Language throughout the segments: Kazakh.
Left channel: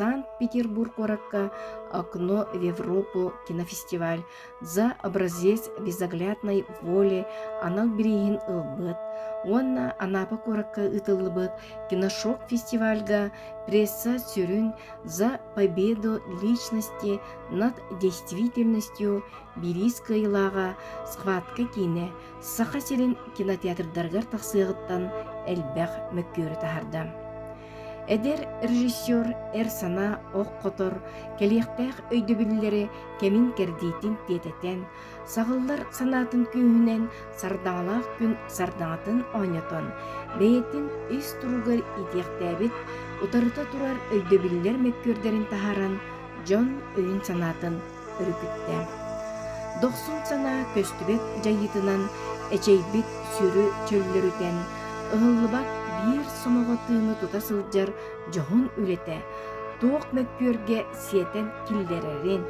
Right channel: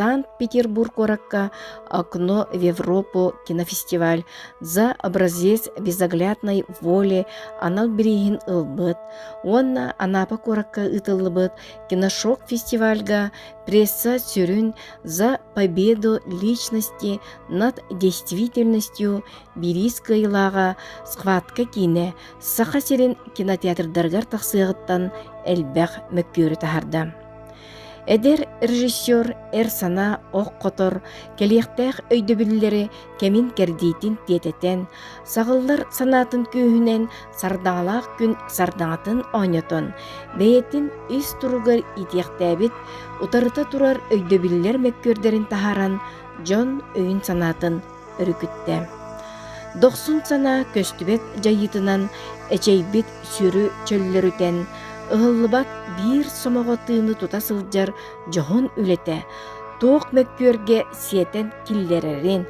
Санкт-Петербург оракка «Окно в Европу» кинофестиваль за образец безоглядной воли анал берегин ылбыт. Онна Анапа коракка ытылбыт киношок фестивальга пресса сюрün за победу личности над действительностью Бирискайлага схватка кине саха серин кинотеатрдаргар тахсыгыттан элбэх мөккөрү тахарда. Эдер режиссер сана ох котор келиектэх өйдөбүллери кемин кердейтин тететен сагыллар санатын күйүнен сардаңалаак күн сардаңатын ойнотон бэйетин үс туругар итиектебит утарыта турар өйдөбүллер мөккөрдерин тахаран жон өйүн санатын өрүкүттэ. 90 сана көстүбек жайытынан эчейбит сүрү чөллөрүтен ыллыбак бир сомого тыыны тута сылжар жохон үлете, тоок мөккөрге сиетен киллерерин,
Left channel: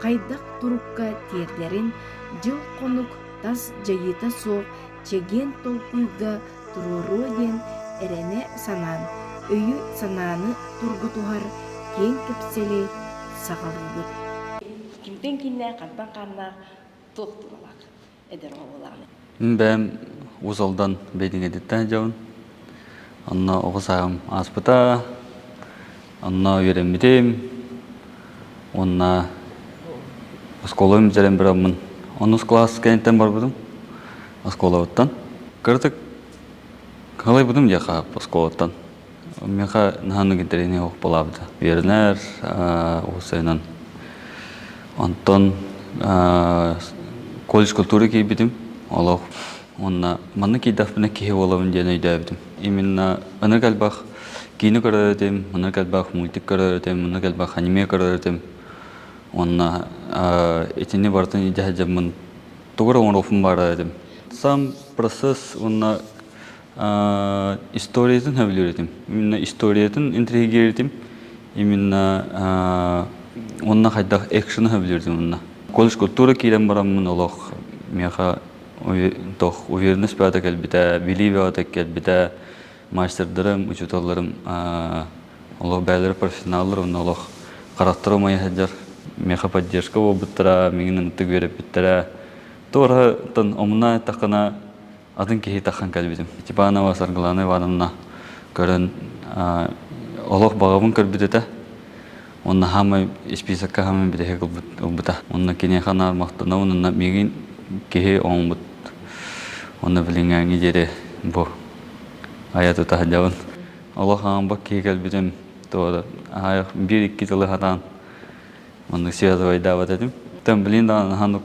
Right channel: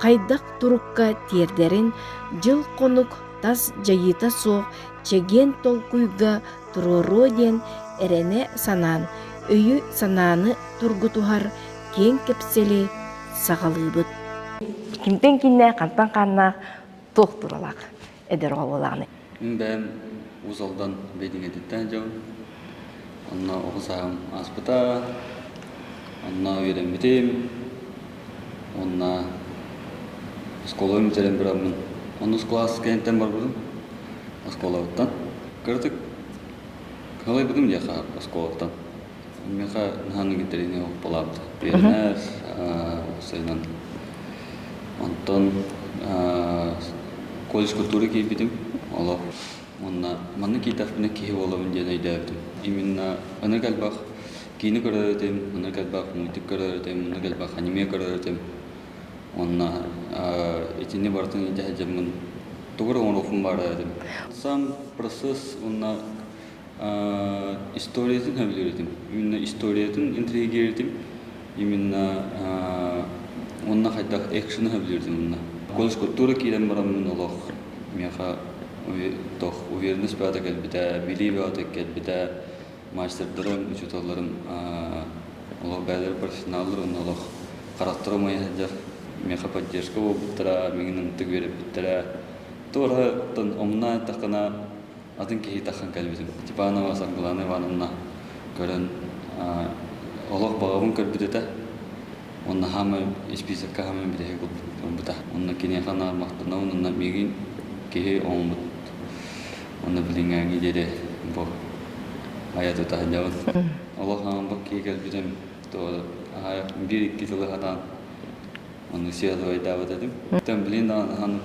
кайдак турукка тиердерин, жыл конук тас жайыта соок чеген толкуйга туруроден эрене санаан, өйү санааны тургутухар кең кепсели сагалыбыт. Кимтен кинне кантан канна тох туралак эдер олаланы. Бәм узалдан бейдиңе диттен жауын. Анна оғысағым аспыта, анна үйеремедем, онна осколым жерем бірамын. Оныз класс кәйінтен бар бұдым, осколоваттан. Кірдік, қалай бұдым яқа осколоваттан. Меха наханы кеттеріне оқ болабды. Берінер, оғысайынан. Антон колледж культуры кейбедім, олау. Онна манна кейдафпына кейі олауын дені өйдәбдім. Именно аны кәлбақ кейіні көрдердім, аны кәлбақ мультик көрдердім, аны кәлбақ аниме көрдердім. Онна етіне бартын еді әжемін тұғыр оң рофын бардым. Сам процесс онна историятын әбілердім. Именно историятын интригердім. Именно онна қайдақ экшыны әбілердім. Колледж культура кейден барамын олақ меха doch uvernes bada kelbita bilive ata kelbita masterlarım uçutallarım Allah bəylər professionallar Allah qaraqtırmaya hajar meha поддержка обуттара меңнен тиг берип биттера тора тан омна тахана адын ки тахан келбидим типана васаргланы ванна көрөн Allah багабын келбидете онна хамы списокка хамы бидеге кылбыта онна кине хана мактана онна мегин кеhe оңбут оны билиңәң идере бу аяту тахҗавын Аллаһ бак кегел бирем то ай бир икки жылы хатан оны сөйләп дәват этим тем билин да хан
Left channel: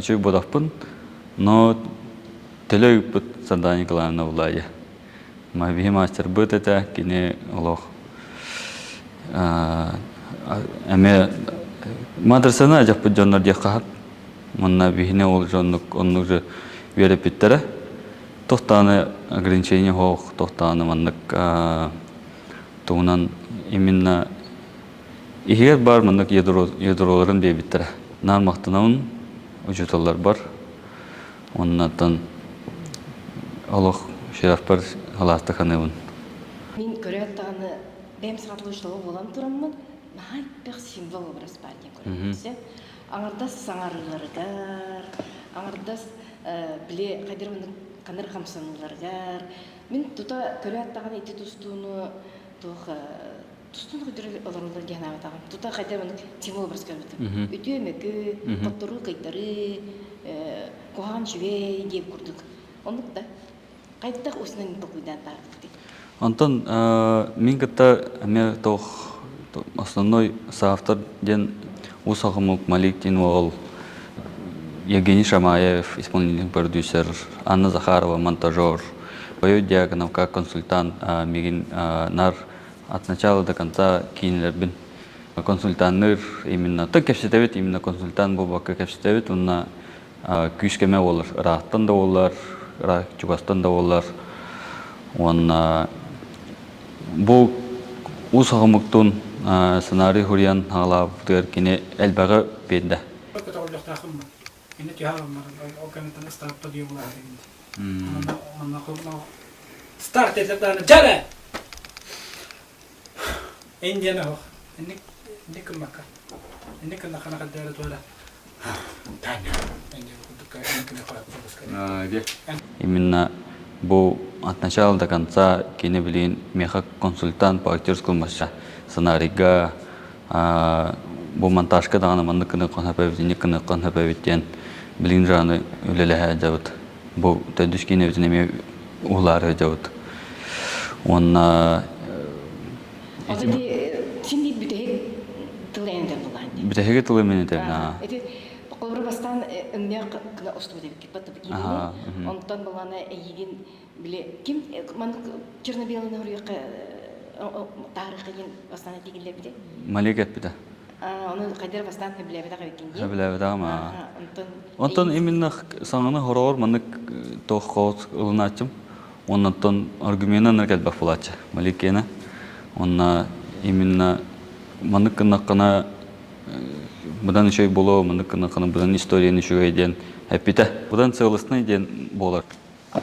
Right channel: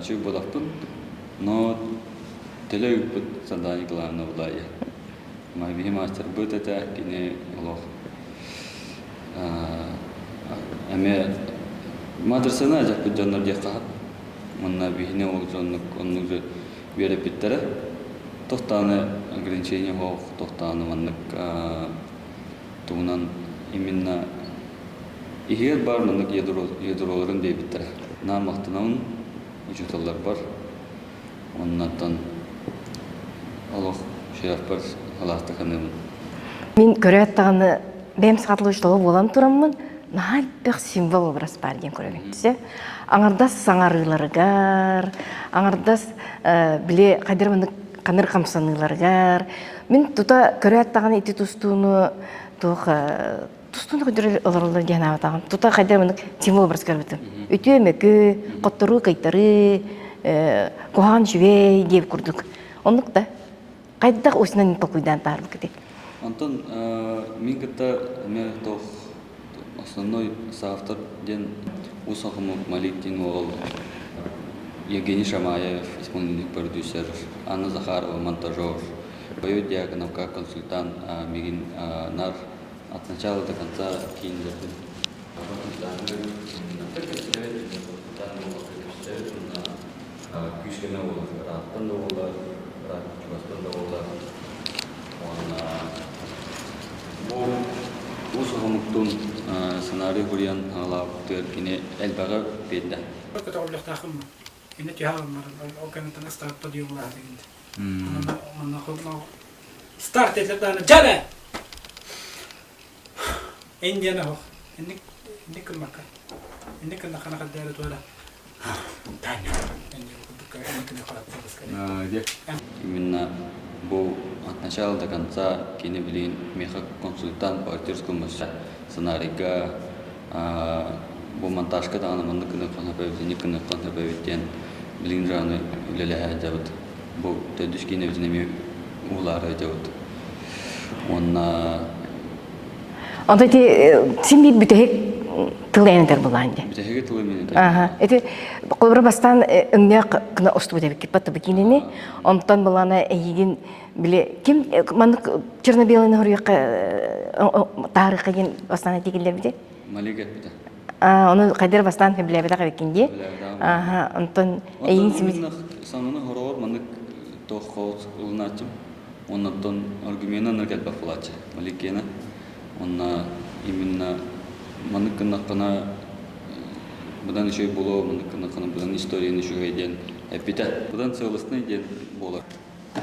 чөй бодаппын но телег бут задание главное улая ма мастер бут это кине Аллаһ аме мадрасана жапы жоннор дияқат Манна бихне ол жоннук оннук же берип биттере. Тохтаны ограничения хох, тохтаны маннык туунан именно ихер бар маннык ядроларын бебиттере. Нан мактанауын учуталар бар. Оннан Аллах шераф бар халаста каныбын. Мен көрәттәгәне бәм сатлыштылы болам тураммын. Нахай бәк символ образ бар дигән күрәләтсә. Аңардас саңарыларгар, аңардас биле кадерманы каныр камсаныларгар. Мен тута көрәттәгәне ити тустуну тох тустуну көдөрө олорлар гана атаган. Тута кадерманы символ образ көрәтем. Үтөмөкө, коттыру кайтары, кохан жвей дип курдук. Онлукта кайдак осынан токуйдан тарбы кете. Антон, мен ката ме тох основной соавтор ден Усахамук Маликтин ол Евгений Шамаев, исполнительный продюсер, Анна Захарова, монтажер, Боёд Дьяконов как консультант, Мигин Нар от начала до конца кинербин консультант именно так кепсетевит именно консультант был как кепсетевит он на күйшкеме олар, рахтан да олар, чубастан да олар, он бұл Усахамуктун сценарий хуриян ала төр кине элбага бенде. Старт етіп даны жана! Индияны хоқ. إنك المكان إنك نخنا خدارة ولا تاني إنك كنت إنك نخلق بس كده именно бу от начала до конца кине билин меха консультант по актерскому мастерству сценарийга бу монтажка дагана мандык кына конхапевдин кына конхапевдин билин жаны үлелеһә жабыт бу төдүш кине үзүнө улары жабыт онна Онда син бит бүтек тылайндар буланды. битеге тылы мене Ага. Эти колбар бастан өңнө кына осту деп киппатты бикинени. Онтан булана эгин биле ким мандык черно-белый хөрөккө тарыхын бастан этигилер бите. малегет биде Оны кайдыр бастан биле бите кабекинди. Ага, онтон именно саңаны хорор мандык тохот ылначым. Оннан аргументан келбе булачы. Маликена. Онна именно мандык кына будан еще боло мандык кына будан историяны еще эден. Эпите будан целостный ден болар.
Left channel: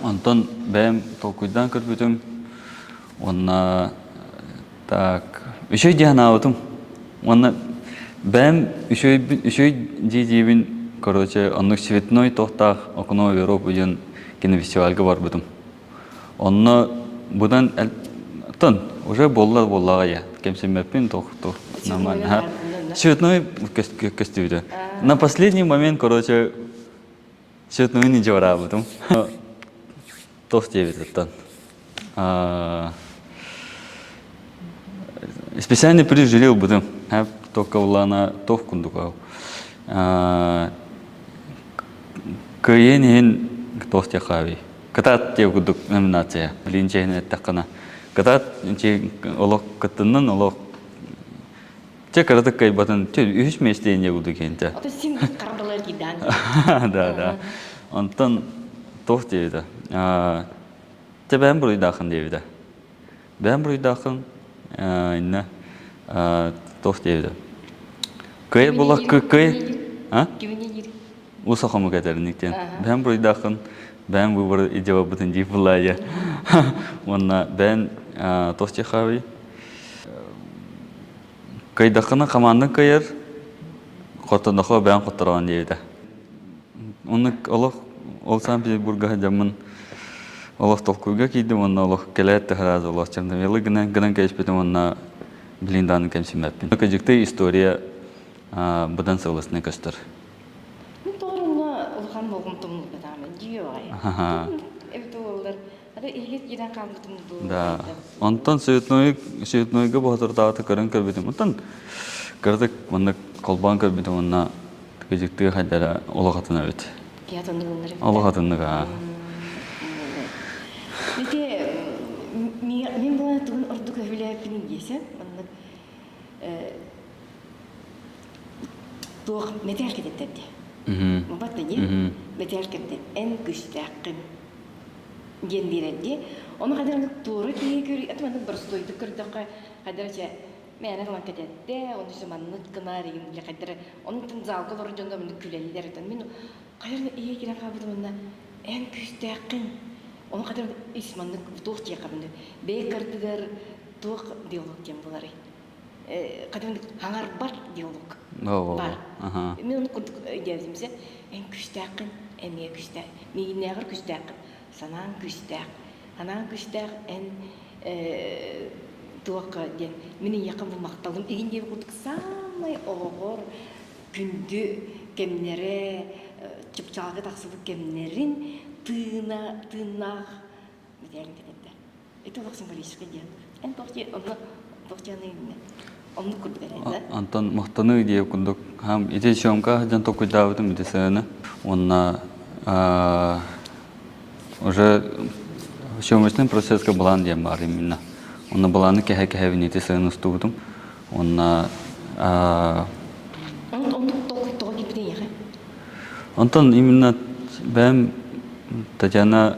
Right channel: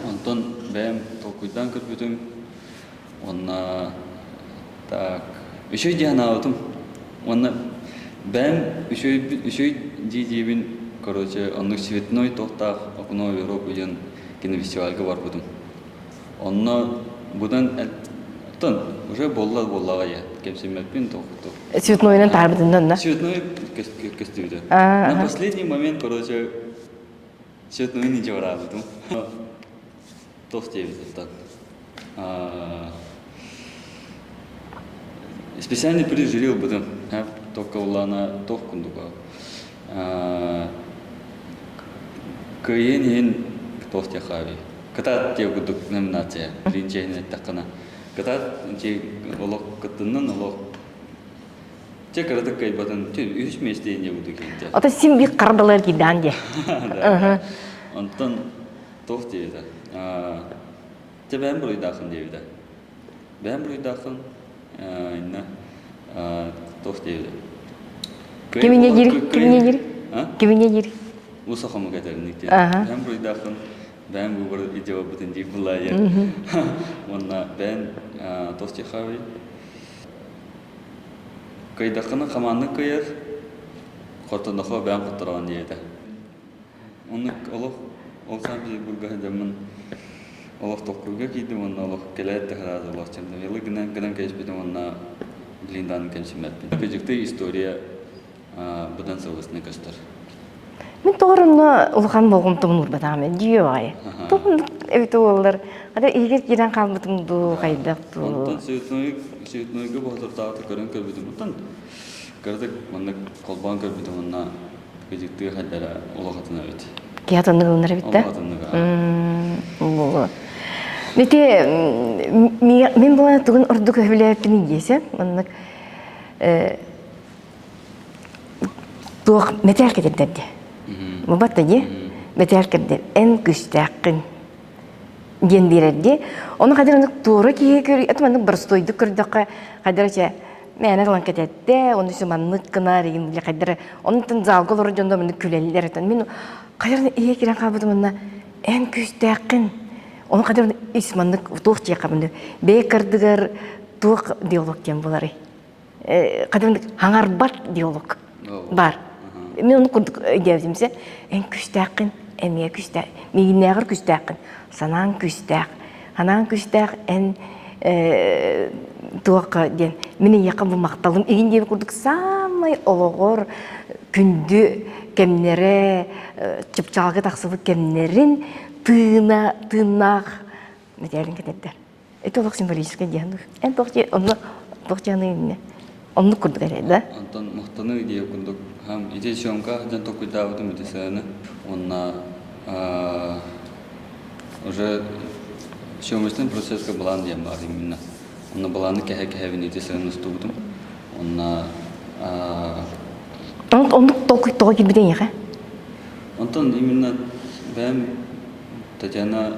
Антон бэм толкуйдан көрбүтүм. Онна так еще диана отум. Онна бэм еще дижибин короче он цветной тохтах окно Европы ден кинофестивальга бар бутум. Онна будан тон уже боллага я. Кемсемеппин тох. Цветнойнан тарбытынан да. Цветной костюм. На последний момент, короче, цветной не жора бутум. Тох девять это. Специально прижилил бутум. Только улана тох кундукау. Каенин тох тяхави. Катат те кундук номинация. Линчейне такана. Катат чи олох каттынан олох те карадык кай батан те үч месте буду кенте. Ата син бик кардылар кидан де. Да. Онтан тох дейди. Те бәм буй дахын дейди. Бәм буй дахын инна тох дейди. Кай болак кай. Кимине жир? Усахамы катерниктен. Бәм буй дахын бәм буй идева бутын дип булая. Онна бәм тох техави. Кайдахына команда кайыр, хотанахо бән хотыран дейді. Оны олық ол Санкт-Петербургға жамын олық толкуға кейді, оны олық келәтті ғаразы олық черновелы гынан кәшпетім, оны білінданы кәмсімәппін. Көжікті история бұдан сылысыны көстір. Мен тоғырымны ұлған болғым тұмын ұрбатағымен, дүйе ағай. Тұмын өйті олар. Ада егер керен қалбытымды қайдақты. Онтан сөйтнойға бұғатыр тағаты көрін көрбетім. Онтан көрдік, оны қолбан көрбетім, оны көжіктігі қайдара олығатына өт. Киятынығы ұнар бітті? Олығатынығы. Мете, мен бұланы тұғын ұрды көбілі әпінің есі. Тұғ метел кетерді. Мұбатты не? Метел кетерді. Ән күстәқін. Ген берерде. Оны қадыр оны туыры кейе көрі. Әтім оны бір стойды көрдіққа қадыр әче мәне қылан кететті. Оны сүманлық қынар еген біле қадыр. Оның тын залғыл ұры жонда мұны күлелілер әтін. Мен қадыр оны ие керен қабыдым оны ән күстәқін. Оны қадыр оны үсманлық туық жия қабынды. Бей кірдігір туық диалог кен болары. Қадыр оны хаңарбат диалог бар. Мен оны күрдік өйдеуімсе ән күстәқін, әмеге күстәқін, мегіннәғыр күстәқін. Санан күстәк, ханан күстәк, ән туаққа ден. Менің яқын бұл мақталым. Еген дебі көрдік самай олығыр, күнді кәмнері, чыпчалғы тақсылы кәмнерін тынақ мәтелін кәтеттер. Это олық символический дияны. Ән тоқчаны үйіне. Оны көрдік әреді. Антон мақтаны үйде күндік. Ете шоңқа жан тоқыдауытын бітесіні. Онына уже шоумышный процессқа балан дем бар именно. Онна баланы кәһә-кәһә винете сыйны студым. Онна Оны тоқы келбеден еға? Антон именно бәм Татьяна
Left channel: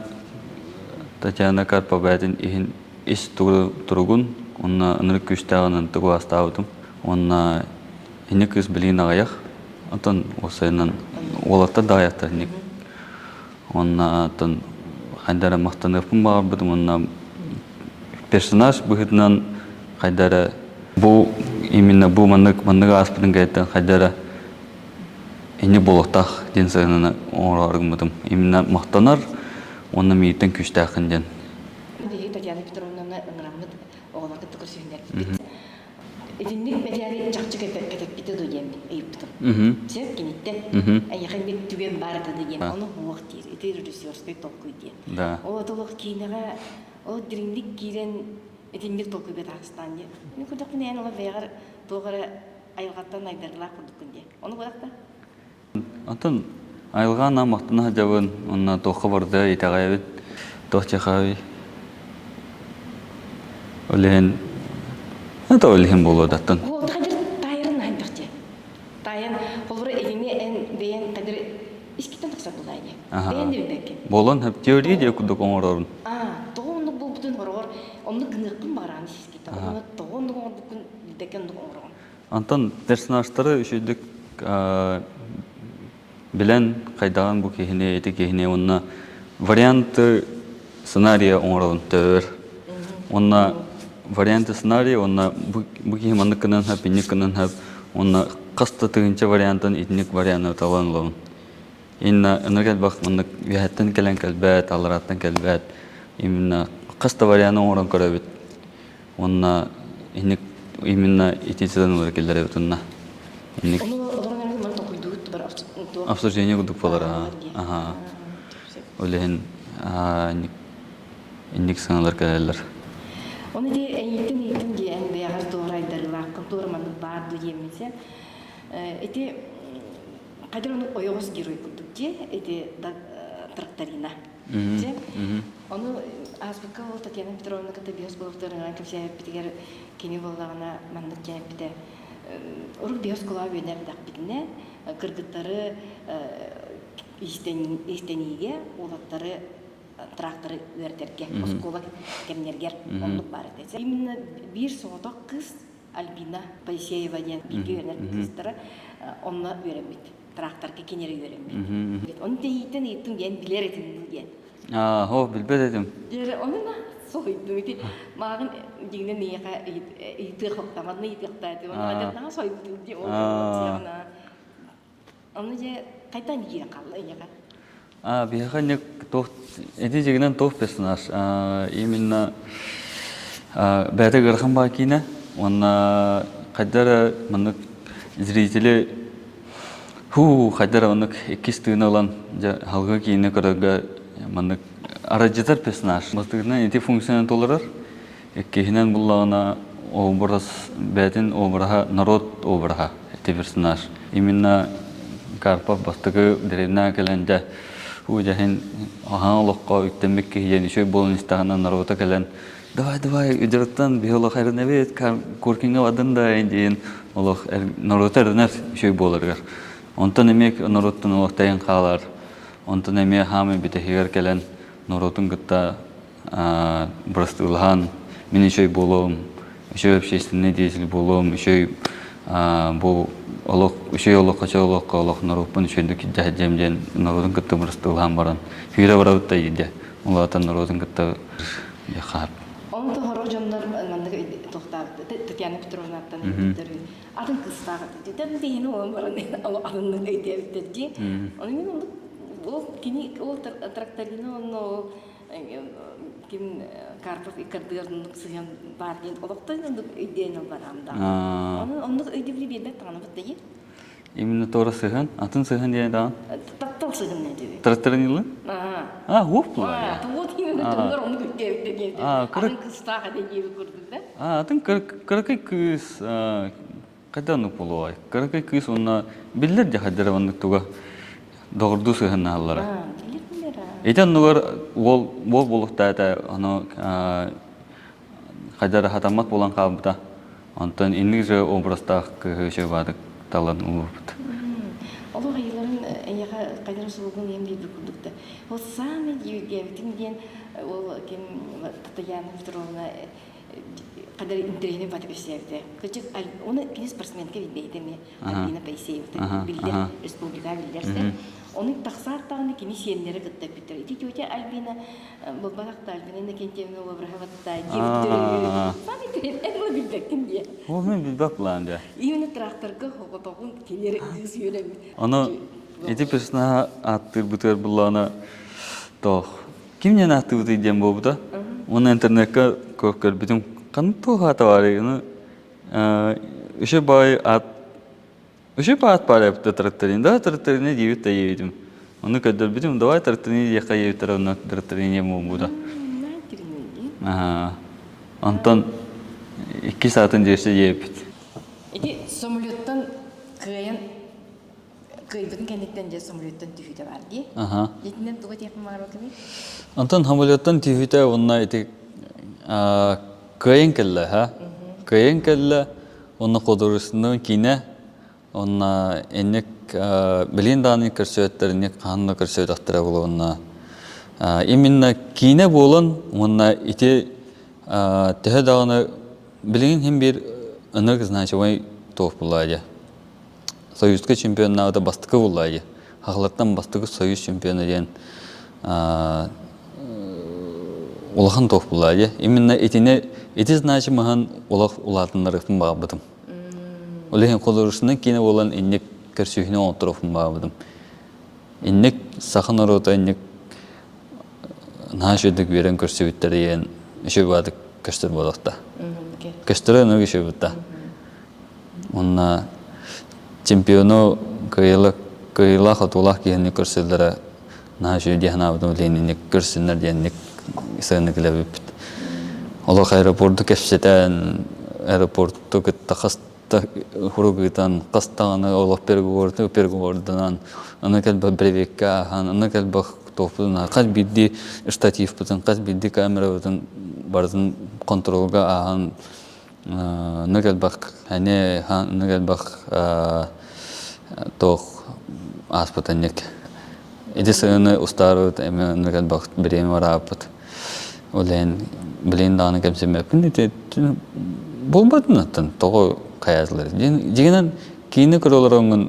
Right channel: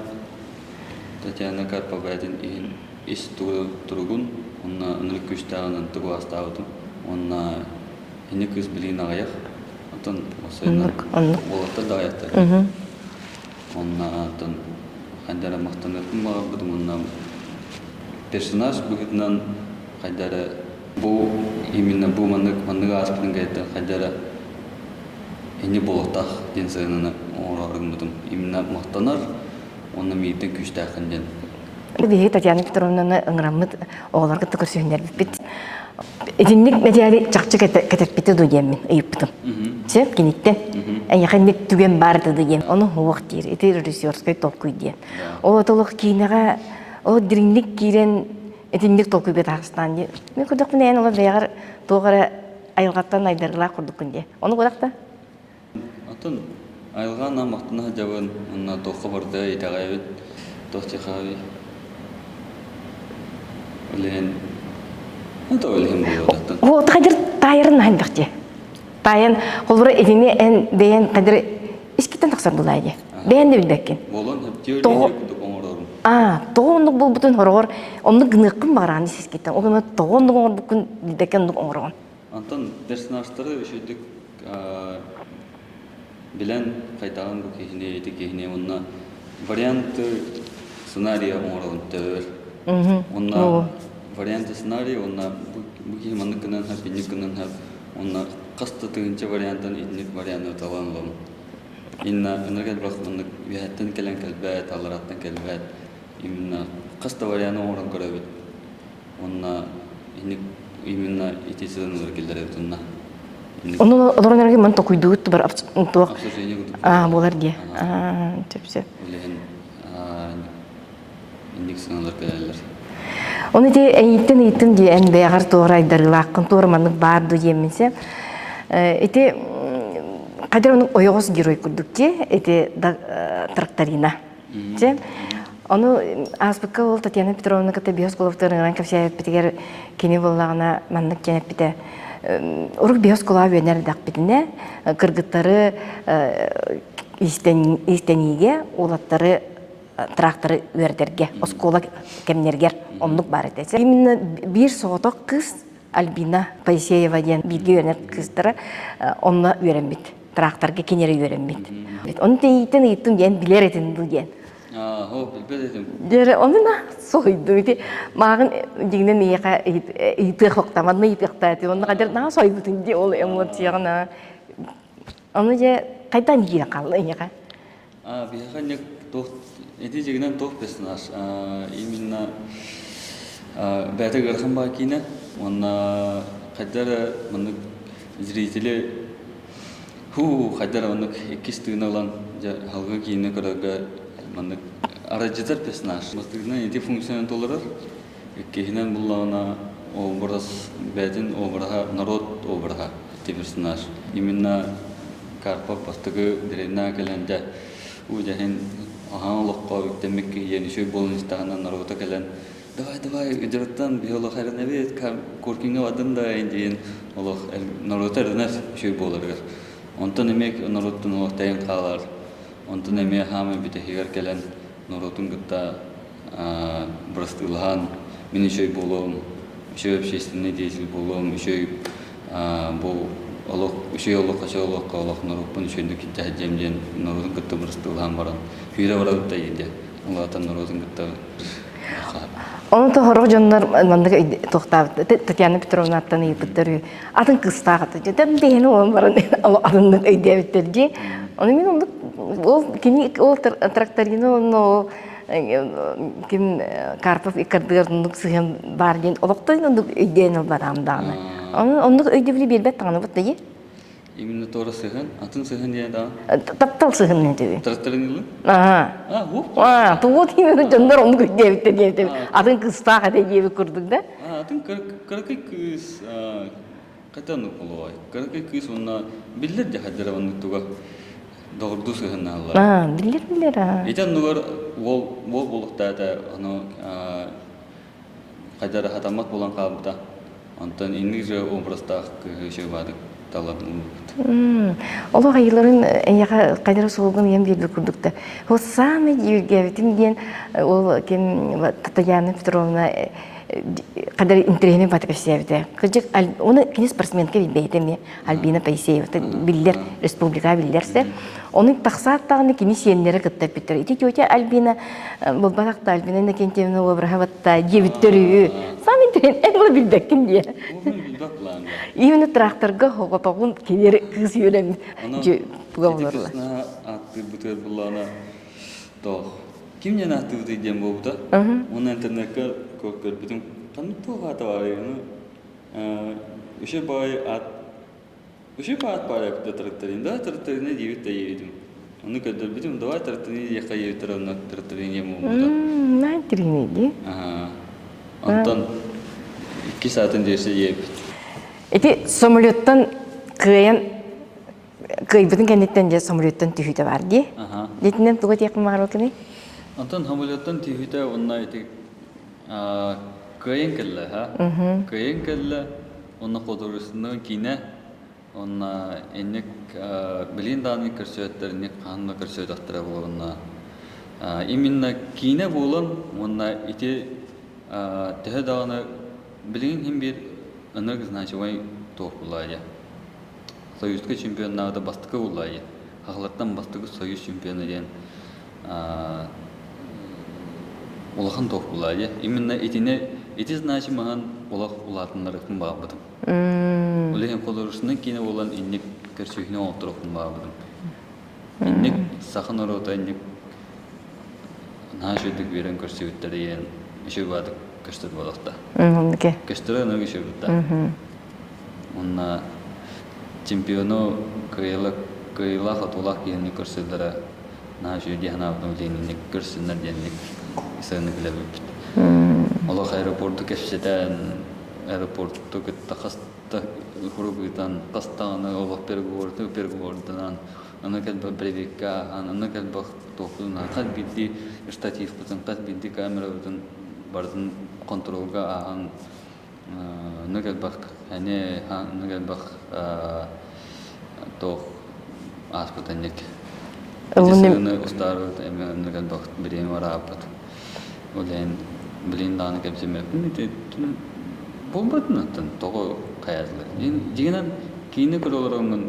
Карповәдін иhin иш тұрғын. Онна анырық күштағынан тұғы астауытым. Онна ине кыз білейін ағаяқ. Антон осайынан оларта да аяқтар. Онна антон қайдары мақтанықпын бағар бұдым. Онна персонаж бұғытынан қайдары бұл именно бу маннык аспытын кайта хайдара эне болохтах ден сыгынына оңораргымытым. Именно мактанар, оны мийтен күчтахын ден. Бие Татьяна Петровна ыңрамыт оғларға түкірсүйіндер бит. Эдинник мәдиәри чакчы кетерпите дуйемин ыйыптым. Сеп киниттен. Яханник түген барды дуйем. Оны хуак дир. Эти режиссерской толкуй ден. Ол отолық кейнеға ол диринник кирен эдинник толкуй бет Ағыстан ден. Мен күрдік мен ола бейгар тоғара айылғаттан айдырғыла күрдік күнде. Оны күрдік Атын айылған амақтына жабын, онна тоқы барды, етағай бет, тоқчақай. Олеген, это олеген болуды аттын. Ол қадыр тайырын айындық же. Тайын, қолбыры едіне ән бейін қадыр ескеттен тақсар бұлайды. Бейін де білбәккен. Болан, әп теория де күдік оңыр орын. Тоғындық бұл бұтын хорғыр, оны ғыныққын бағырағын ескеттен. Ол ғына тоғындық оңыр бұқын білбәккен оңыр оңыр. Антон, персонаждары үшедік білән қайдаған бұл кейіне, еті кейіне, онына варианты сценария оңырауын тәуір. Онына варианты сценария, онына бұл кейі манны кінін әп, инік кінін әп, онына қасты түгінші вариантын итінік варианты талан олауын. Инна үніргәт бақ манны вәйәттен кәлін кәлбәт, алыраттан кәлбәт, именно қасты варианты оңырауын көрәбет. Онына именно итинсіден олар келдер әбет онына. Оны оларынарға мен тоқуйдуыт бар обсуждение күдік бар. Болар де. Олеген инник сыңалар кәлелер. Оны де әйттен де ән бәғар тоғыр айдарыла аққын тоғырманлық барды емінсе. Эти қадыр оның ойығыз герой күрдік ке, эти тракторина. Оны аспыққа ол Татьяна Петровна кәті биосколовтарыңыран көпсәйіп бітігер кені болағына манлық кенеп біті. Урық биоскола өйнер дақ бітіне, кыргыттары истенеге, олаттары тракторы өрдерге, оскола кемнергер, онлық бар етесі. Именно бір соғытық қыз Альбина Паисеева ден бірге өрнер қыздары онына өренбет, тракторға кенері өренбет. Оны дейттен ген білер етін бұл ген. Хо, білбет едім. Онына сойду. Мағын дегенен ийтіқ оқтамадына ийтіқта әті. Оны қадыр наға сойбутын де ол эмоцияғына. Оны же қайдан егере қалды еға? Бияға нек әді жегінен тоқ персонаж. Именно бәді ғырхан ба кейіне. Оны қайдары мұнық зрителі қайдары мұнық екес түйіні olan халғы кейіне көрігі маннык арачытар персонаж. Бастыгынан эти функционен толырар. Кехинен буллана образ бәтин обраға, народ обраға эти персонаж. Именно Карпов бастыгы деревна кәләнде уйдахин ахан олыққа үктенбек кейден үшөй болын истағынан народа кәлән. Давай, үдіріттан биолог әрін әбет, көркенге вадын да әйндейін олық народа әрінер үшөй болырғыр. Онтан емек народтың олық тәйін қалар. Онтан эме хамы битехигер келен народун гытта брастылхан мен еще болом, еще общественный деятель болом, еще бу олох, еще олох качалох олох народун еще дик жадемден народун гытта брастылхан баран. Фире баратта иде. Улатан народун гытта хап. Оны тоғырық жонлар мандығы тоқтап, Татьяна Петровна аттан егіттері, атын қыстағыты. Жөтен бейіні оған баран адымдық өйдебеттерге. Оны мен ол тракторины, ол Карпов икардығырдыңдық сығын бар ден, олықтайын ондық өйдейін ол барамдағыны. Ондық өйдебілі белбет тағаны бұд дейі? Именно тора сыгын, атын сыгын диян да. Таптал сыгын не деби. Тракторинилы? Хоп. Тугут именно жондар onu deyip. Adın kısta hadi deyip kurduk da. Adın kırkay kız kadanlık bolay. Kırkay kız ona biller de hadere onu tuga doğru sıgın hallar. Biller ha. Eten nugar wol bolukta da onu hadere hatamat bolan kalbıda. Ondan İngilizce obrazda şey vardı. Олар айыларын қайдары соғылған ем белбі күрдікті. Ол самый егевітім ден ол Татьяна Петровна қайдары интервьюмен батып өсебді. Оны кене спортсменке білбейді Альбина Паисеева. Білдер, республика білдерсі. Оның тақсаттағыны кене сенлері күттіп біттір. Ити Альбина, бұл батақты Альбина кентемені обырға батта, дебіттірі. Сам интервью En ola bilbekkin diye. Ол мен билбек булан да. Именно тракторга хоготогун келер кыз юрем. Аны иди песна аттыр бутер булана тох. Кимнен атты бутер дем болбуда? Оны интернетке көркөр битим канто хата барыгыны үше бай ат үше пат парапты тракторин да тракторин дивит таевидим. Оны көдөр битим давай тракторин яка евтер оны тракторин ем болбуда. Найтринеги. Антон 2 saatın жерсе еп. Эти самолеттан кыйбытын кенеттен же самолеттан түһүтө бар ди. Детинен туга теким бар окуни. Антон самолеттан түһүтө онна эти кыйын келле, ха? Кыйын келле, онна кодурусunu кине, онна энек билин даны көрсөттерине канны көрсөтөттөр болгонна. Именно кине болон, онна ити төһө даганы билин хем бир ыныргы значимый топ булайы. Союзга чемпионнагы бастыкы булайы. Хаклыктан бастыгы союз чемпионы ден улахан топ булайы. Именно эти значимыгын улак улатынларын багыбытым. Олеген колорусунан кине болан иннек көрсөйүнө отуруп багыбытым. Иннек сахын орота иннек нашыдык берен көрсөйүттер еще бадык көстөр болокта. Көстөрө нөг еще бутта. Онна чемпиону кыйла хатулах кийни көрсөлдөрө нашы дихнабын ленинник көрсөнөр денник исаны келебит. Олох аэропорту кепсетен аэропорту кыттахаста хуругытан кастаны олох пергуордан аны келбе бревекка аны келбе топуна кал бидди штатив бутун кал бидди камера бутун бардын контролга ахан нөгелбак ане хан нөгелбак тох аспатанник эдисене устарут эме нөгелбак берем варапат олен билин даны кемсеме пинете болбатнатын того каязлар дегенен кийини көрөлөрөңүн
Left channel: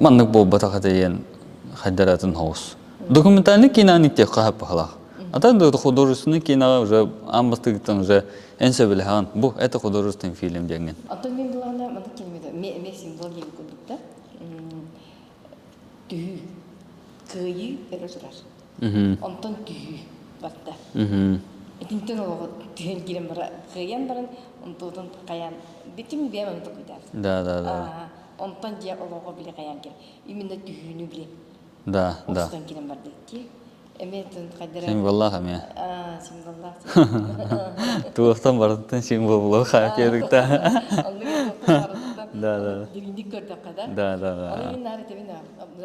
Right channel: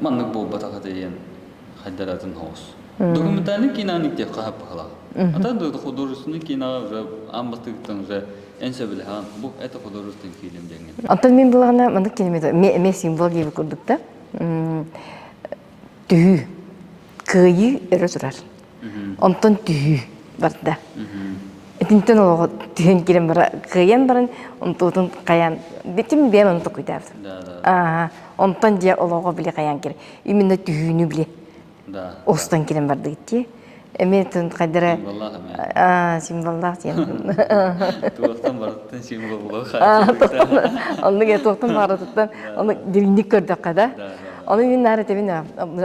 маннык болбата кадайен хайдаратын хаус документальный кинаник те кахап халах атан да художественный кино уже амбастыгтан уже энсе билхан бу это художественный фильм деген. Антон мен булагана мындык келмеди. Ме символ деп көрдүк да. Түһү кыйы өрө турар. Антон түһү барда. Этинтен ого түһөн кирен бара кыйын барын онтотун каян. Битим бем онто куйдар. Да. Антон же ого биле каян кир. Именно түһүнү биле. Да. Остан кирен барды гитти. Эметин кадыра. Символлах эме. Символлах тен. Туостан бардын символ боло хатырыкта. Аны ге токтун бардыктан, аны дилиндик көрдүк када. Да. Аны мен наратебин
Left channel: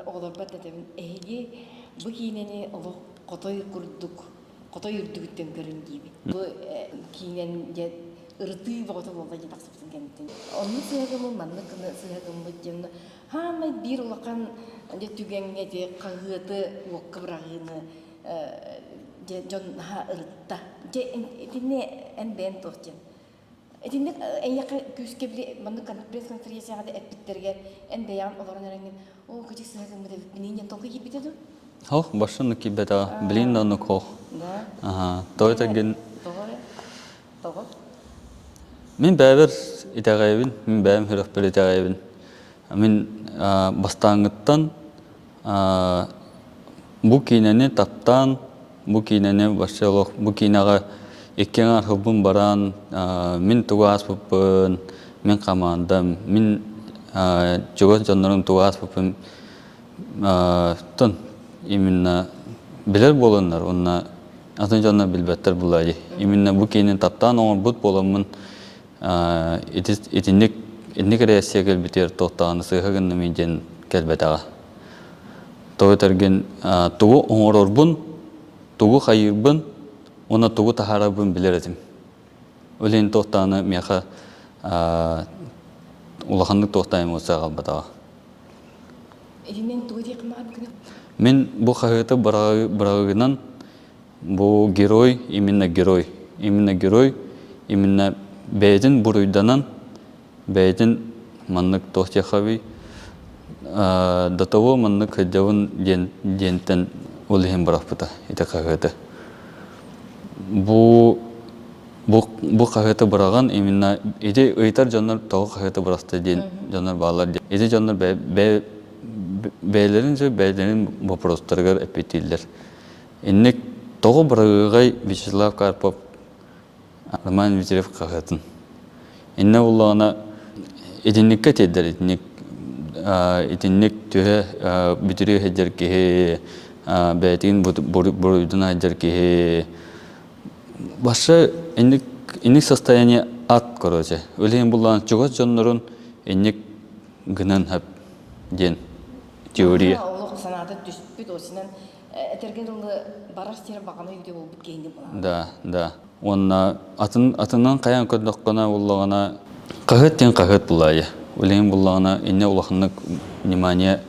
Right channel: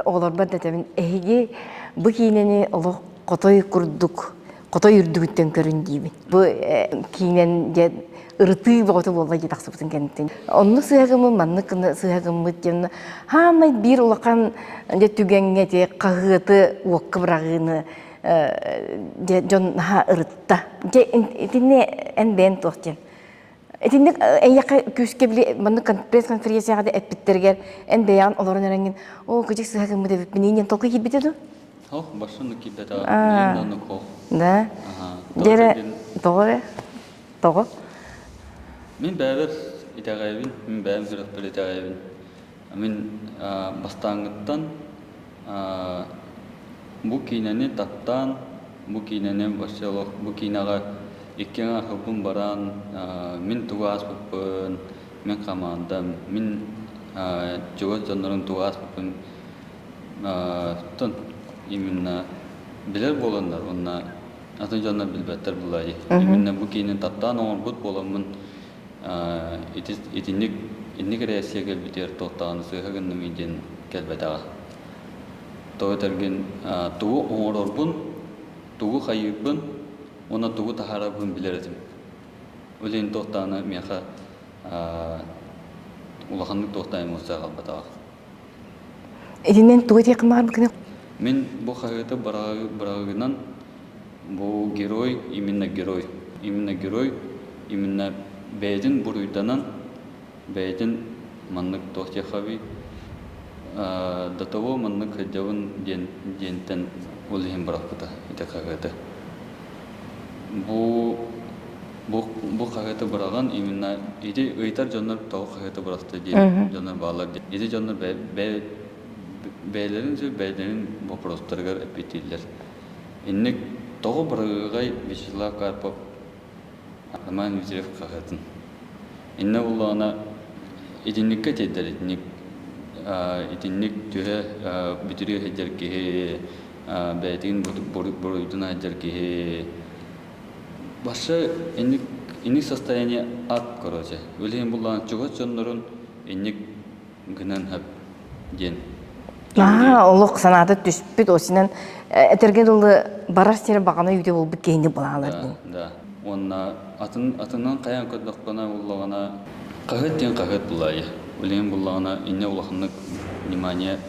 оглор бадатебин эге бу кинени оло котой курдук. Котой үрдүгүттен көрүндүбү. Бу кинен же ырты боготу болла же таксыбытын кенттен. Онну сыягымы манныкны сыягымы жемна. Хамай бир улакан же түгенге же кагыты уокка брагыны же жон ха ырытта. Же этине эн бен тохтен. Этине эяка күскө биле манны пресс-конференцияда эппиттергер эн беян олорун эренген. О күжүк сыягымы деп менен толку кибетеду. Хо, башын кибета билин да нуко. Да. Того. Мен бәбір итәғайбін, мен бәбім хүріқпіл итәғайбін. Мен бастаңыттан бұ кейнені таптан, бұ кейнені башылық, бұ кейнаға еккен архыбын баран, мен туға аспыппын, мен қамандым, мен жоғыз жанларын туға аспыппын. Тын, именно білер болындар, онына атын жанна білбәттер бұлай. Именно бұ кейнен таптан оңыр бұд болымын, Этинник рейсия кэлбитер тоқтағаны сыйхагын намиден кэлбетаға. Тоғытарген туғы оңырорбын, туғы қайырбын, она туғы тахарабын білердім. Өлен тоқтағаны меха улахандық тоқтайым олса қалбатаға. Этинен туғы текім бар бүкіне? Мен бұл қағыты барағынан бұл герой, именно герой, именно бәйдін бұруйданан, бәйдін маннык тоқтияқаби, датаво маннык хаджавын дентен олығын барақпыта, ете қағыды. Бұ бу кахыты быраган именно иде ыйтар жандар тоо кахыты быракты дейт жандар баалар дейт. Иде жандар бәйлерин вопростарга эпетиллер. Иннек того бырагай Вячеслав Карпов Роман Витерев кахытын. Инне уллана идинникке теддер идинник төһө бүтүрү хеджер ке бәтин бурудун хеджер ке башы инник состояние ат короче. Өлен буллан чугат жоннорун инник гынан хап ден. Олық санаты түспіт осынан әтерге долы барар сері бағана үйде ол бүт кейінді болағалар. Да. Онна атынан қаян көддіққана болағана қағыт тен қағыт бұлайы. Өлен болағана инне олақынық внимание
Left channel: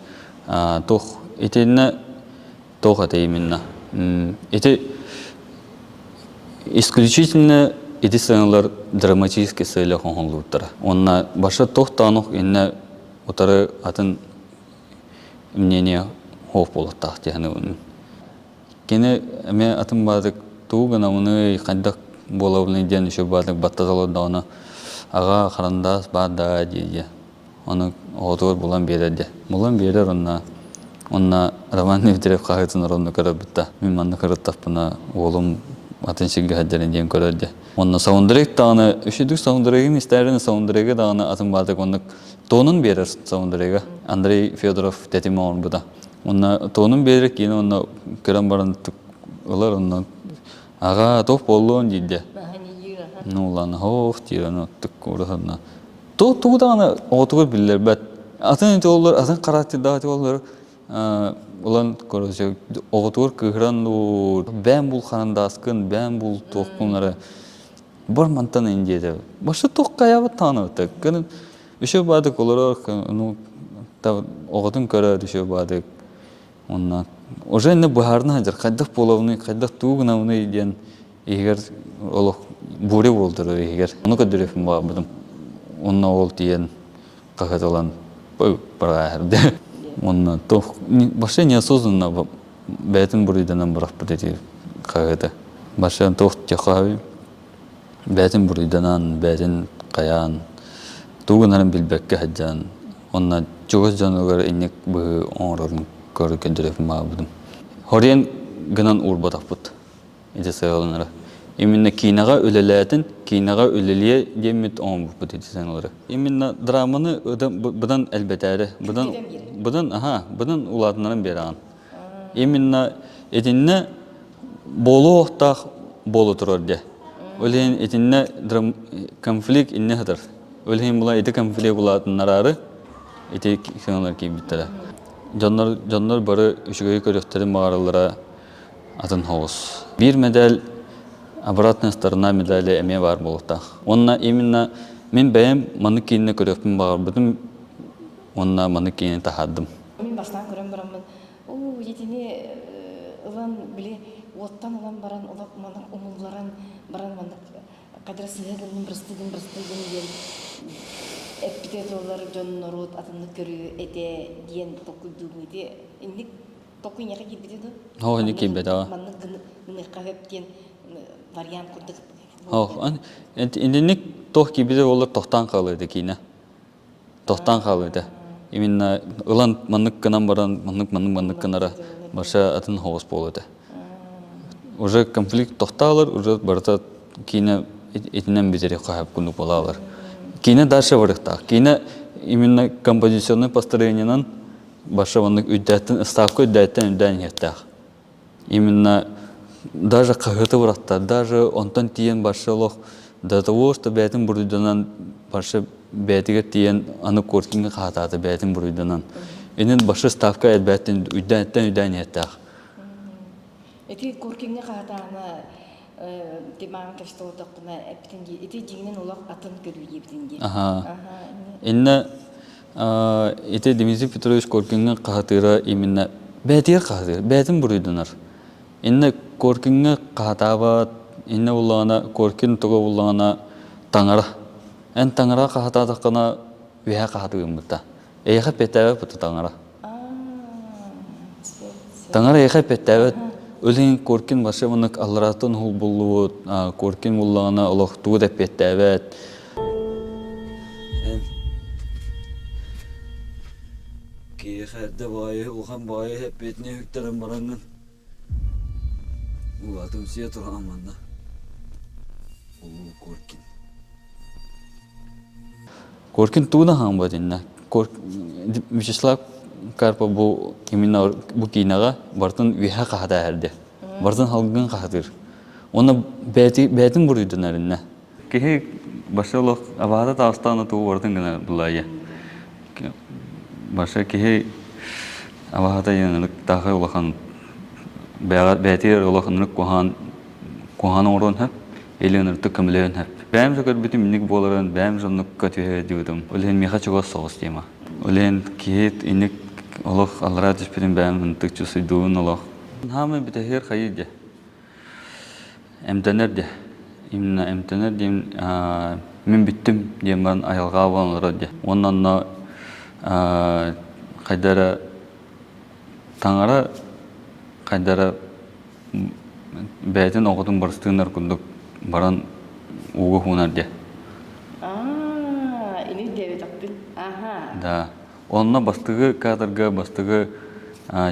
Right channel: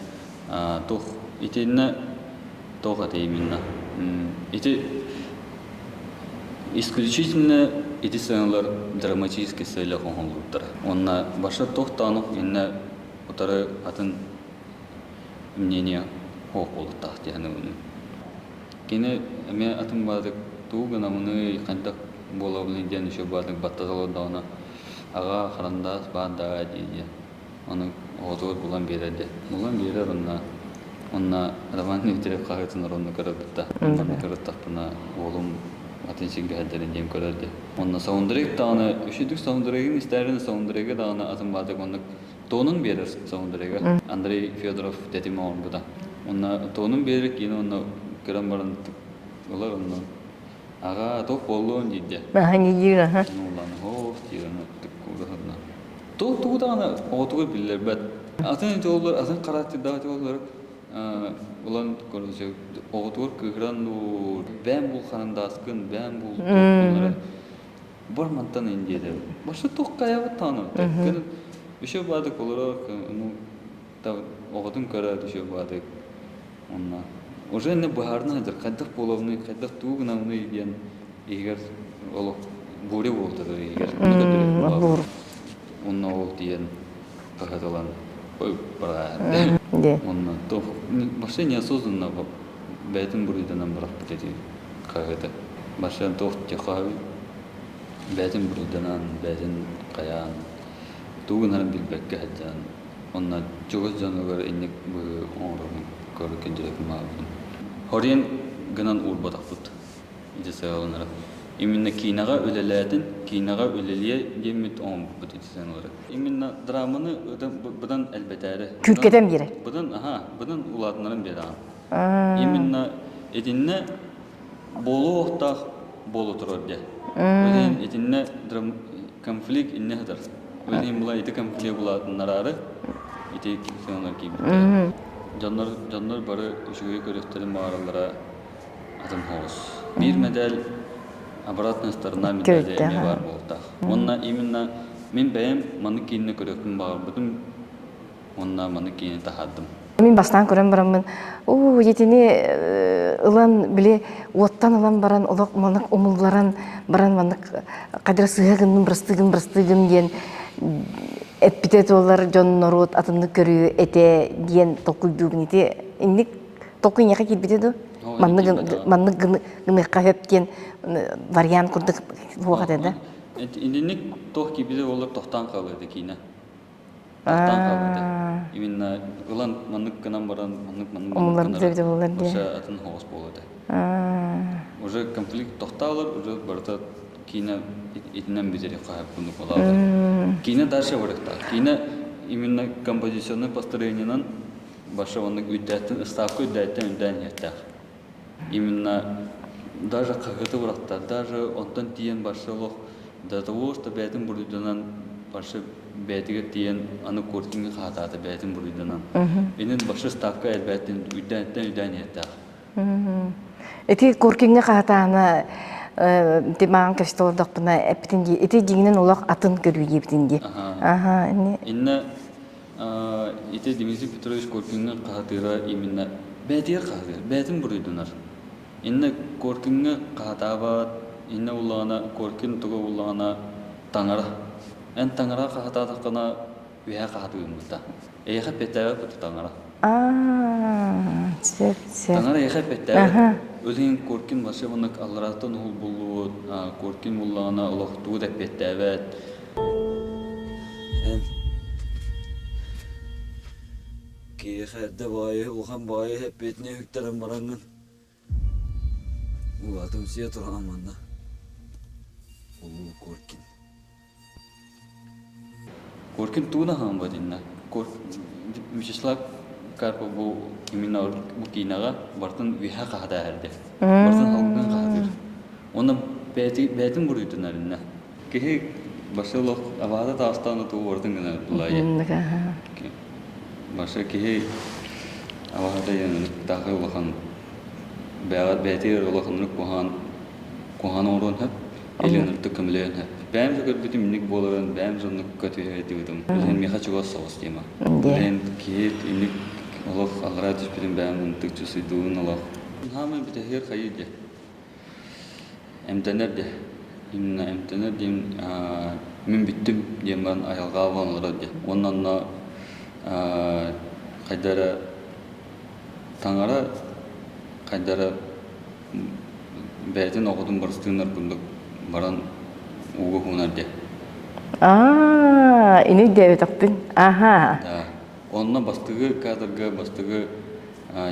тоқ. Етеліне тоқ аты именно. Эти исключительно эти сценалар драматические сцены хонлуттар. Онна баша тоқ танық инне отары атын мнение хоф болуттах дияны. Кене эме атын бадык тугана муны кандак болобны ден еще бадык баттазалоддагына ага карандас бада дия. Аны отор булан береди. Булан берер онна Роман Витерев кагытын ронно көрөп битта. Манна көрөттапына олум атын шиги хаджарын ден көрөдү. Онна саундтрек таны үшүдүк саундтрегин истерин саундтреге даны атын бадык онны тонун берер саундтреге. Андрей Федоров детимон буда. Онна тонун берер кийин онна көрөн барын олар онна ага топ болуун дейди. Хани жира. Нулан хоф тирано тукурахна. Туданы отугу биллер бет. Атын жоллар атын каратты дагы жоллар улан көрөсө оготур кыгранду бен бул харандаскын бен бул токунлары бар мантан индиде. Башы ток каябы таныты. Кын үшө бадык олар та оготун көрөр үшө бадык. Онна уже не бахарна хажар кайдак половны кайдак тугнавны ден эгер олох буре болдур эгер уну көдөрөп бабыр. Онна ол тиен кахаталан барахырды. Онна то башы неосознанно бетин бурыйдан барап бити кахата. Башы то тяхай бетин бурыйдан бетин каян тугнарын билбекке хаджан. Онна жогос жаныгар инек бу орун көрүкөн дирек мабудум. Хорен гынан урбатаппыт. Эти сайланары. Именно кинага өлелетин, кинага өлелие демет он бут эти сайланары. Именно драманы будан элбетәре. Күткеден бире. Будан уладнарын беран. Именно этинне болу оқтақ болу турорде. Өлен этинне конфликт инне хатар. Өлен була эти конфликт буладнарары эти сайланар кейбиттер. Жандар бары үшігөй көректерін мағаралара атын хоғыз. Bir медаль обратная сторона медали әме бар болуқтақ. Онна именно мен бәйім маны кейінне көректін бағар бұдым, онна маны кейінне тахадым. Мен бастан көрем барамын, етіне ылан біле, оттан ылан баран, олақ манық омылларан баран манық қадыр сығығының бірстігін ден эпитет олар Джон Норот атымды көрүү эте диен токуйдугун эте инник токуй яка килбитеду манны гыны кафептен вариант курдук болгада инник тох кибиде олар тохтан калыды кине тохтан калыды именно улан маннык гынан баран маннык гынара ошо атын хоос болду уже конфликт тохталар уже барта кине этинен бизере кахап куну болалар. Кине дальше вырыкта. Кине именно композиционный построениянан башы ваннык үддәттен ставка үддәттен еттәк. Именно даже кахыты выракта, даже онтан тиен башы лох до того, что бәтин бурыйданан башы бәтиге тиен аны коркинге кахатады бәтин бурыйданан. Инен башы ставка бәтин үддәттен еттәк. Эти коркинге кахатаны Деман кришталдық бұна әптінге, еті дегінен олақ атын көру ептінге. Инна, еті Дмитрий Петрович Коркинге қағатыра именно бәтер қағатыр, бәтін бұрыдынар. Инна Коркинге қағатава, инна ұлағына, Коркин тұға ұлағына таңара. Ән таңара қағатадықына өйә қағатығын бұта. Әйіға бәтәві бұты таңара. Таңара яхай петтәвет. Өлен коркин башы мынык алларатын хул булуут, коркин буллагана олохтуу деп петтәвет. Киехәрдә бай, улхан бай хеп бетне хүктерен баранган. Улатым сия торган манда. Улу коркин. Коркин туна хан бадинна. Вячеслав Карпа бу именно бу кинага бартын виха кахада әрде. Бартын халган кахадыр. Оны бәтин бурыйдын әрінна. Кехе башылық абада тағыстаны туы бартын гына дулайы. Баша кехе абада енілік тағы олақан бәтер олақынлық кухан орын хәп, елінірті кімлеін хәп. Бәм жөкер бүтін мінік болырын, бәм жонлық көтіге дейдім. Олен меха чуға соғыс дейма. Олен кехет инік олық алыра түшпеден бәм үнтік чусыйдуын олық. Хамы біті хер қайы де. Әмтәнер де. Именно әмтәнер дейм, мен біттім дейм барын айалға боланлары де. Оннан қайдары таңара қайдары бәйтін оғытын барыстығынар күндік баран уғы хунар де. Ini dia takpin. Да. Онна бастығы кадрға, бастығы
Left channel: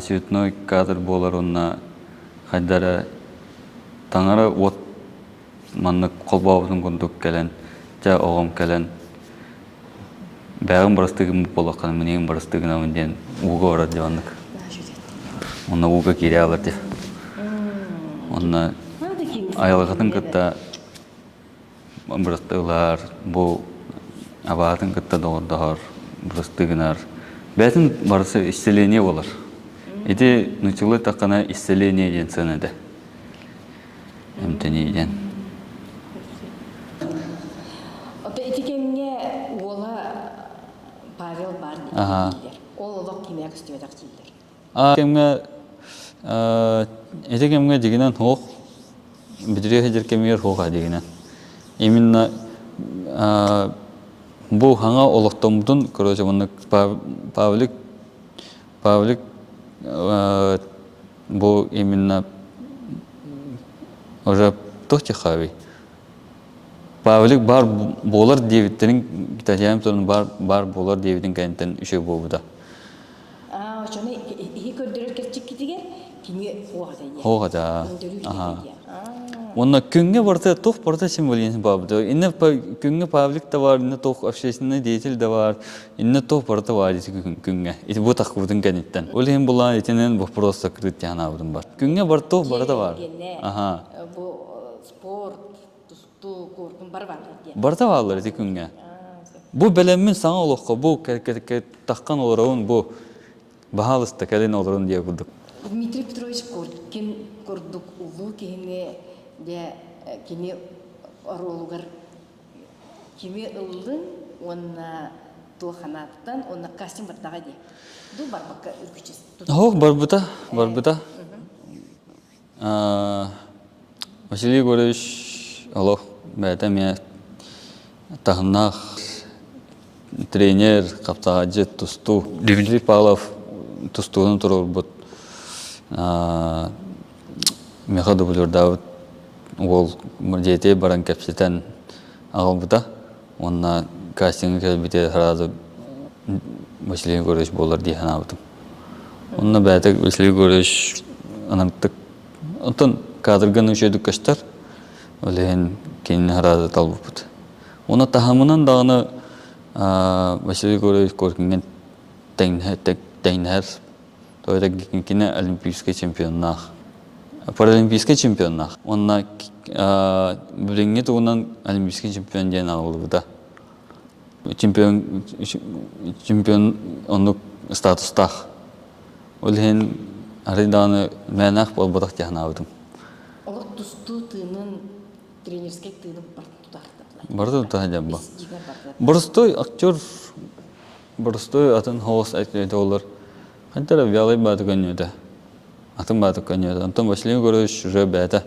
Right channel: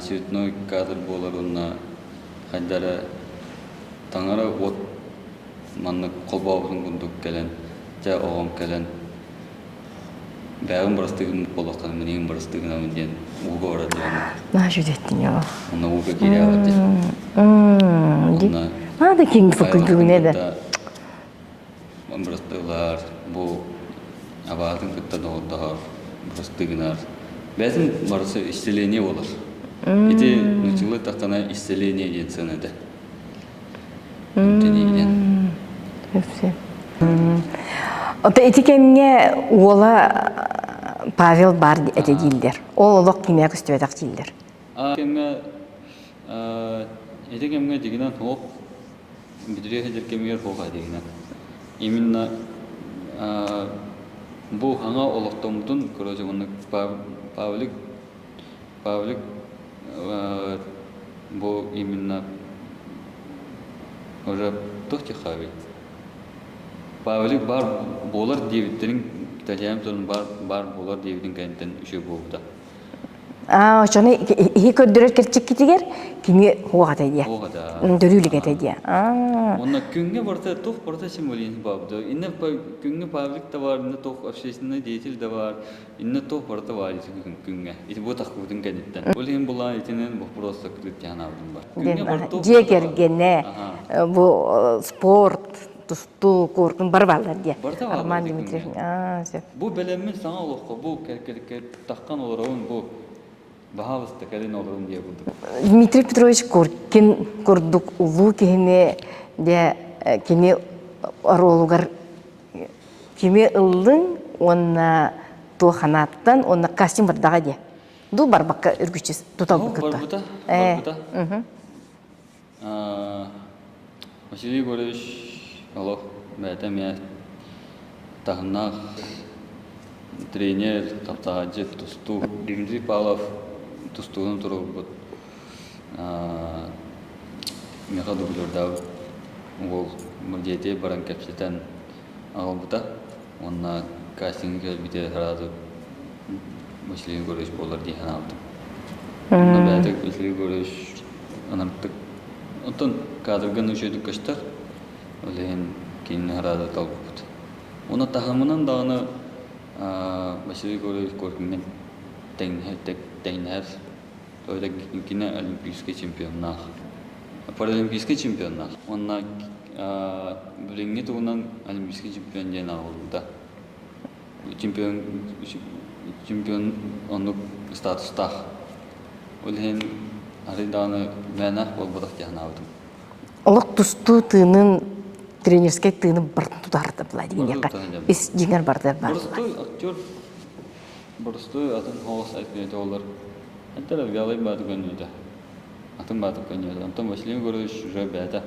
светной кадр болар онна қайдары таңара от манны қолбауытын күндік кәлін, жа оғым кәлін. Бәғым барыстығым болаққан, менеген барыстығына өнден уға орады жанық. Жүдеттің ең. Онна уға келе алыр де. Онна Ады кеңгі айлығытын күтті барыстығылар, бұл абадың күтті доғырдағыр барыстығынар. Бәтін барысы исцеление болар. Эти нучылы таққана исцеление ден сынады. Үмтенейден. Ота этикемге ола Павел бар әте дейілдер. Ол олық кемек үстібедақ дейілдер. Этикемге дегенен хоқ, бідірек әдер кемер хоға дегенен. Именно бұл хаңа олықтымдың, көрөже мұны Павлик бұл именно уже тоқчы қави. Павлик бар болар девиттерин итальян торун бар болар девитин кенттен үшө болбуда. Очоны ихи көддөрөт керчик китигер кими хугата дия. Хугата. Дөрлүлүгете дия. Онна күнгө барта тох барта чим болген бабыда. Инне күнгө Павлик да бар, инне тох общественный деятель да бар, инне тох барта бар күнгө. Ити бу такыбытын кенеттен. Олен була итенен вопрос закрыт жанабырын бар. Күнгө бар тох барта бар. Жегергене бу спорт тусту коркун бар балдар дия. Барта балдар ди күнгө. Бу белемин саңа олокко, бу таккан олорун бу Бахалыста кәлен оларын дия күрдік. Дмитрий Петрович Коркин көрдік ұлу кеме де кеме аролугар кеме ұлдың онна туғанаттан онна кастин бардаға де. Ду бар баққа үргішчіз тұтал күрді. Барбыта. Василий Егорович Алох бәді мен тағынақ тренер, қаптағаджы, тұсту. Дмитрий Павлов тустуын тұрыр бұд. Меха дублердауыт ол жетей баран кәпсетен ағыл бұта. Онна кастингі кәлбіте саразы Василий Егорович болар дейін абытым. Онна бәдік Василий Егорович анарттық. Онтан кадрган үшедік каштар, олеген кейін саразы тал бұд. Онна тахамынан дағыны Василий Егорович Коркинген тәйнәр, тойда кене олимпийский чемпионнақ, паралимпийский чемпионнақ. Онна бүліңе туғынан олимпийский чемпион дейін ағылды бұда. Чемпион онық статустақ. Олген ариданы мәнақ бол бұдақ дейін ағылдым. Олық тұсту тыынын тренерский тыынын бұрын тұтарды бұлай дейін. Бұрын тұтарды Біз жеңер барды бар. Бұрыстой актер, бұрыстой атын хоғыс айтпайды олар. Қантара вялай бады көнеді. Атын бады көнеді. Антон Василий Егорович уже бәді.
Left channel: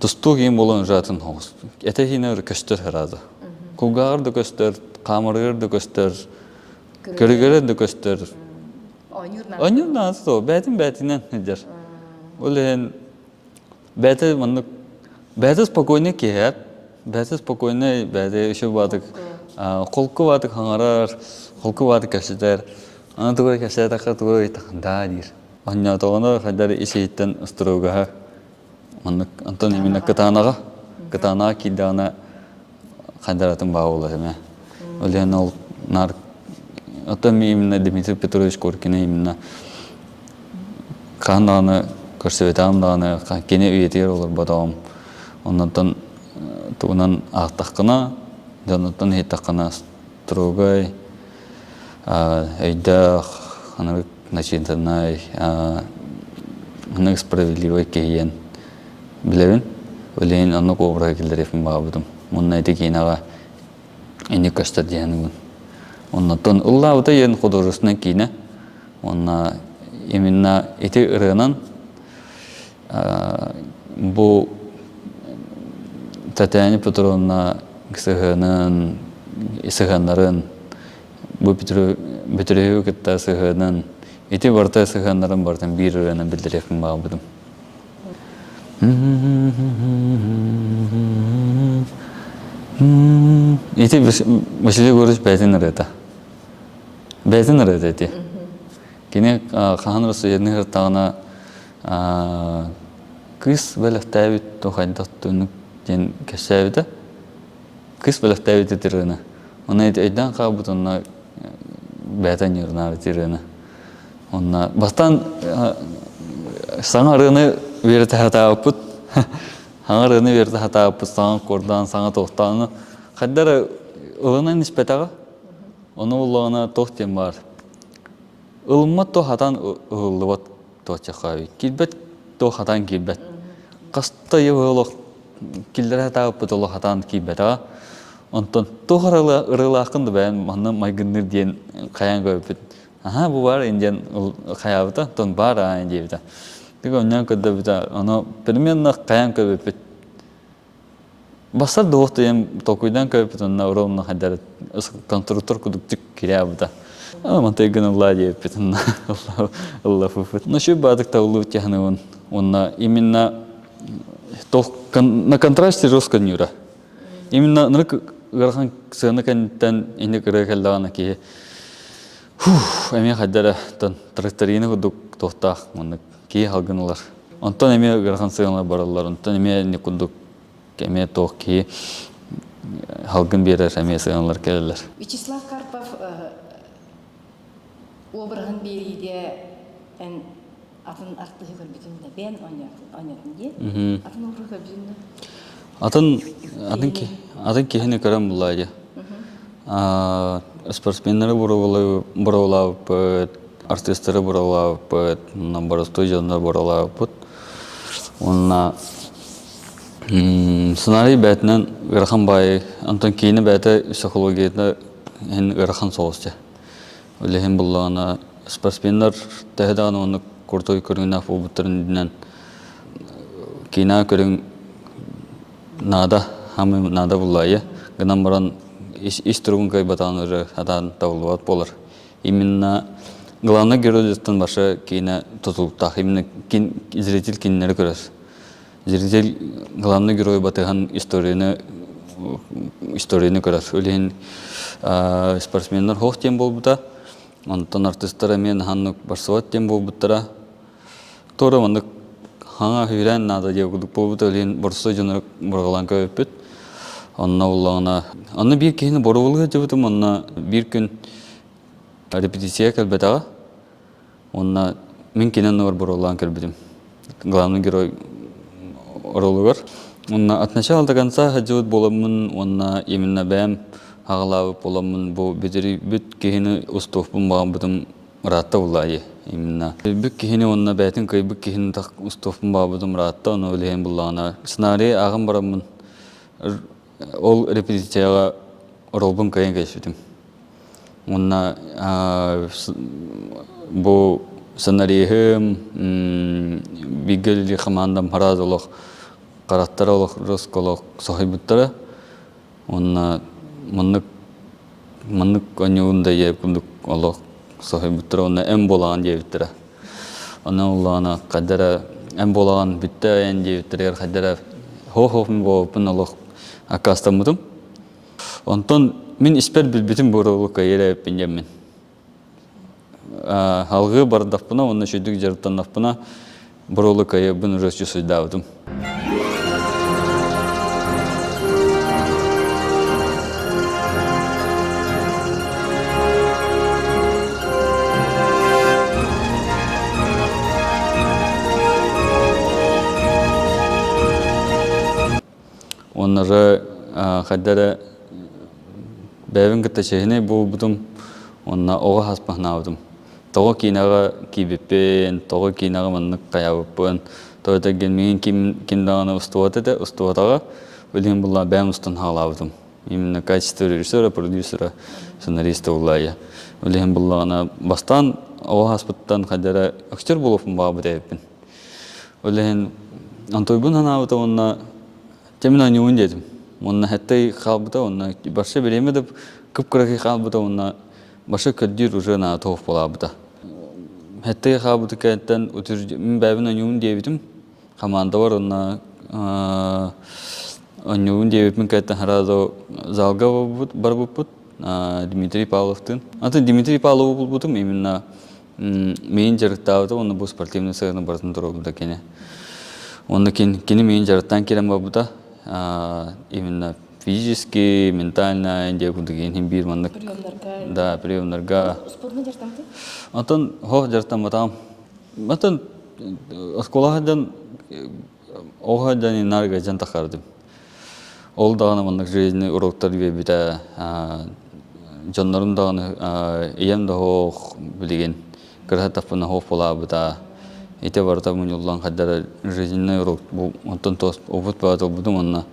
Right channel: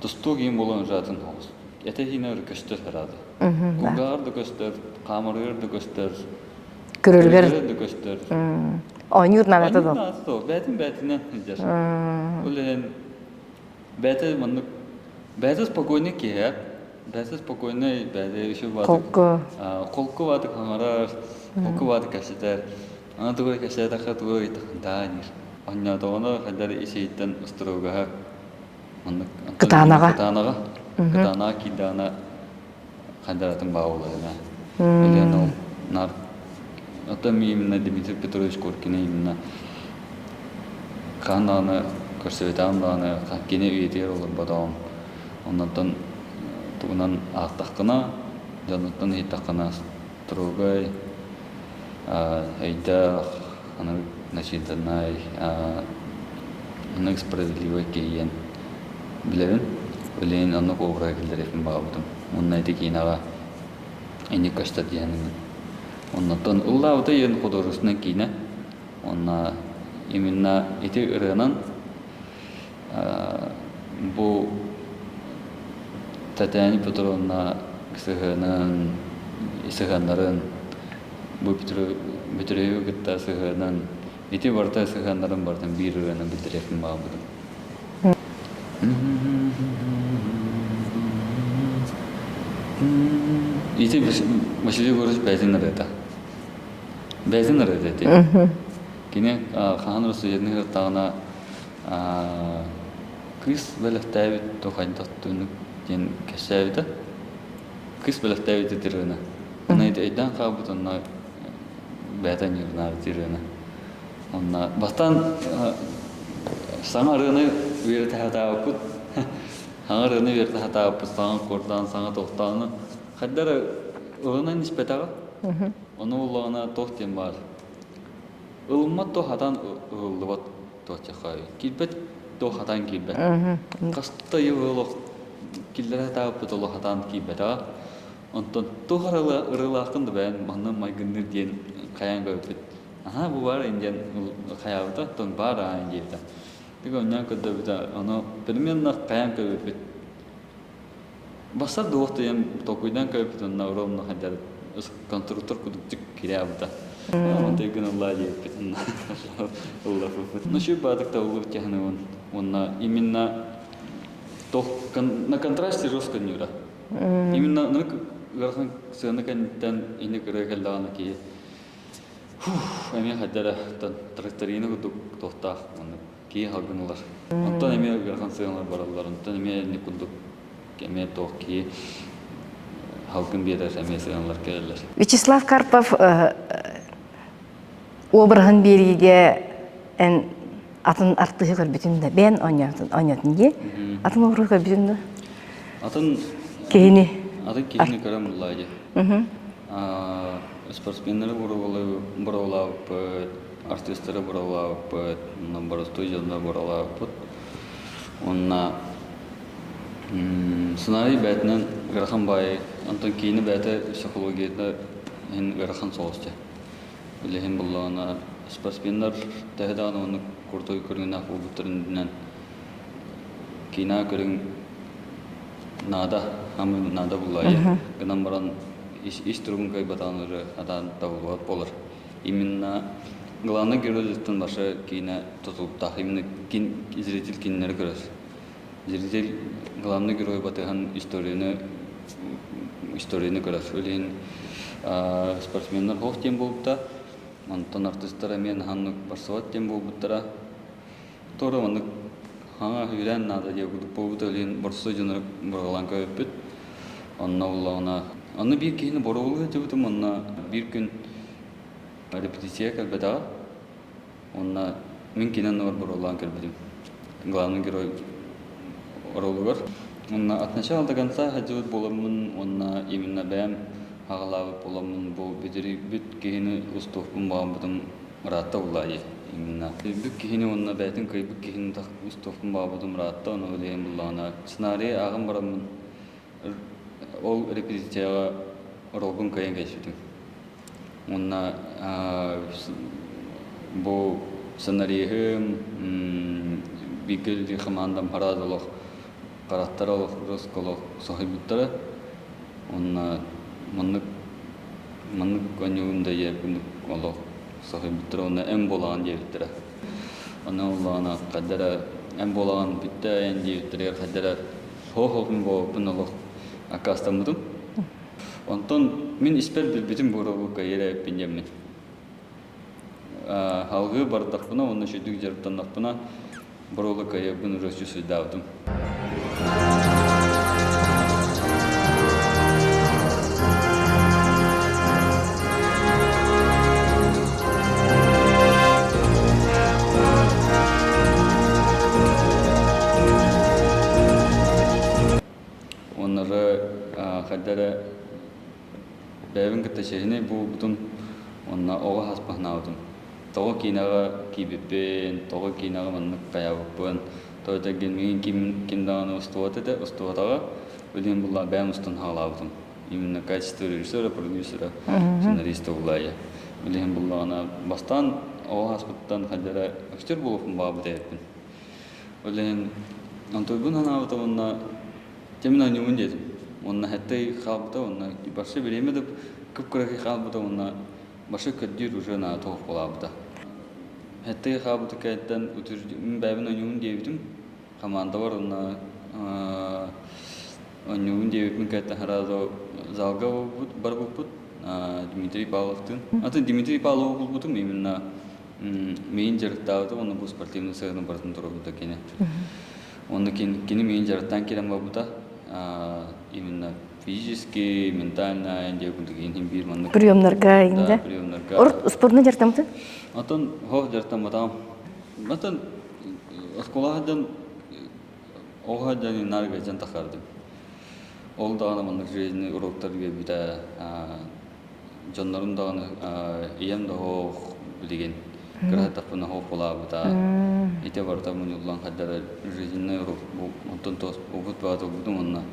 Тұсту кейін болын жатын хоғыс. Әті кейіне көстер әрады. Құлғағыр да көстер, қамырғыр да көстер, көргер да көстер. Онюр нагата Onun да. nasıl o? Бәтінен hüdür. Олен бәті мұны бәті спокойны кеер. Бәті спокойны бәті үші батық. Қолқы. Қолқы батық хаңарар, қолқы батық кәшітер. Ана туғай кәшітер таққа туғай тақында дейір. Онна тоғаны қайдар ешейттен ұстыруға. Кытанаға. Кытанаға кейді ана қайдаратын бағы олар. Олен ол нар Отам именно Дмитрий Петрович Коркин именно кананы көрсөтөм даны кене үйетер олар батам. Оннан тугунан ақтаққына, жанаттан хеттаққына стругай, айда ханыр начинтанай, ханыр справедливый кейен. Білерін, олейін анны қобырға келдерефін бағабыдым. Мұнын әйті кейінава әне көштер дейінімін. Оннан ұллауыда ең художественный кейіні. Онна именно эти ырынан бұл Татьяна Петровна сыгынын, сыгыннарын, бұл бітіреу кетті сыгынын, эти барта сыгыннарын бартын бір ырынан білдірекін баға бұдым. Эти мәселе көріш бәтін ырыда. Бәтін ырыда еті. Кене қаған расы едінің ырттағына кыз бәліқтәбіт тоқайдақтың ден кәсәбіді. Кыз бәліқтәбіт етіріні. Оны айдан қабыт онына бәтін ерінары тіріні. Бастан саңа ырыны верді хата өпіт. Саңа ырыны верді хата өпіт, саңа қордан, саңа тоқтағыны. Қайдары ұлына нишпетаға. Оны ұлығына тоқтен бар. Улмат то хатан уллыбат то чахави. Килбет то хатан килбет. Каста еволох килдер хата путоло хатан килбет. Онтон то рыла акынды бән манна майгынныр диен каян көпет. Аха бу бар инден каябыта тон бар индебита. Тига оннан көдө бита аны перменно каян көпет. Басар доқты ем токуйдан көпет онна уровна хадар конструктор кудуктик кирябыта. Мантай гына ладья пятна, Allah фуфет. Но еще бадок таулу тягнул он именно то на контрасте жестко нюра. Именно на гархан сына кантан ине керекалдана ки. Эми хадара тон тракторины худук тохтах мон ки халгынлар. Антон эми гархан сына бараллар. Антон эми не кудук эми тох ки халгын берер эми сыналар келдер. Вячеслав Карпов обырғын бериге атын артығы көрбетімді. Бән ойнатын де. Атын обырғы көрбетімді? Атын Кейіні көрім ұлайды. Спортсменлері бұралау бұд, артистері бұралау бұд, бары студияны бұралау бұд. Сценарий бәтінен ғырхан бай, антон кейіні бәті психологияны ғырхан соғысты. Олеген бұллағына спортсменлер тәхедаған оны көртой көріңін афу бұттырынден кейіна көрің нада, хамы нада бұллайы. Гынан баран иш тұрғын кай батаныры адан табылуат болыр. Именно главный геройдықтың башы кейіна тұтылыптақ. Именно зритель кейінлері көрес. Зритель главный герой батыған историяны көрес. Олеген спортсменлер хоқ тем бол бұта. Онтон артисттары мен ханнук барсуат тем бол бұттара. Тора онды хаңа хүйлән нада деугудук бол бұта өлен барсуа жонырық бұрғалан көйіппет. Онна ұллағына. Онна бір кейіні борғылығы жебітім. Онна бір күн репетиция кәлбетаға. Онна мен кейінен бар бұрғалан кәлбетім. Главный герой орылығыр. Онна атнаша алдағанса хаджуыт боламын. Онна именно бәм ағылауы боламын. Бұл бедері бүт кейіні ұстуқпын бағым бұдым ратта ұлайы. Бүт кейіні онна бәтін көй бүт кейіні ұстуқпын бағым бұдым ратта. Оны өлейін бұлағына. Сценарий ағым барамын. Ол репетицияға орылбын көйін кәшітім. Онна бұл сценарийім бігілі қамандам хараз олық, қараттар олық, рыск олық соғай бұттары. Онна мұнық өңеуінде еп күндік олық Sohi bittira onu en bolan diye bittira. Ona Allah'ına kadere en bolan bitti en diye bittira kadere ho bu bunalıq akastamıdım. Ondan min isper bütün boroluk kayıra pinjemin. Halgı bardakpına onu şöydük jarıttan dapına boroluk kayı bunu rösçü suydavdım. Onlara kadere bevin gitti şeyini bu budum onna oğa hasbahna aldım. Toğa kinaga kibipen, toğa kinaga manlık kayabıpen, toğa da gelmeyin kim dağına ustuvatı da ustuvataga bilin bulla ben ustun halавdım. Именно качество режиссера, продюсера, сценариста улая. Bilin bulla ana bastan oğa hasbıttan kadere aktör bulufum bağ bideyipin. Bilin antoybun hanavda onna Temin oyun dedim. Onunla hatta kalbıda onunla başka bir yemedim. Kıpkıraki kalbıda onunla başka kötü rujana tuhaf bulabıda. Hatta kalbıda kentten otur ben oyun diyebilirim. Kamanda var onunla oyun diyebilirim kentten herhalde zalga var bu Dmitri Pavlov'tun. Hatta Dmitri Pavlov buldum именно менеджер onu bu sportivni sırrını barın durumda kene. Onda kini менеджертан керем бабыда. Именно физически, ментально, где кудыгин бир маннык. Приемнарга инде. Да, приемнарга. Спортны жартамды? Антон жартам атам. Антон осколадан огадан инарга жан такардым. Ол дагана маннык жизни уроктар бебите жаннарын даганы ием да хох билген. Кырхатапына хох болабыда. Ите барта муньуллан каддар жизненный урок бу онтон тос опыт баатыл будум онна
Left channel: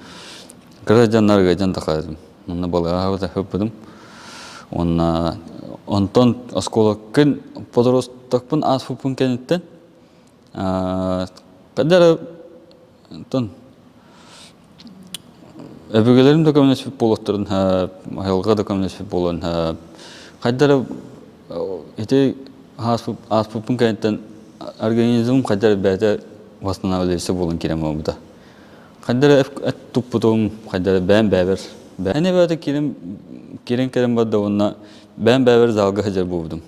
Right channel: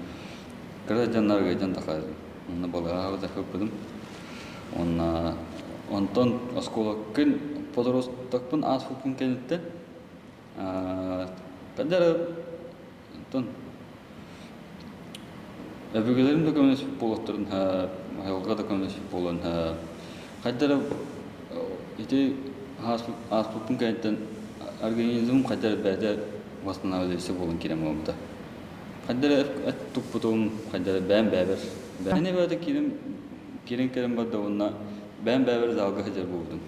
гражданнарга жан такадым. Онна балага да хөппүдүм. Онна онтон осколоккын подоростокпун асфупун кенеттен каддар онтон эбегелерим да көмөсүп болоттурун айылга да көмөсүп болон каддар ите асфупун кенеттен организм каддар бәдә восстанавливается булын кирем буда. Каддар туп-путум каддар бән бәбер. Әне бәдә кирен бада онна бән бәбер залга хәҗәр булдым.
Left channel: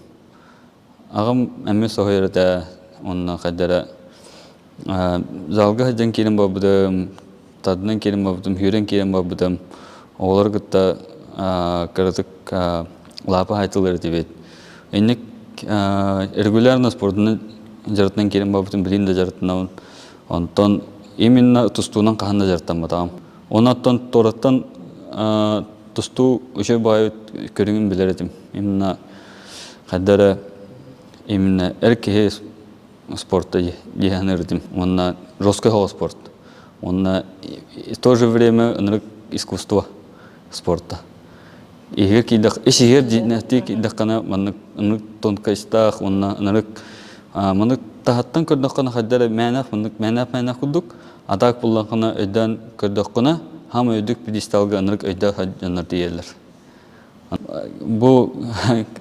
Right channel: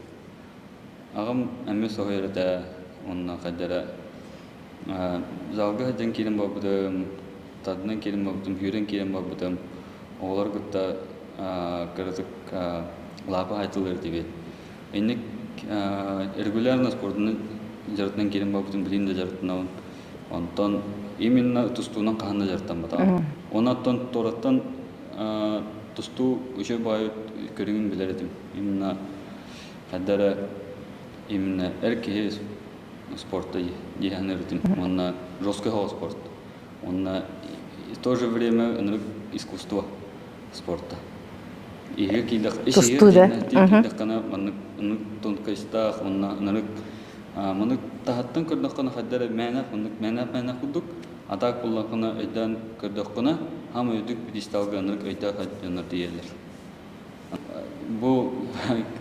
Агым әмме сохырда онна каддар залга хәҗән кирен бабыдым. Тадның кирен бабыдым, хүрен кирен бабыдым. Олар гытта кырдык лапа хайтылар дибет. Энек регулярно спортны жарытынан керем бабытын билин да жарытынан онтон именно тустуунан каханда жарыттан батам. Онаттан тораттан тусту өшө бай көрүнгүн билередим. Именно каддара именно эрке спортта еханердим. Онна жесткий спорт. Онна в то же время искусство спорта. Игер кидах, игер кидах кана маннык тонкайстах, онна Мынык тахаттан көрдөккана хаддара мәнәп кудук атак буллакына өйдән көрдөккана һәм өйдүк пьедесталга анырык өйдә хаҗаннар диелер. Бу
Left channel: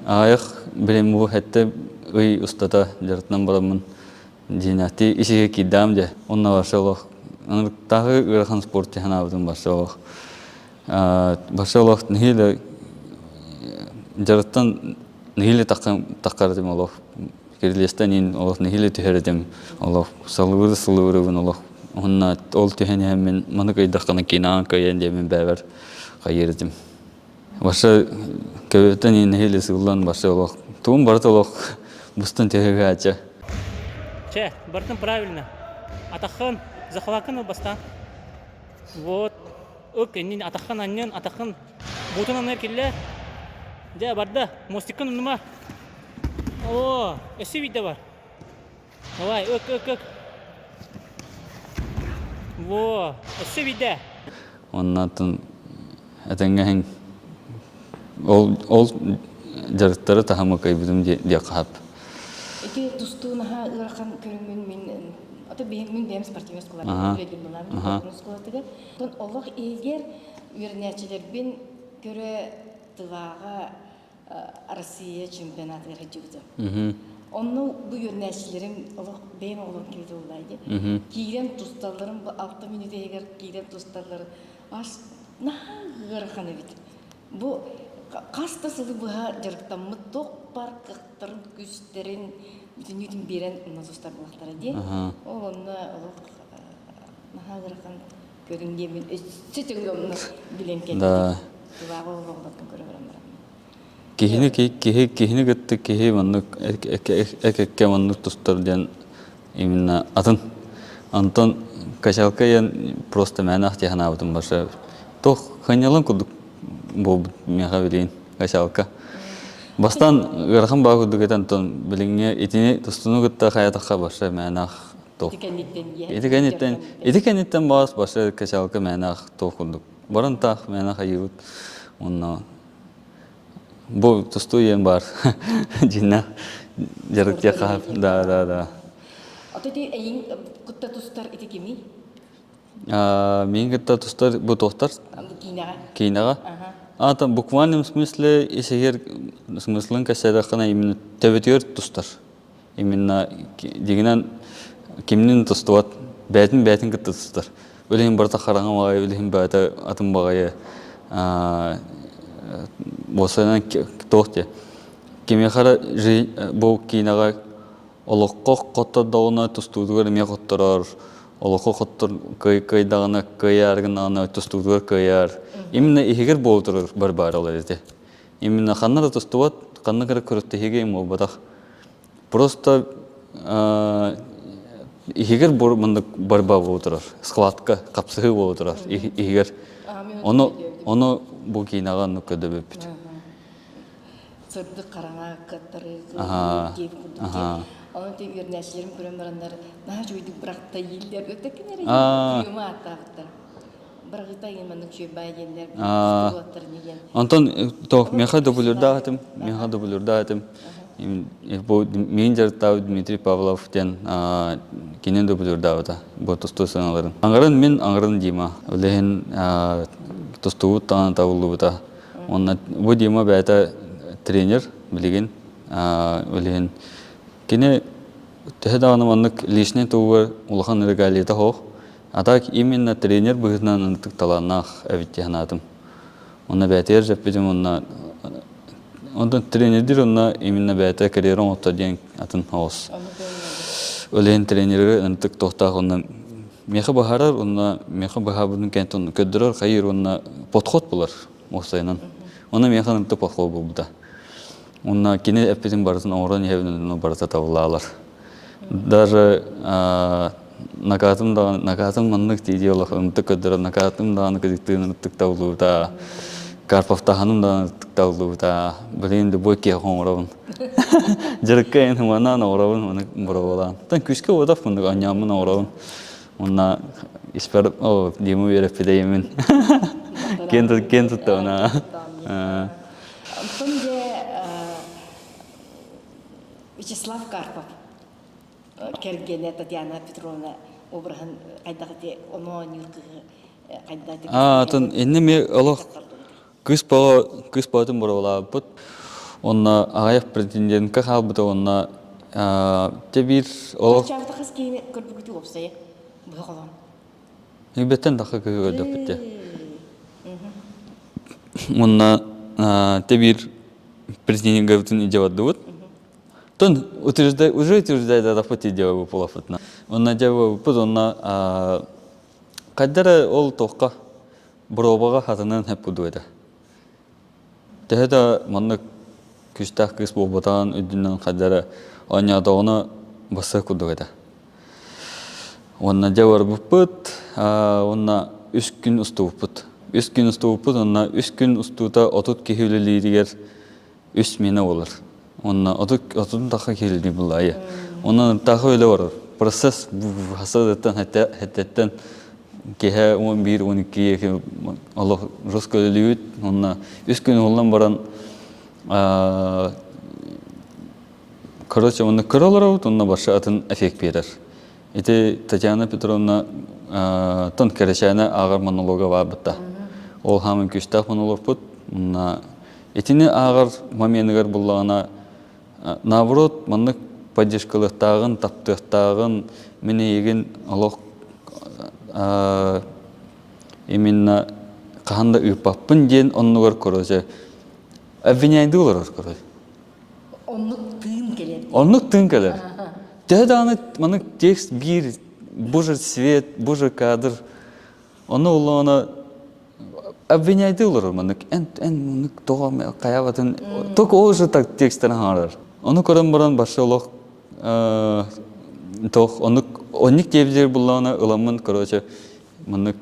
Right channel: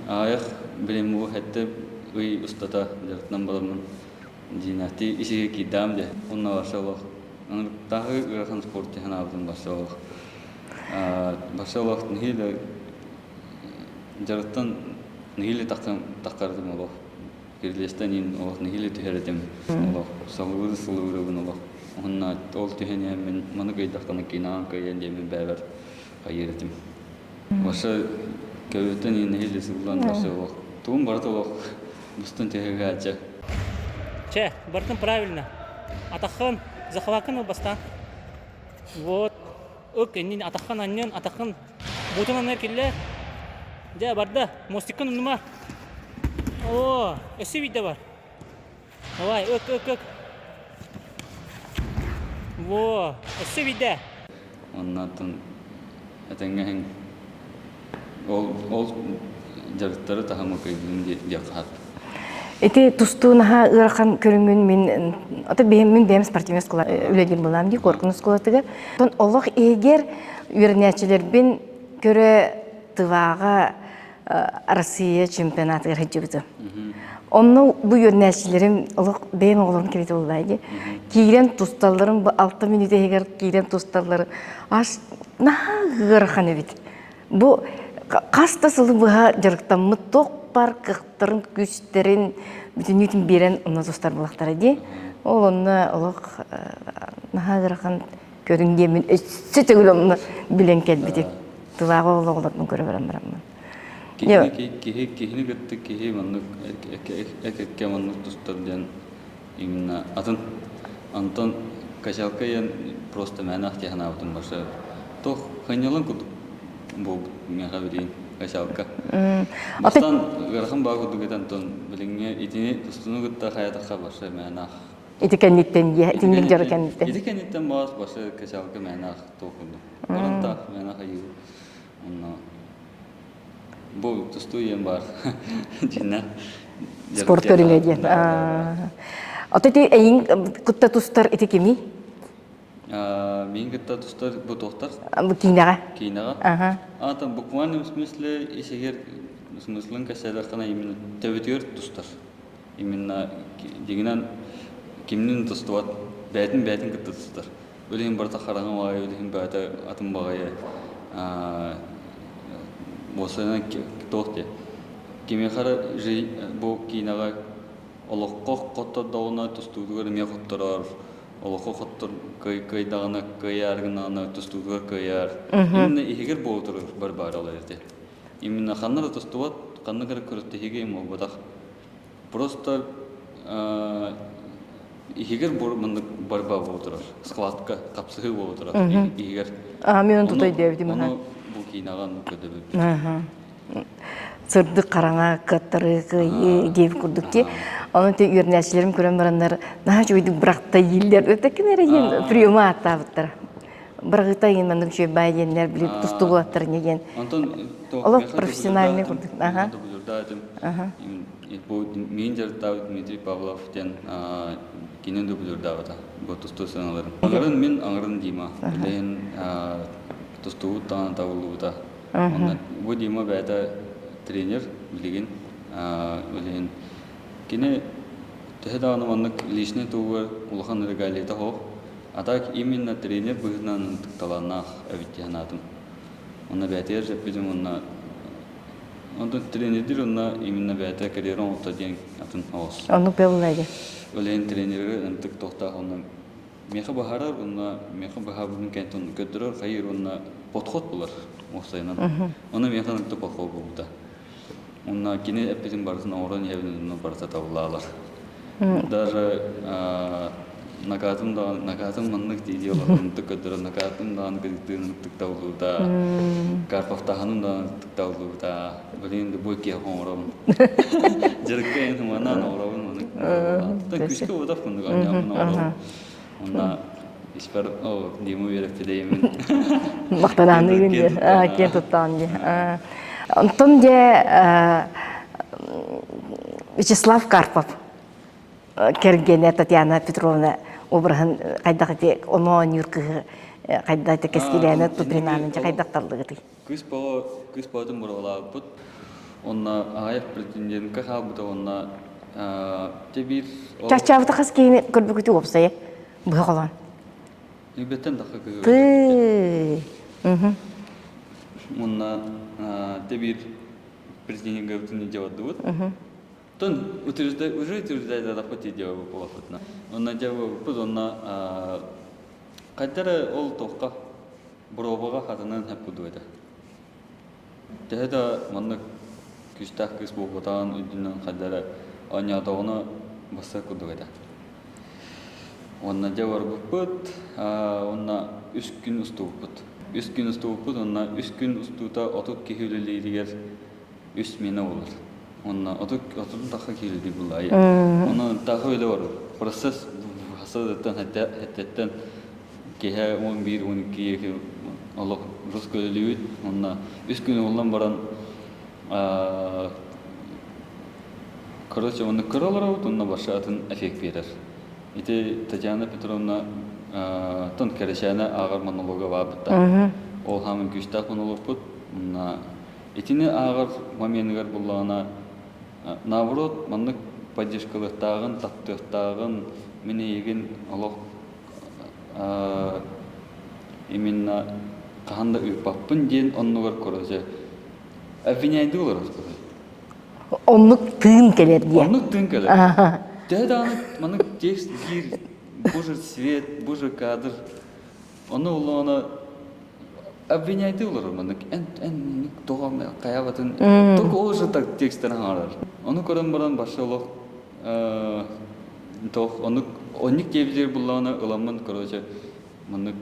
аяк белем бу хәтта ой устата жаратнан барамын динати ишеге кидам де онна башалык анырык тагы грахан спорт тәһән авдан башалык. Башалык ниле жараттан ниле таккардым Аллах. Кирлестен Аллах нихиле тихередем. Аллах салууры Аллах. Онна ол тихене мен манык айдаккана кинан кайен демен бәбер кайырдым. Баша көбөтен нихиле суллан баша Аллах. Тум барт Аллах бустан тихеге ача. Че, бартын правильно. Атахан захвакын бастан. Вот. Окей, атахан аннен атахан бутунан келе. Ja barda, mostikkan unuma. О, эссе видео бар. Давай, ök. Во, эссе видео. Оннан этенгең ол жарыттары тахамы кайбыдым де кап. Эти тустунаха ыракан көрүнгүн мен ата бем спортивный школа үледил булам ди коркуну школатыга. Тон Аллах эгер үрнәчелер бен көрө тывага Россия чемпионаты гыржыбыты. Онны бу йөрнәчләрем олык бәйм огларын кирәк булды. Кирен тусталларым бу 6 минут егер кирен тусталлары аш нагырхан бит. Бу каста сылы буга жырыктан мыток бар кыктырын күчтерин бүтүн үтүн берен онна достар булактар ди. Ол онна олык нагырхан көрүнгөн мен өссөтөгөлөмнү билен келди. Тувагы оглатын көрө берем. Кихини гытты кихи маннык экекке маннык тустардан именно Антон качалка ян просто мәнах тяхна бутун баша. Тох ханялан кудук бу мега билин качалка. Бастан гырхан багы дигет Антон билиңе итине тустуну гытта хаятакка баша мәнах. Итикенниттен я Итикенниттен бас баша качалка мәнах тохундук. Барантах мәнах ают. Онна бу тустуен бар. Жина спорт көрүнөдү. Да. Отети эйин кутта тустар итикеми? Мен гытта тустар бу тохтар. Бу кинага. Кинага. Там в буквальном смысле, если смыслен касается именно төвөтөр тустар. Именно дегенен кимнин тустуат, бәтин гытта тустар. Өлең барта караңа багай, өлең бата атым багай. Босанан тохте. Кимехара бу кинага олоққа қоттадауына тұстудығыр ме қоттырар, олоққа қоттыр кайдағына кайарғынағына тұстудығыр кайар. Именно егер болтырыр бар олар езде. Именно қаннары тұстуат, қанны кірі көріттігеге ем ол бадақ. Просто егер бар болтырар, сқылатқа қапсығы болтырар, егер. Оны бұл кейінаған нүкеді бөппет. Сырдық қараңа қаттары кейіп күрдік те. Оны те үйернәшілерім көрен барандар, наға жойдық бірақта елдер өтекен әреген приема аттабыттыр. Бірақта ең мәндің шөй байденлер біліп тұсты болаттыр неген. Антон, меха дублюрда атым. Мен жарттау Дмитрий Павлов тен кенен дублюрда ата. Бұл тұсты саналарын. Аңғырын мен аңғырын дейма. Өлеген тұсты ұттаған табылды бұта. Бұл дейма бәйті тренер билеген өлеген кене тәһдәгән маннык лишне тугы улахан регалита хох атак именно тренер быгынан антык таланах әвиттәнатым онна бәтер җәппедем онда тренердер онна именно бәтә карьерон оттаден атын хос Оны белмәде. өлеген тренеры антык тохта онна меха бахарар онна меха бахабын кентон көддөрөр хайыр онна подход булар осайнан оны меха антык подход булды. Онна кине эппетин барысын орон евнен барыса табылалар. Даже накатым маннык дейди олахын тыкыдыр, накатым дан кыдыктын тыктаулута. Карповтаханым дан тыктаулута. Билинде бойке хоңорон. Жырыккен хуманан орон оны орон. Тан күшкө одап фундук анямын орон. Онна испер дему ерепедеймен. Мактананы кентуттан. Антон де Вячеслав Карпов кергене Татьяна Петровна обрахын кайдагы онон юркы кайдагы кескене кайдакталдыгы. Кыз баатын борола бут. Онна агаяк претендентка халбыта онна тебир Чачабыта каскене көрбүкүтү опсай быгалан. Беттен дахы көрбүкүтү. Онна тебир президент Гавтин идет Тон уже утверждает это фото дело полофотно. Он надел потом когда ол тока бробага хатанан хепудуэда. Тэхэда манна күстах кыс болботан өдүнөн когда онята оны баса кудуэда. Он надел арбупут, онна 3 күн уступут. 3 күн уступут, онна 3 күн устута отут кехилелиригер 3 мені олар. Онна отутун таха келди булай. Онна таха эле бар. Процесс хасадаттан хаттаттан кеһе 11 12 Аллах роскөлүт. Онна 3 күн олдан баран короче, онна королар онна баша атын эффект берер. Эти Татьяна Петровна тон керешәне агар монолога бар бутта. Ол хамын күштах монолог бут. Онна Этини ағар моментігер бұллағына, наоборот, маннык поддержкалықтағын, таптықтағын, мені еген олық именно қағанда ұйпаппын ден оннығыр көрөзе. Обвиняйды олар көрөзе. Онлук тыын келер дие. Оннық тың келер. Дәді маннык текст бір, бұжыр свет, бұжыр кадр. Оны олағына обвиняйды олар маннык. Маннык тоғам қаябатын. Только ол жытак тексттерін ғарар. Оны көрім бұрын башы олық тоқ, онник девдер бұлағына ұламын көрөзе. Маннык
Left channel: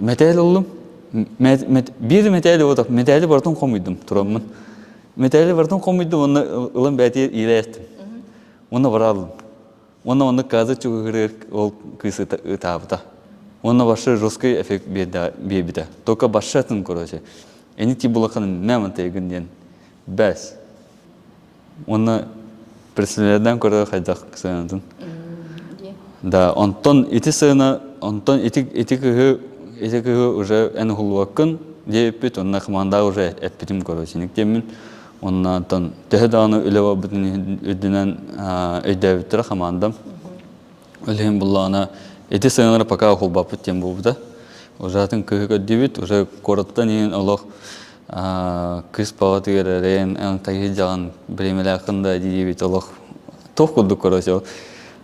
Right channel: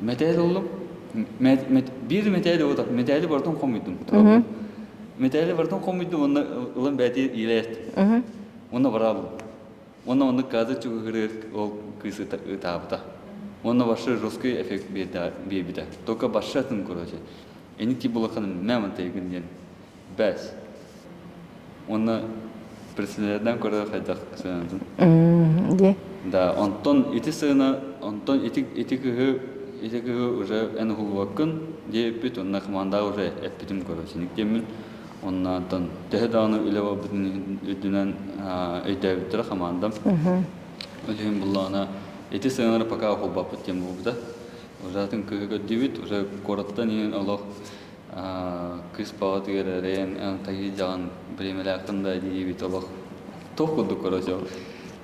метәлі олым. Bir metali odak, metali barton komuyordum turamın. Metali barton komuyordum, onu ulan beti ilerlettim. Onu varalım. Onu kazı çukurur, ol kısı tabıta. Onu başı Ruski efekt bir de. Toka başlatın korucu. Eni ti bulakanın ne mantığı diyen. Bes. Onu personelden korucu haydak sanatın. Da ondan iti sana, ondan iti kıhı Эти уже en hulvakın deyip onunla komanda уже ettim koruyucu. Nikdemin onunla tan tehdanı ilava bütün ödünen ödevleri komandam. Ölüm bullana eti sınırı paka hulbapı tem buldu. Zaten kıyık devit уже korattan in Allah kız pavatı gerem en kayıcan biremel hakkında deyip Allah tohkudu koruyucu.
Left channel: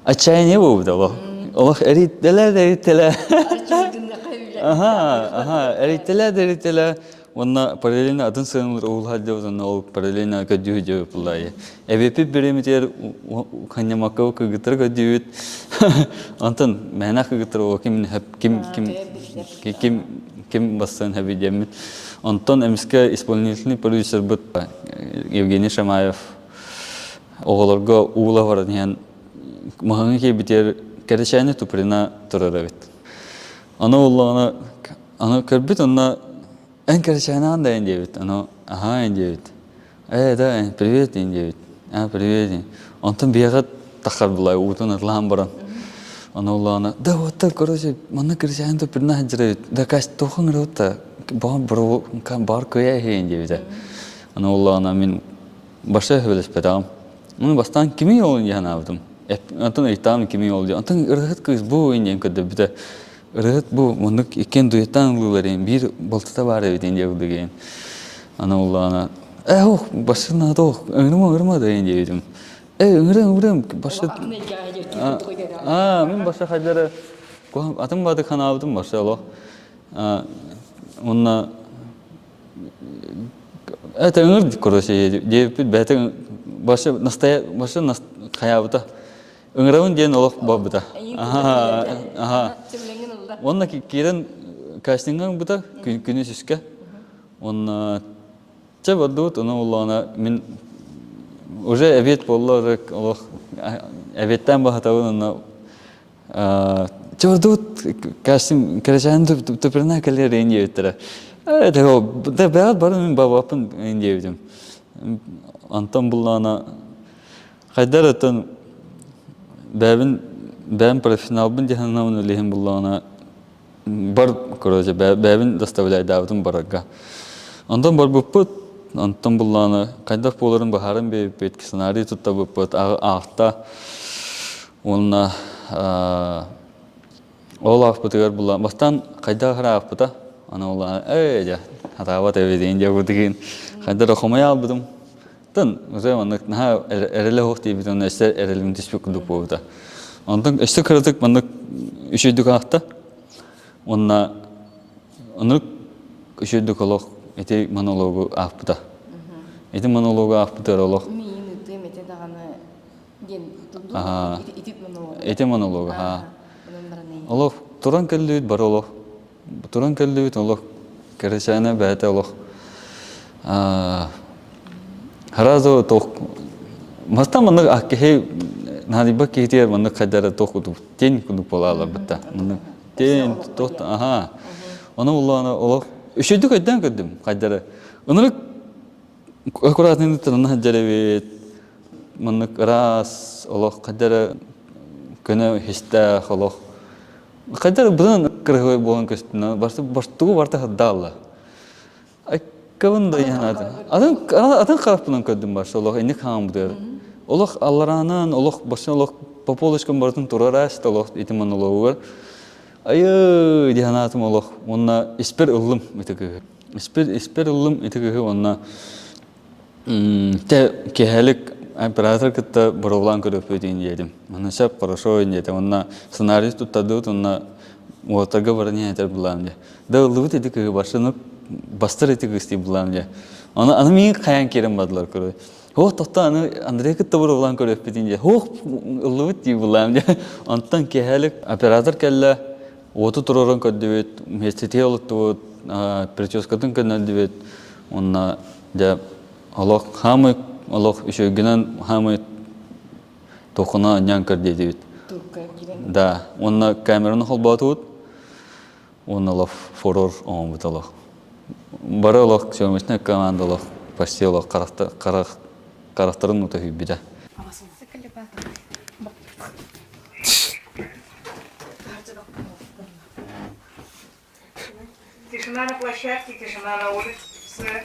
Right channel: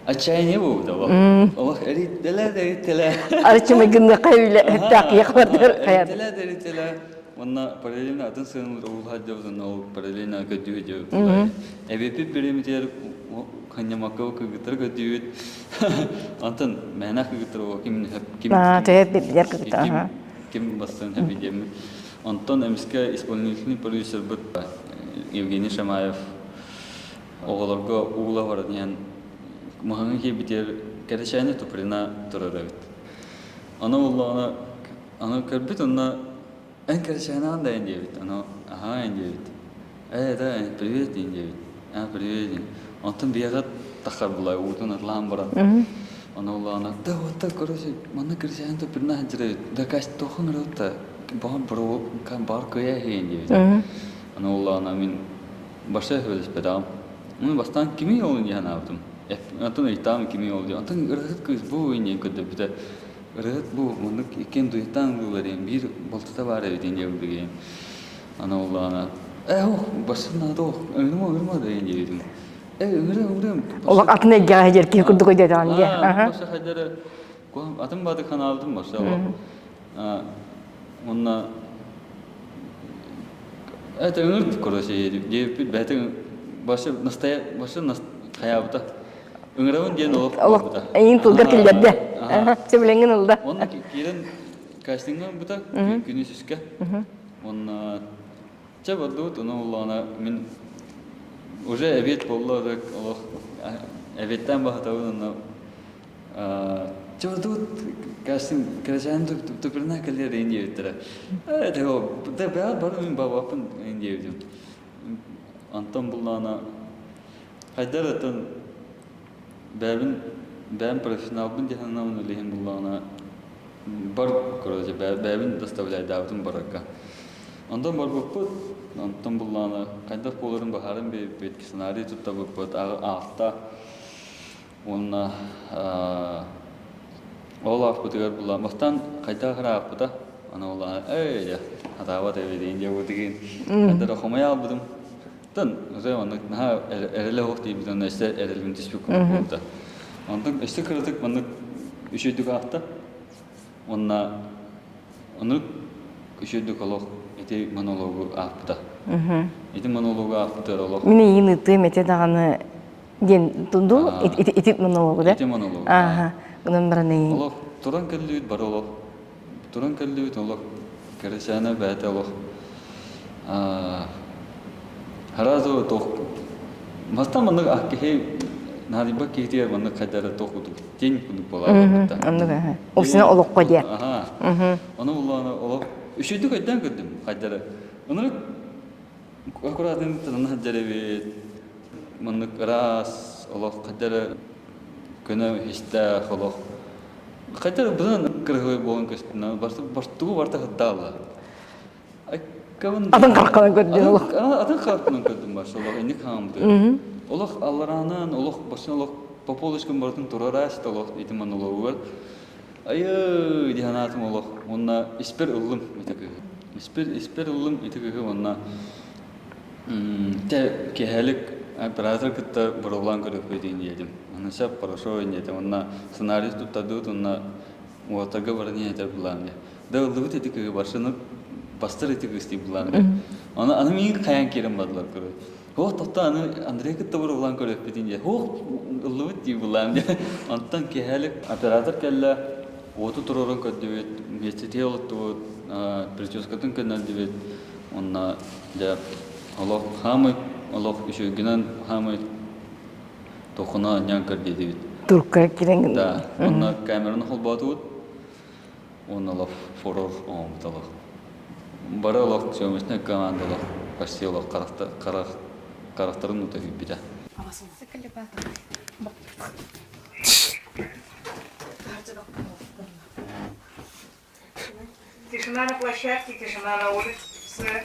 Açayını buldu Allah. Allah erittiler. Arıçıma günde kayıyla tak yakmadır. Erittiler. Onunla paralelini adın sığınılır oğul halde olanı o paralelini ködüğü bulayı. Evepi biremiter kanyamakka kıgıtır ködüğü. Antan mehnak kıgıtır o kim basın hebi demin. Antan emiske исполнительный продюсер bud Evgeniy Shamayev oğullarga uğula var diyen Mahangı ki biter kerişayını tuprina turarabit. Ana oğlana ana körbit ona en kerişayını anda enjevit. Ana aha enjevit. Da привет enjevit. Привет. Ondan bir gat takar bulay uğutun atlan baran. Ana oğlana da otta korose mana kerişayını tuprina hacret. Da kaç tohun rota. Bah bro kan bar köye enjevit. Ana oğlana min başa hevles pedam. Onu bastan kimi yolun yana avdım. Antan itam kimi oldu. Antan ırgıt kız bu inen kadar bir de ırgıt bu munduk iken duyatan luların bir baltıda var evet ince oldu gen. Ana Allah'ına başına da ırma da ince dedim. Irım Ola atına gelir ki kurdu koydu anne. Başa hacara atım badı kan aldım başa Allah. Onunla ırgıt kuruşu diye bir beten başa hayatı Öngravun diyen olup bu da. En kulda kilerde. Sebelengin oldu. Onunla kiren casting'ın bu da güneş iske. Onunla çabadut onu olana min уже evet bollar Allah evetten bahatavun onu çabadut casting kerajan tuprana kalir rengi ettere. Evet o da berat barın min babapın rengi edim. Antam bullana haydaratın ben profesyonel cehennemin öleyim bullana bar korucu ben dastavlay davutun baragga. Ondan bar buput ondan bullana kaydak poların baharın bir petki senaryo tutta buput ağta onunla oğlak putugar bullana bastan kaydak hara puta ana oğlana ja hatavat evi deyince vurduğun kaydak okumaya aldım. Tan, mesela anlık naha erele hoşti bir tane eser erelin teşvik kılıp oldu. Ondan işte kırdık anlık üşüdük ahta. Onlık üşüdük olok eti monologu ahpıda. Eti monologu ahpıda olok. Mine yeni tüm ete dağını den tundu eti monologu da. Eti monologu. Bunun birine. Olok turan kelli bar olok. Turan kelli olok. Kerşana bete olok. Harazo toh masta manık akkehe nadi bak kehtiyer manık kadar toh kudu ten kudu pola batta. Osuna oluk koydu. Aha. Onu Allah'ına oluk. Üşüdük aydan kadar kadar. Onları akuratını tanına hacalevet manık ras oluk kadar kena hista oluk. Kadar bulan kırığı boğan kestine başta baştuğu varta haddalla. Кавында. Атын каркана көрдү. Атын карапынан көрдүм башы Олох эник хаам бу. Олох алларанан Олох башын Олох по полочкам бардын турараш Олох итиман Олох. Айы диханатым Олох. Онна испер уллым итеге. Испер уллым итеге онна те кехелик оператор кытта боровлан көрөп өтүн дедим. Онна шап хорошо индете. Онна сценарий туттадыт, онна отага барыны айтар булан. Да уллыбыт итеге башыны бастыр итеге исти булан. Аны мен каян керем бадылар көрө. О, тотта аны Андрей кытта боровлан көрөп өтүн де. О, уллыбыт ди булан. Онтан кехелик оператор келле оту туророн көдөбөт, местете олутту, прическатын көдөбөт. Онна да Олох хамы Олох үшөгүнөн хамы тохуна нянкар дедибит. Турка кирен. Да, онна камераны холбатут. Он Олох фурор омут Олох. Бары Олох сөмөчнө команда Олох почти Олох карактарын утуп биде. Тишина на площадке, тишина на улице.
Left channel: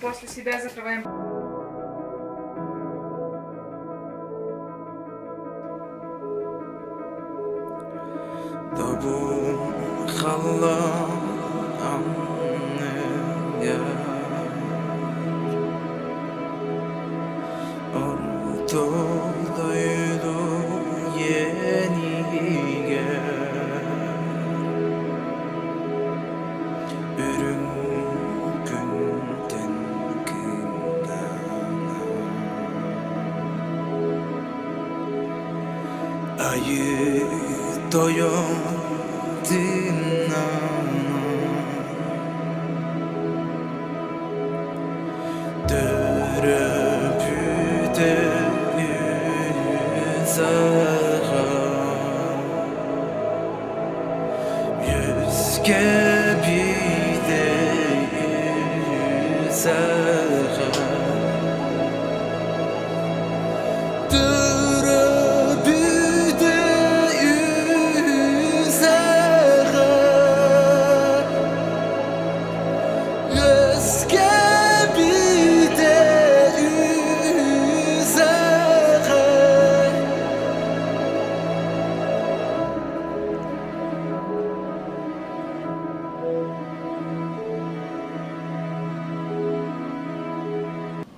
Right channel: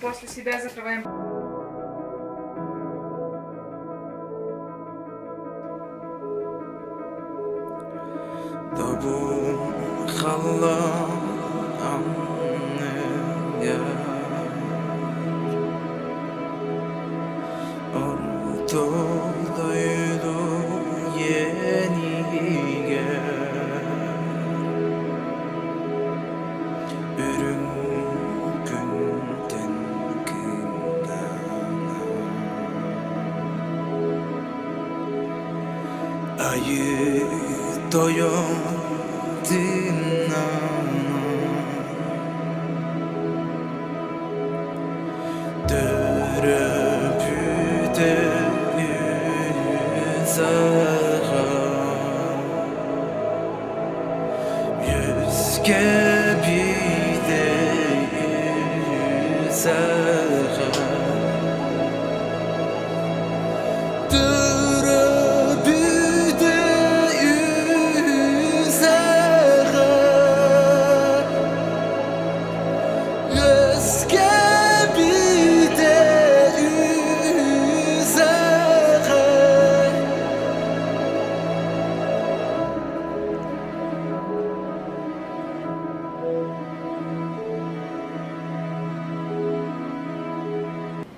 После себя закрываем. Ayı doyum dinana döröpüde yüzağa yüzge bir de yüzağa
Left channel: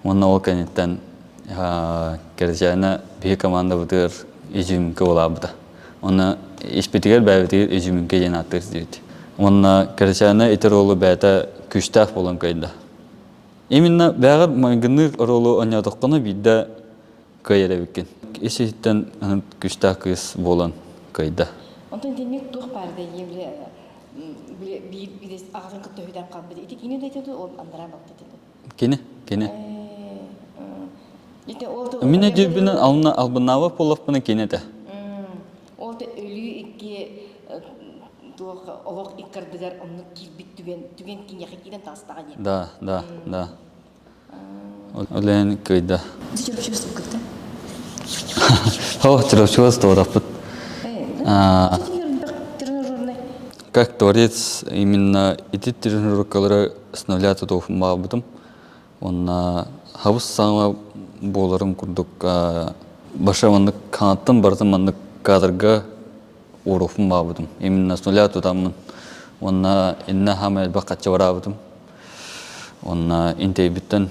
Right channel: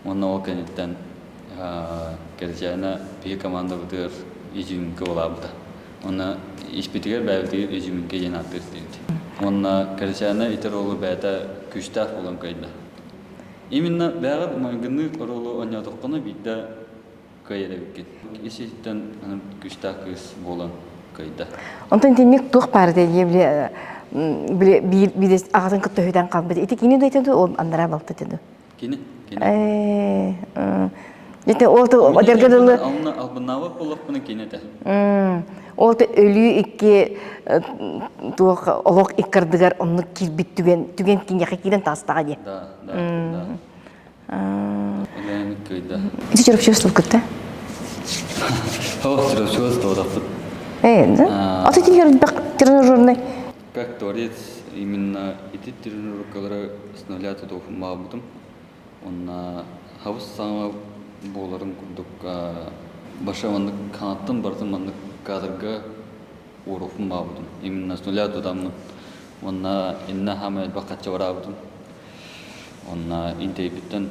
Онна ол кенеттен кержайна бие команда бутыр ижимке олабыда. Онна испитигер бәбитигер ижимке жанаттыр дейді. Онна кержайна итер олу бәйта күштaf болан кайда. Именно бәғыр маңгынны ролу анядыққаны бидді көйері беккен. Исеттен күштaf кыз болан кайда. Онтан темек туқ барды ебіле бидес ағатын күтті өйден қалбыды. Ити кені дөйтеді, ол андыра балты деді. Кені? Жете олты Мен жебінен албынава полықпыны кенеті. Олты өлі икке олық иккардығар онны кирбит түген кенеқі кейден тастаға де. Да. Олен көйді. Ити чырапчывыстыл күтті? О, чырапчывыстыл рапыт. Аты тренажерный? Как творец, именно эти тренировкалары становляются тофым бабытым. Он хабыс саңа боларым күрдік баша манды канаттан бардым манды кадрга уруфым бабытым. Именно становляются тамын. Он инна хамай бақатча барабытым. Он интей биттен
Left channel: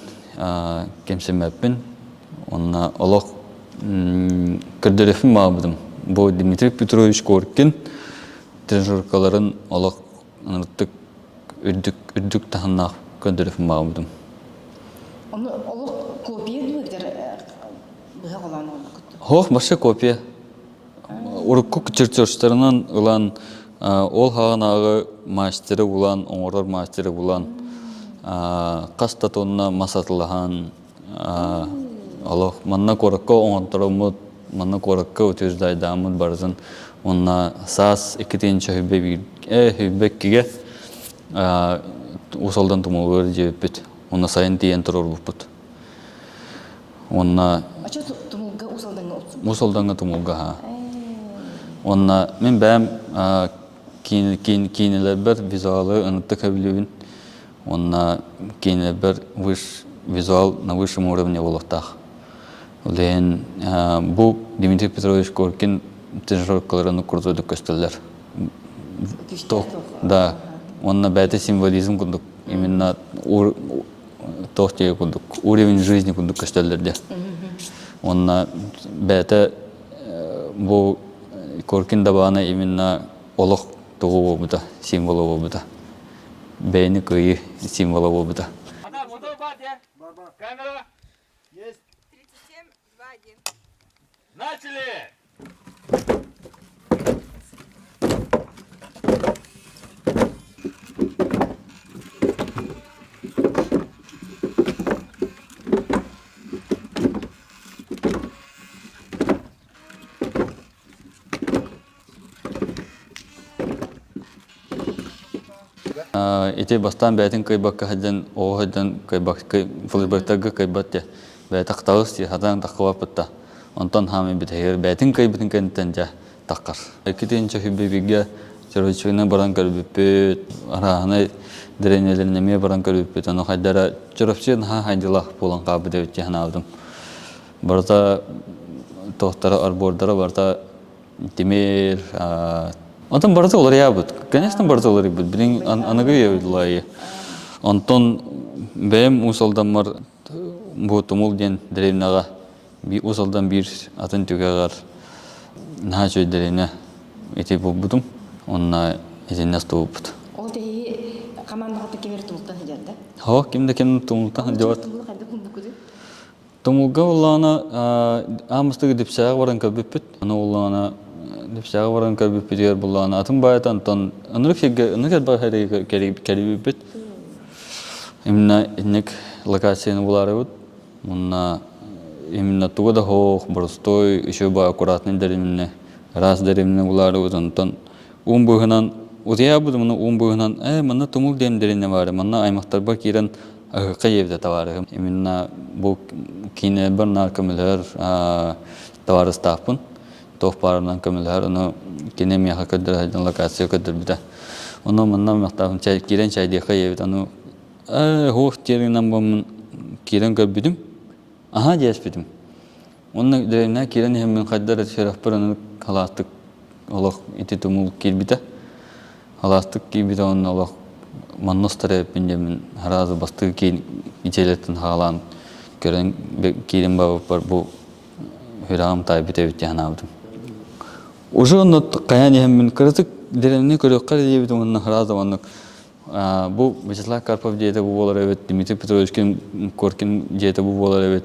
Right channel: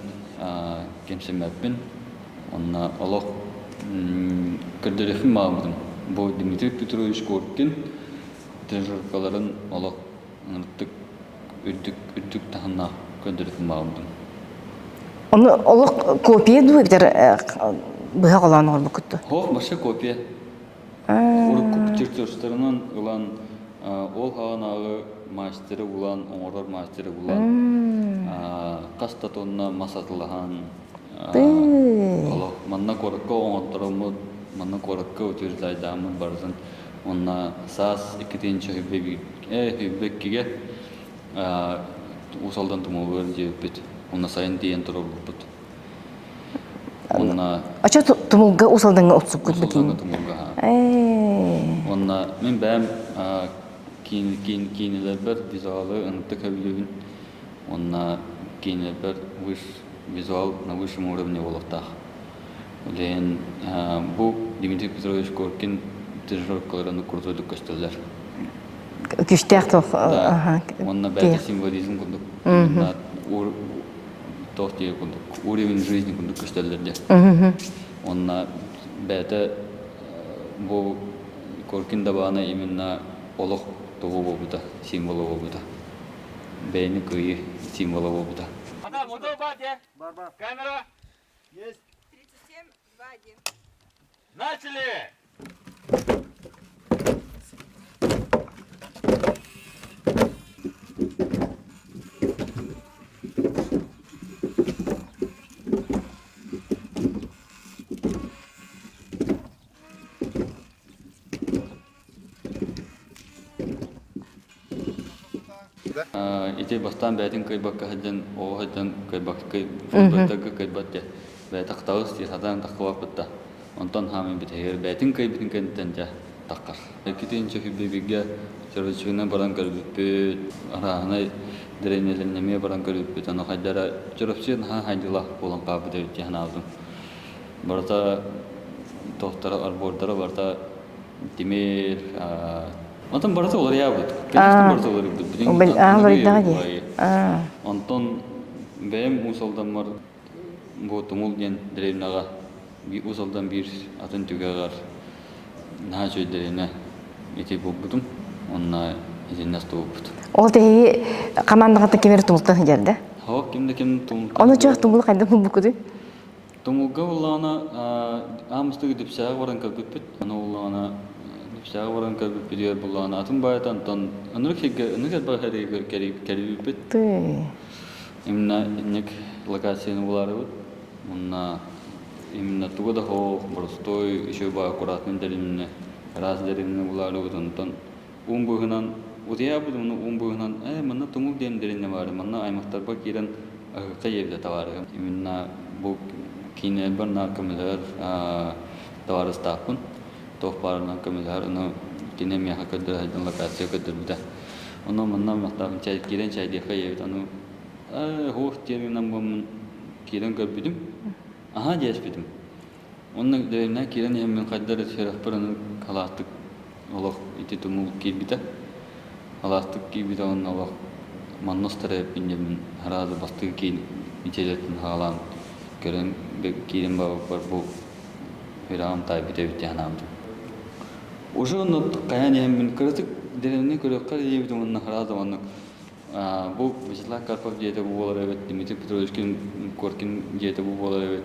кемсемеппен. Он олық кірдерефім бабытым. Бұл Дмитрий Петрович Коркин тренировкаларын олық үрдік тахыннақ кірдерефім бабытым. Оны олық копия дуы бітер бұға қоланы ол бұкытты? Хоқ, башы копия. Уруккук чертежтарынан ұлан ол хағанағы мастері ұлан, оңырар мастері ұлан. Қастатонына масатылыған. Олық, манна қорыққа оңыттырымыд, манна қорыққа өтеждайдамыд барызын. Онна саас екетенші хүббек кеге ұсалдан тұмылғыр жебет. Онна сайын тиен турар буппут. Онна Ача тумулга усалданга отсук. мусулданга тумулга ха. Онна мен бәм кинелер бер визуалы ынытты кабилүбүн. Онна кинелер бер визуал на высшем уровне волохтах. Олен бу Дмитрий Петрович Коркин тренировкаларын курдук көстөлөр. Күштәк тох. Да. Онна бәте символизм курдук. Именно тохтеге курдук. Уровень жизни курдук көстөлөрдө. Онна бәте бу Коркин дабана именно олох тугу болбута, символу болбута. Бәйни кыйы символу болбута. Камера. Есть. 37, 2, 1. Начали! Эти бастан бәтин кайбакка хадан о хадан кайбак флбаттага кайбатте бәтак таус хадан таквапта онтон хами битер бәтин кайбитин кентенҗа таккар экитин чахиббеге чөрөчүнө баран калбиппет араны деренелерне ме баран калбиппет аны хадара чөрөпчен хайдыла болан кабы деп жаналдым барта тохтара арбордара барта тимер Онтон барта олар ябыт. Конечно, барта олар ябыт. Билин аныгы ябылайы. Онтон бәм усалданмар бу тумул ден деревнага би усалдан бир атын түгәгәр на жөй деревне эти булбудум. Онна эзеннәс туупут. Ол тәһи командага кемер тумултан жерде. Хо, кимде кем тумултан. Аны чак тумул кайда булбукуды. Тумулга улана амыстыгы дип сагы баран кабыппет. Аны улана Дипсага баран кабып бидер булган атын байтан тон анырык бахары келибит. Именно инек локацияны буларыбыт. Мына именно тугада хох борстой еще ба аккуратный деревне раз деревне буларыбыт антон умбыгынан удия буду мына умбыгынан мына тумул дем деревне бар. Мына аймактар бар кирен кайевде товары. Именно бу кине бар наркомлер товары стапын. Тохпарынан көмөлөр аны кинемия хакыдыр хайдан локация көдүр бита. Оны мындан мактабын чай кирен чайды кайып аны хох теринен бом кирен көбүдүм. Аха жеспидим. Оны дерена кирен хеммен кайдар шерах бараны халаттык олох ити тумул кирбита. Халаттык кирбита оны олох манностары пиндемин харазы басты кин ичелеттин халан көрен кирен бабы бар бу хирам тайбите битянамдым. Уже он каяне мен кыртык деревне көрөккөр дебит онун харазы бу Вячеслав Карпов дейт бу болор эбет Дмитрий Петрович Коркин дейт бу болор эбет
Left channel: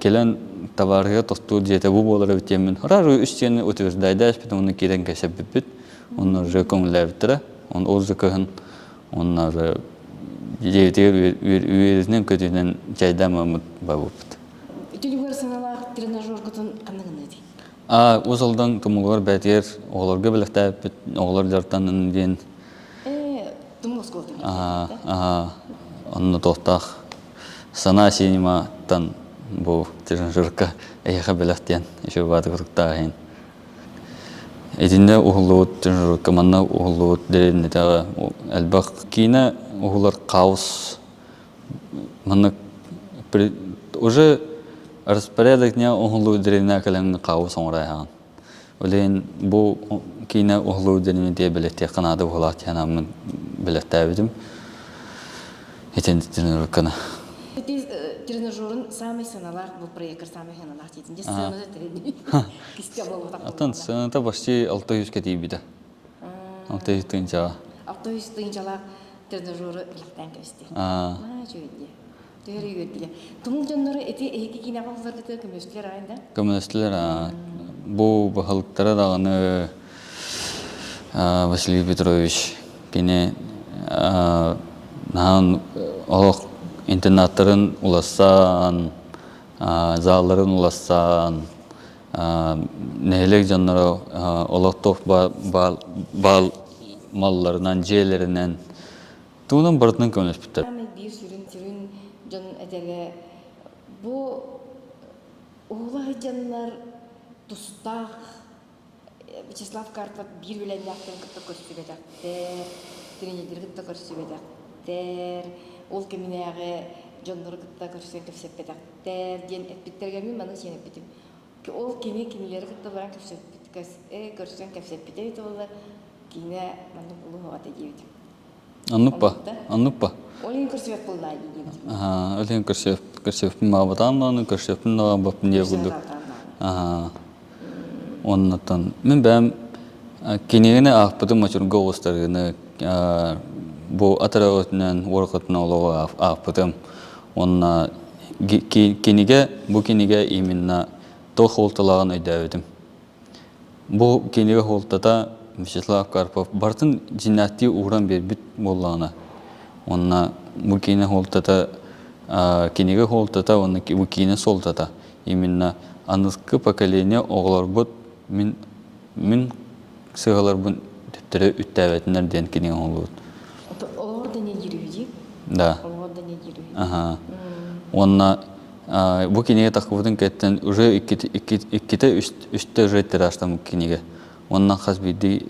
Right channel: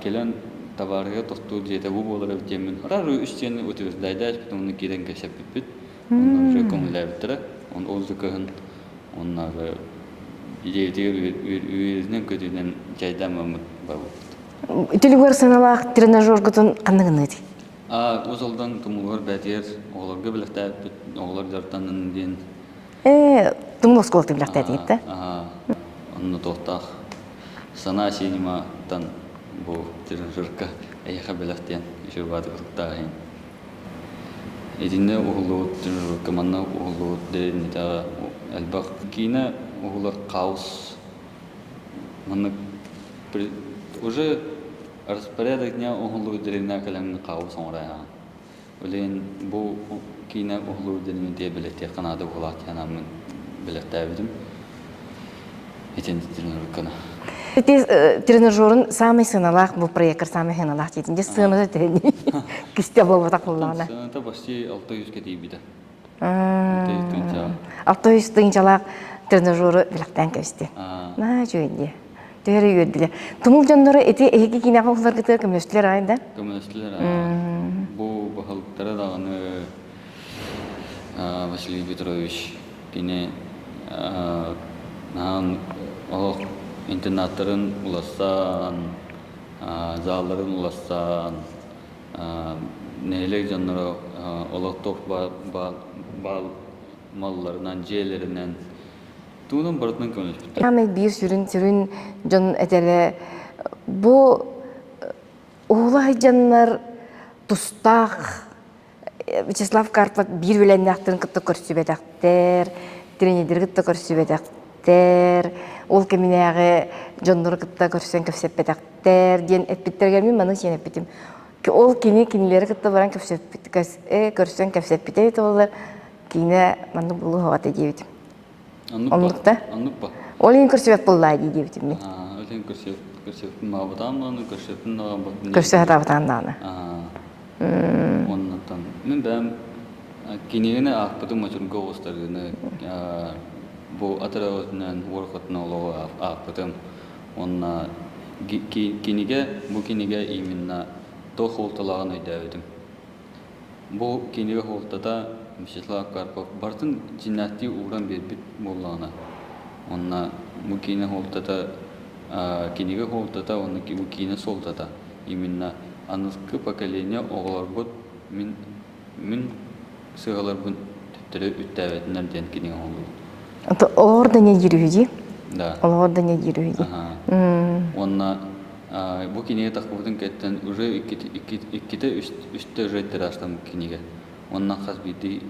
келен товарга тосту дейт бу болор эбет мен харары үстен утвердайдас бит онун кирен кесеп бит онун уже комлептер он озыкын онун уже дейт үйренен көтүнөн жайдамамыт бабыт Телевизор саналак тренажер гытын кандыгын эти. Узалдан тумулар бәтер, оларга билектәп бит, олар жартан инген. Тумул сколты билектәп дитте. Онны тохтах сана синематан бу тренажерка эйха билектен, еще бады кырыктагын. Эдинде угулут тренажерка манна угулут деренне тага албак кина угулар каус. Манна уже распорядок дня углу деревня кален кау соңрайхан. Олен бу кина углу деревня те билетте канада булат янамын билетте бидим. Этен тренировканы. Тренажерын самый сыналак бу проект самый сыналак дейтинде сыны тени. Кисте болуп такылгана. Сыны почти 600 кетип биде. 600 тынча. 600 тынчалак тренажеры билектен кесте. На жөнде. Тәре йөрдиләр. Тумул җаннары эти эге кинәгә улар китә көмөсләр айда. Көмөсләр. Бу бахылыктары дагыны Василий Петрович кине нан олох интернаттарын уласан, залларын уласан, нәһелек җаннары олох тох бал малларынан җелеринен Туунан бардын көңүс бүтө. Ами бир сүрүн жон этеле бу улай жаннар тустак Вячеслав Карпов бир билен яктын кытты көрсүбөтөктөр, тренердер кытты көрсүбөтөктөр, ол кеминеге жоннор кытта көрсөн көпсөпөтөктөр ден эпиттерге мен маны сен эпитим. Ол кинилери кытта баран көрсөн көпсөпөтөт олар кине маны булу хавата дебитим. Аннуппа. Олин көрсөп буллай дебитим. Олин көрсөп мабатан, көрсөп набапын. Көрсөп табатанданы. Оннотон мен бәм кинегене ахпытым ачурга остарыны бу атарагытынан воркотна олова ахпытым. Онна кинеге именно то холталаган өйдөбүтүм. Бу кинеге холтата Вячеслав Карпов бартын жиннати уран бербит боллана. Онна бу кине холтата кинеге холтата онна бу кине солтата. Именно аныскы поколение оғларбыт мен сығаларбын түттірі үттәвәтінер ден кенен оғларбыт. Оларда не жүрүйді? Да. Оларда не жүрүйді? Онна бұл кенеге тақыбытын кәттен уже иккеті үсті жеттер аштам кенеге. Онна қаз бейді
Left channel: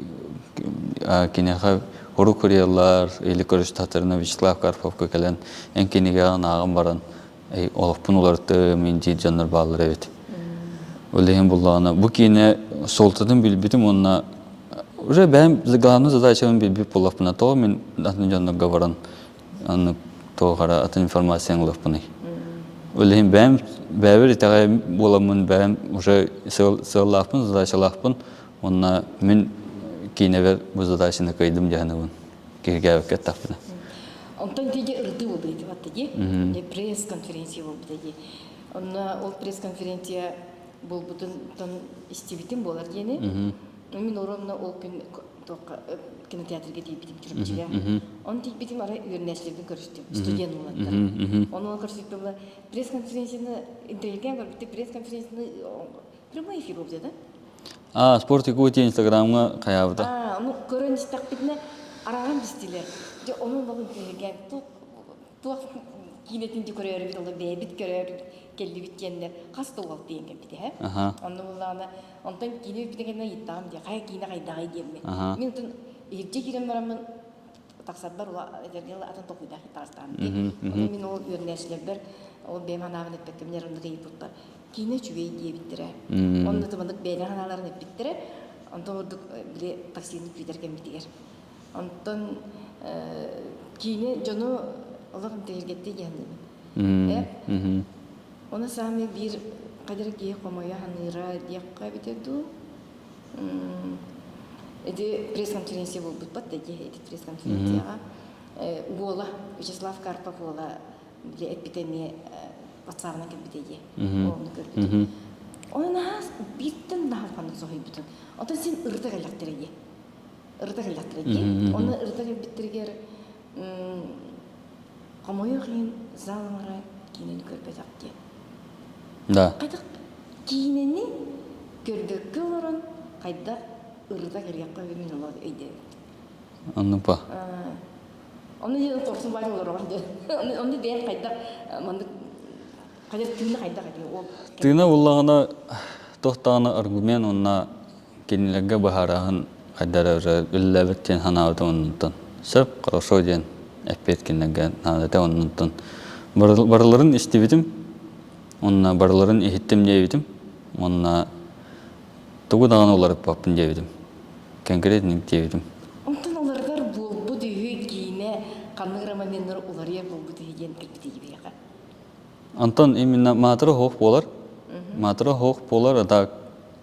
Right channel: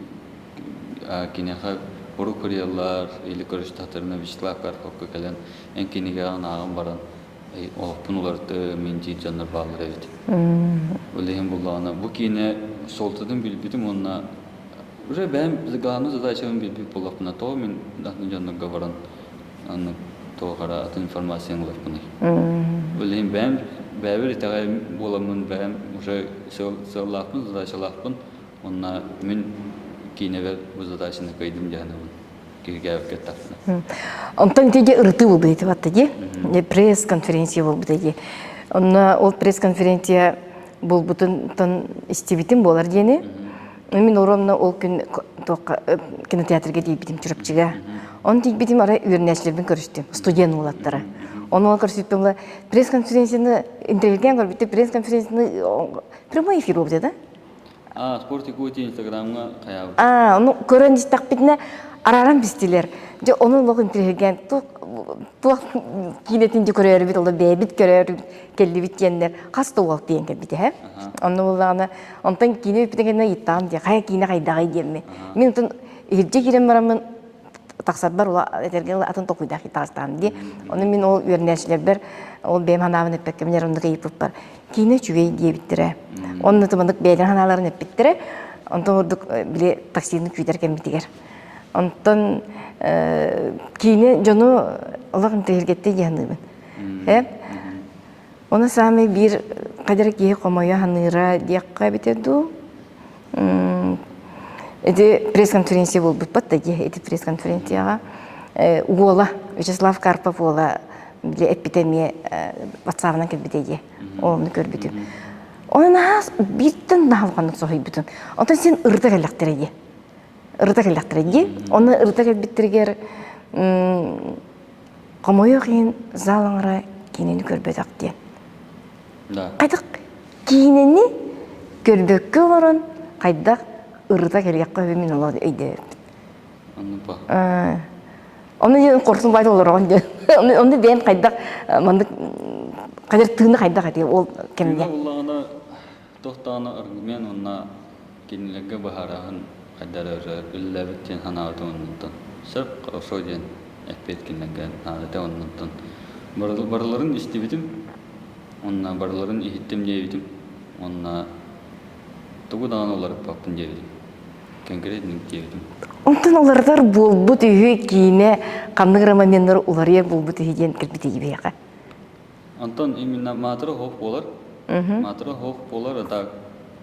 кенеға ұру көриялар, елі көріш татырына Вячеслав Карпов көкелен ән кенеге ағын баран. Олықпын оларды мен жет жандар бағылыр әбет. Өлеген болғаны. Бұл кейіне солтадың білбетім, онына уже бәйім главный задачаның білбет болақпына тоғы мен атын жандарға баран тоғара атын информацияң олақпыны. Өлеген бәйім бәйбір итағай боламын бәйім уже сығылақпын, задачалақпын, онына мен кейіне бәр бұл задачаны қайдым жағынығын. Кергәвік кәттақпыны. Онтан теге ырты болду дейт баттаги. Пресс-конференция болду дейт. Онна ол пресс-конференция болбутун тон истебитим болар дени. Мен оромна ол күн кинотеатрга дейбитим чурапчыга. Он дейбитим ара үйрнәчләрдән көрүштүм. Студент улаттары. Оны көрсөттүм. Пресс-конференцияны интервьюгә көрбитте. Пресс-конференцияны прямой эфир болду да? Спортик өте инстаграмга каябыт. Оны көрөн дистак битне араран бистилер. Же onun lokun intervjugen tuak kinetin de körür bit oldu bebit körür kelli bitkenler kastı oldu diyen bit he. Onu bulana ondan kine bitkenler yittam diye kaya kine kaydağı diyemme. Men ondan irce girem baramın taksat bar ola etergen atın tokuyda hitastan diye. Onu men o örneşler o benim hanavın epekemler onda kayıp var. Kine çüvey diye bittire. Onu tumandık beyler hanaların hep bittire. Ondan orduk bile taksinin küyderken bitiger. Ondan kine jonu Allah'ın tehirgette yanımın. Hep. Ona sami bir kadar ki komoya hanıra diyakka bitedu. Edi press konferansiya bol bitpatta ki edi press konferansiyaga ugola Vячеслав Карпов ola bile epidemiye WhatsApp'dan kelbiteye. Onu görbüdüm. Ona bitten dağılganlık soğuy bütün. Ondan sen ırda gelaktereye. Ырта келдактырги, оны ырта келбиттиргер комою кийин залыңра кинени көрбөдөк ден. Да. Кайдак кинени көрбөккө баран кайдак ырта келгекке мен олор өйдө. Аннупа. Оны корсун байда олоргон ден. Оны ден кайдак мынды кадыр тыны кайдак деп ол кем. Тыны уллагына токтаганы аргумент онна кинилерге бахарагын Кайдара үлләбеттен ханавды оннуттан. Сырп қарошо ден әппеткенлерге ханавды оннуттан. Барларын істебедім, онна барларын ехеттім дейбедім, онна тұғыдаған оларып баппын дейбедім. Конкретник дейбедім. Онтан олардар болбут үйі кейіне қандығыра моментер олария болбут үйі ден кірбіті ебеға. Антон, именно матыры хоқ болар. Матыры хоқ болар, ата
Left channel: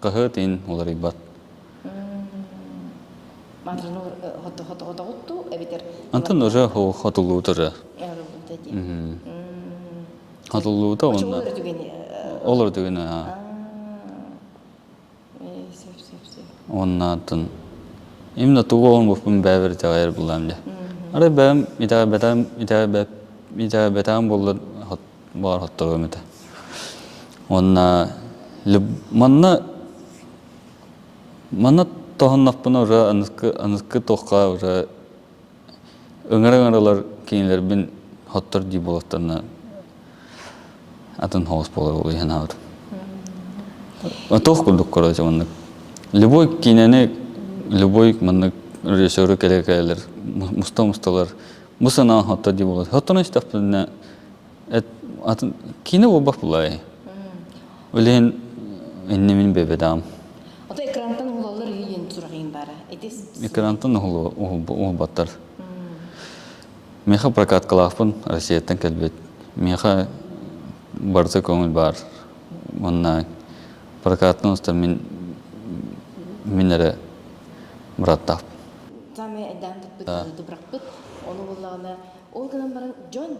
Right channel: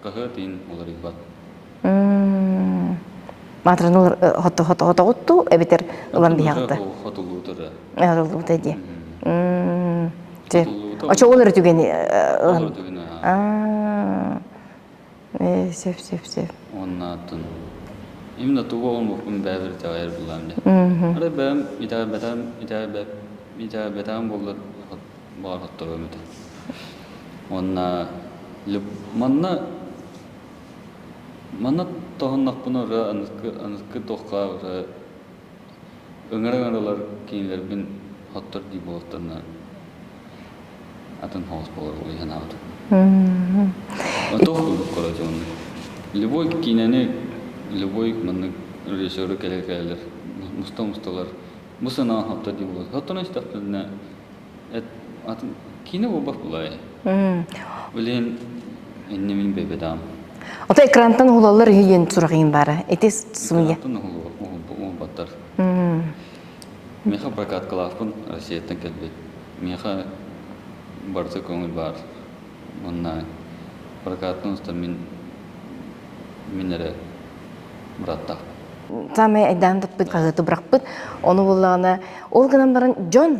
қығы дейін олар ибат. Матранул хото-хото-хото-хото, эбитер улам яғды. яғды. Антон, хотулуутыры. Хотулуута де. Хотулуута. Очо олар түгені? Олар түгені. Сөп. Оннатын. Именно туғуғын бұқпын бәбір тәғайыр бұлам де. Ары бәм, итәғай бәтәғын болар хоттығы өметі. Онна, манна тоғын нақпына ұра анызқы тоққа ұра Öňer-öňerler kiňler bin hottor di bolaktarna атын хоос болар ол янабыт. Тох курдук короче мындык. Любой кинени, любой мындык режиссеры келер, мусталар. Мусана хатта ди болот. Хаттаны истаптына атын кине болбак булай. Олен энне мен бебедам. Ота экраntан улалар үйен сурагын бары. Этес сумя. Экраntан ол баттар. Меха прокат калафын Россиядан келбет. Меха барса көңіл бар. Онна прокаттың ұста минері бұраттап. Самай айдан тұтпыт, қағыты бұрақпыт. Оны болағына, ол ғынан барын Джон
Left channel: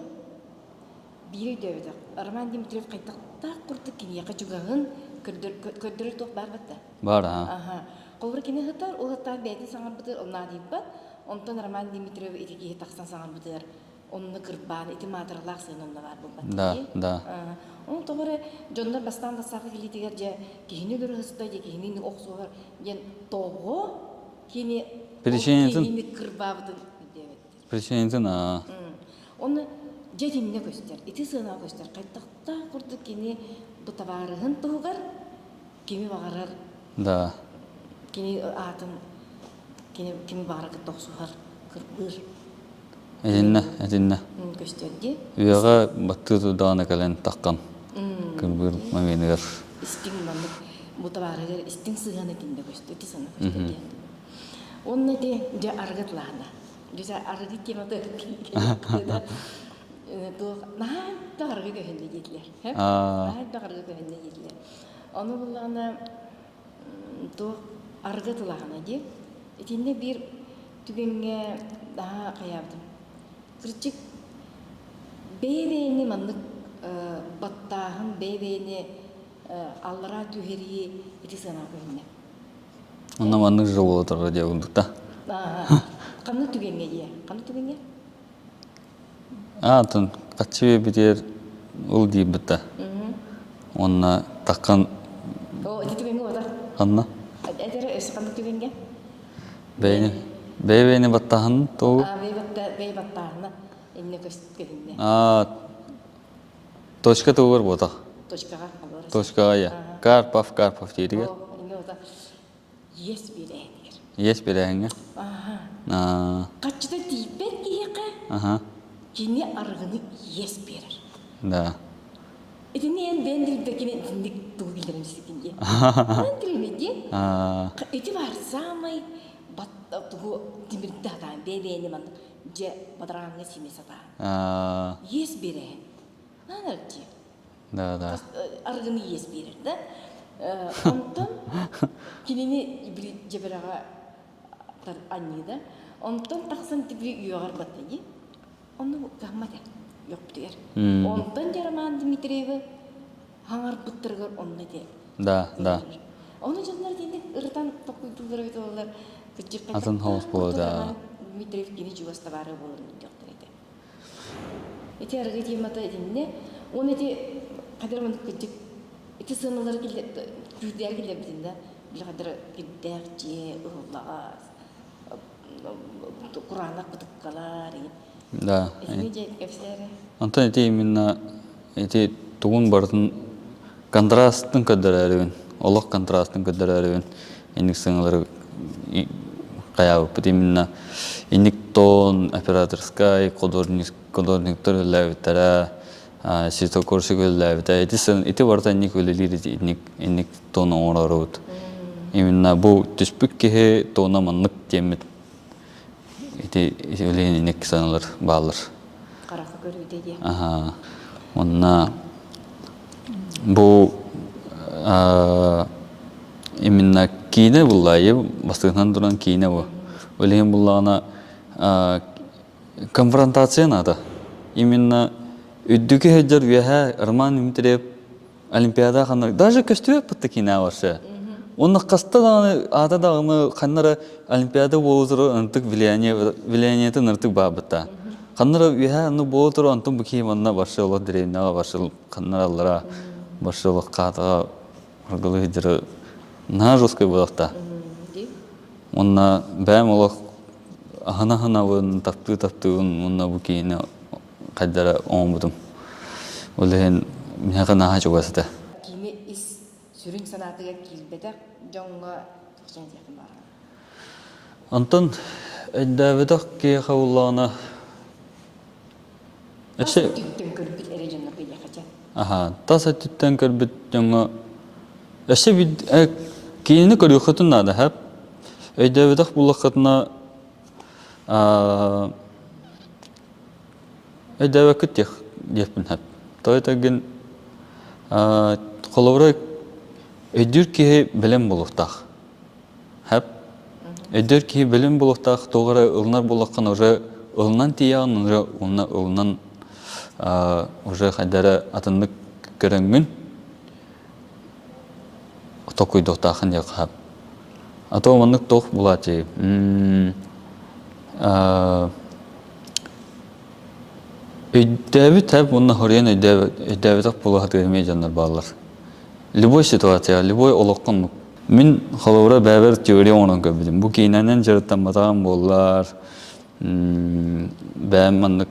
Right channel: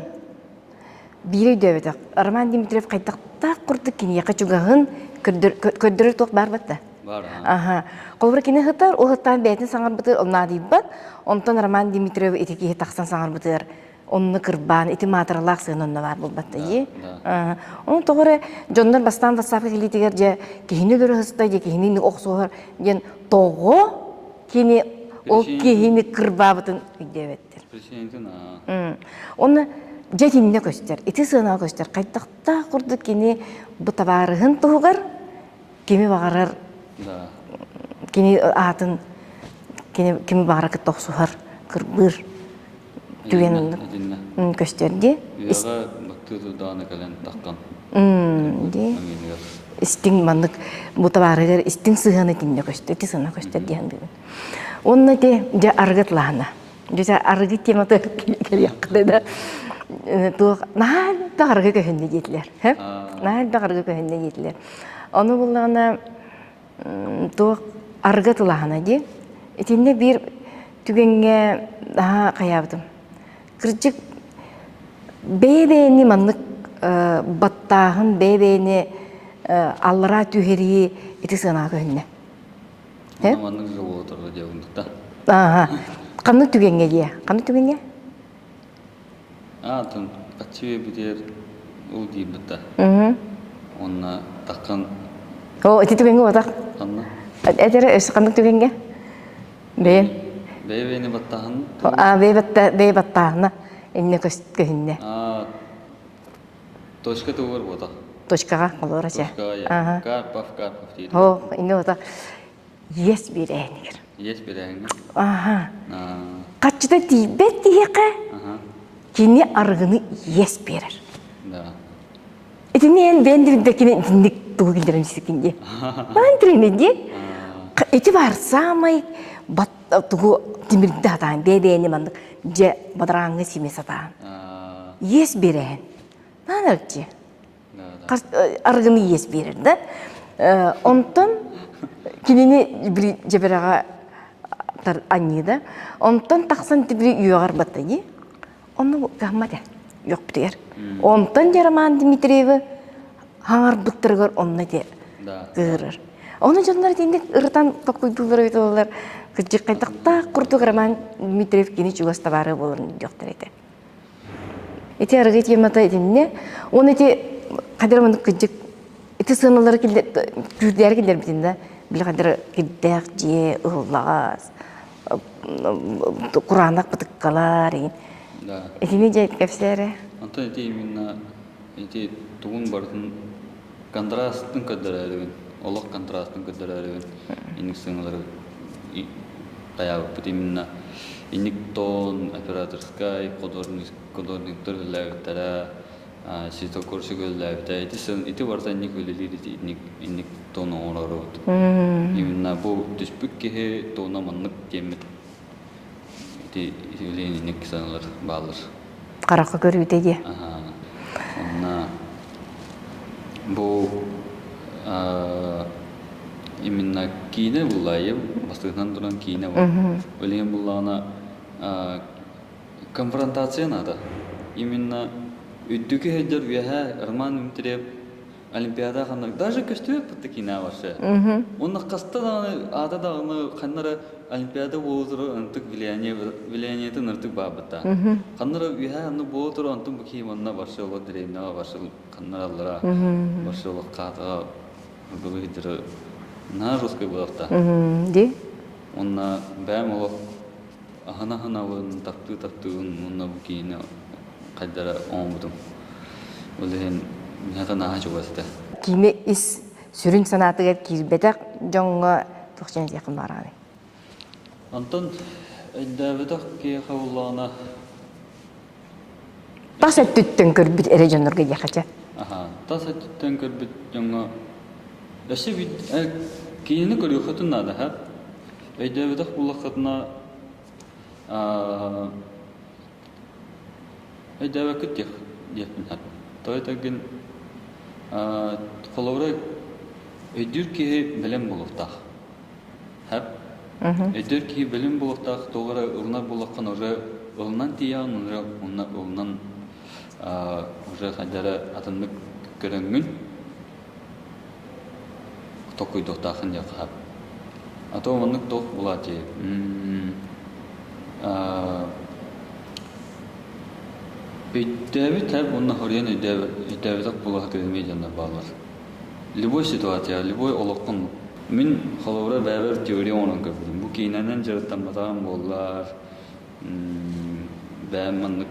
бейрей дөбетік. Роман Димитриев қайтақта құрды кені, яқа чуғағын көддірі тоқ бар бәтті. Бар, Аха. Қолбыр кені ғытар, ол ғыттан бәйтін саңар бұтыр, олна дейіп бәт. Онтан Роман Димитриев етеке тақсан саңар бұтыр. Онны кырбан, ити матыралақ сығын онна бар бұл бәтті. Да. Оны тоғыры, Джондар бастан бастапы келетігер, же кехіне дөрі ғыстай, же кехіне оқсуғыр, ден тоғы кені ол кехіне кырба бұтын үйдебеттір. Президентін, Оны жетинне көстер, ити сығына көстер, қайттақта құрды кені бұтабарығын тұғығыр, кеми бағарар, да. кені атын, кеми бағарар күттоқсуғыр, кырбыр. Әдінна. Көстерде. Үйаға баттығы дағына кәлін таққан. Мәгенігер. Истин мандык бұтабарығыр, истин сығаны тинне көстер, ити сығына көстер дейін бүгін. Онна де арғыт лағына. Же арғыт тематы келек да. Туық, наалда арғы көхінне жетілер. Наалда арғы көхінне жетілер. Оны болағына туық арғыт лағына де. Итинне бір түгенге daha қаябдым. Кырчык бейбейни мандык баттағын бейбейни аллара түйхерии ити сына көхінне. Оны мандык жол отырға де ұндықта. Қанды түгенге де? Қанды түгенге? Атын қатшы бітер ұл дейіп бітті. Онына таққан... О, ити түгенге отақ? Қанна? Әдері өсі қанды түгенге? Бейбейни баттағын тұл? Бей баттағына әне көхінне. Точка тұғыр бұтақ? Точкаға қолыр әсе. Точкаға, я. Карпов дейді. О, әне отақ. Ес берәйінігір. Ес берәйінгі? Қатшыда дейбет дейеқі, кені арғыны ес берір. Да. Этине эн бендирдекине диндик тугу килдерем сикинде. Антрене де. Эти бар самай бат тугу тимирде атан бебени мандык же бадраңы симес атан. Ес берен. Нанарчы. Да. Аргыны ес берер да. Онтон кинени бир жеберага тар аннида. Онтон таксан тибри югар баттыни. Onu gahmada yok biter. Ondan Роман Димитриеві хаңар бұттырғыр онына де ғырыр. Оны жонлар дейінде ұрытан қойдулар өйті олар. Күджік қайтақта құртық Роман Димитриев кені жүгіста бары болырын жоқтар еді. Эти арғы темата едінне, оны де қадыр күджік, эти сыналары күрдер келдер бітінде, біл қадыр келдер же ұғылағыз, құранақ бұтыққалар. Да. Этими жайт кепсері. Антон эти именно эти тугун бартын контрасттың көддөрөрүн, олық контрасттың көддөрөрүн, иник сыңлары каябып бит именно иник тон операторскай художниктер левтера ситокорши левтера эти барта иник өлелири иник тон оңорорут. Именно бу түспүк кеhe тона маннык темет. Эти өлеңінек саналар балыр. Қарақы көруде де. Онна бұл именно кейіне бұллайы, бастығынан тұран кейіне бұл. Өлеген бұллағына конфронтация нады. Именно үддікі өйдер веха Роман Димитриев Олимпиада қанар. Даже көстіре бұтты кейіне аваршы. Оны қаста дағыны, ада дағыны қанары Олимпиада болуыру антык влияниеті ныртык бабыта. Қаннары веха аны болуыру антын бүкей манна баршылық деревнаға баршылық қаннар аллара баршылық қатыға арғылы едірі на жосқай болақта. Де? Онна бәм олық Hana vın taptığın onunla bu kiyine kaddara olmadım. Olehin minaka naha çok asıda. Kime is sürün sanatıga kirbetek jonga 90 yakın barani. Антон эддәведәк ки хавлана. Таса түттен көрбүт эрежонорга якача. Аха, таса түттен көрбүт жаңа. Эше бит кийини көрүхөтүн нада хап. Эддәведәк булакытна эддәвәкет депин хап. Тойтаген коловрак эдүр ки белем булуктак. Хап. Эдер ки белем булуктак тогра ылнар булаккан уже ылнан тиян уже ылнан уже хадара атыннык көрөнгүн токуй доктахын якап. Ато мынык тох булати. Эдәби тап муны хорян эдәби так булат эмей жандар баллар. Любой ситуация, любой олоккон Мен холовра бәбер теория онын көбідім. Бұл кейнәнен жарыттан батаған болар. Бәм мандық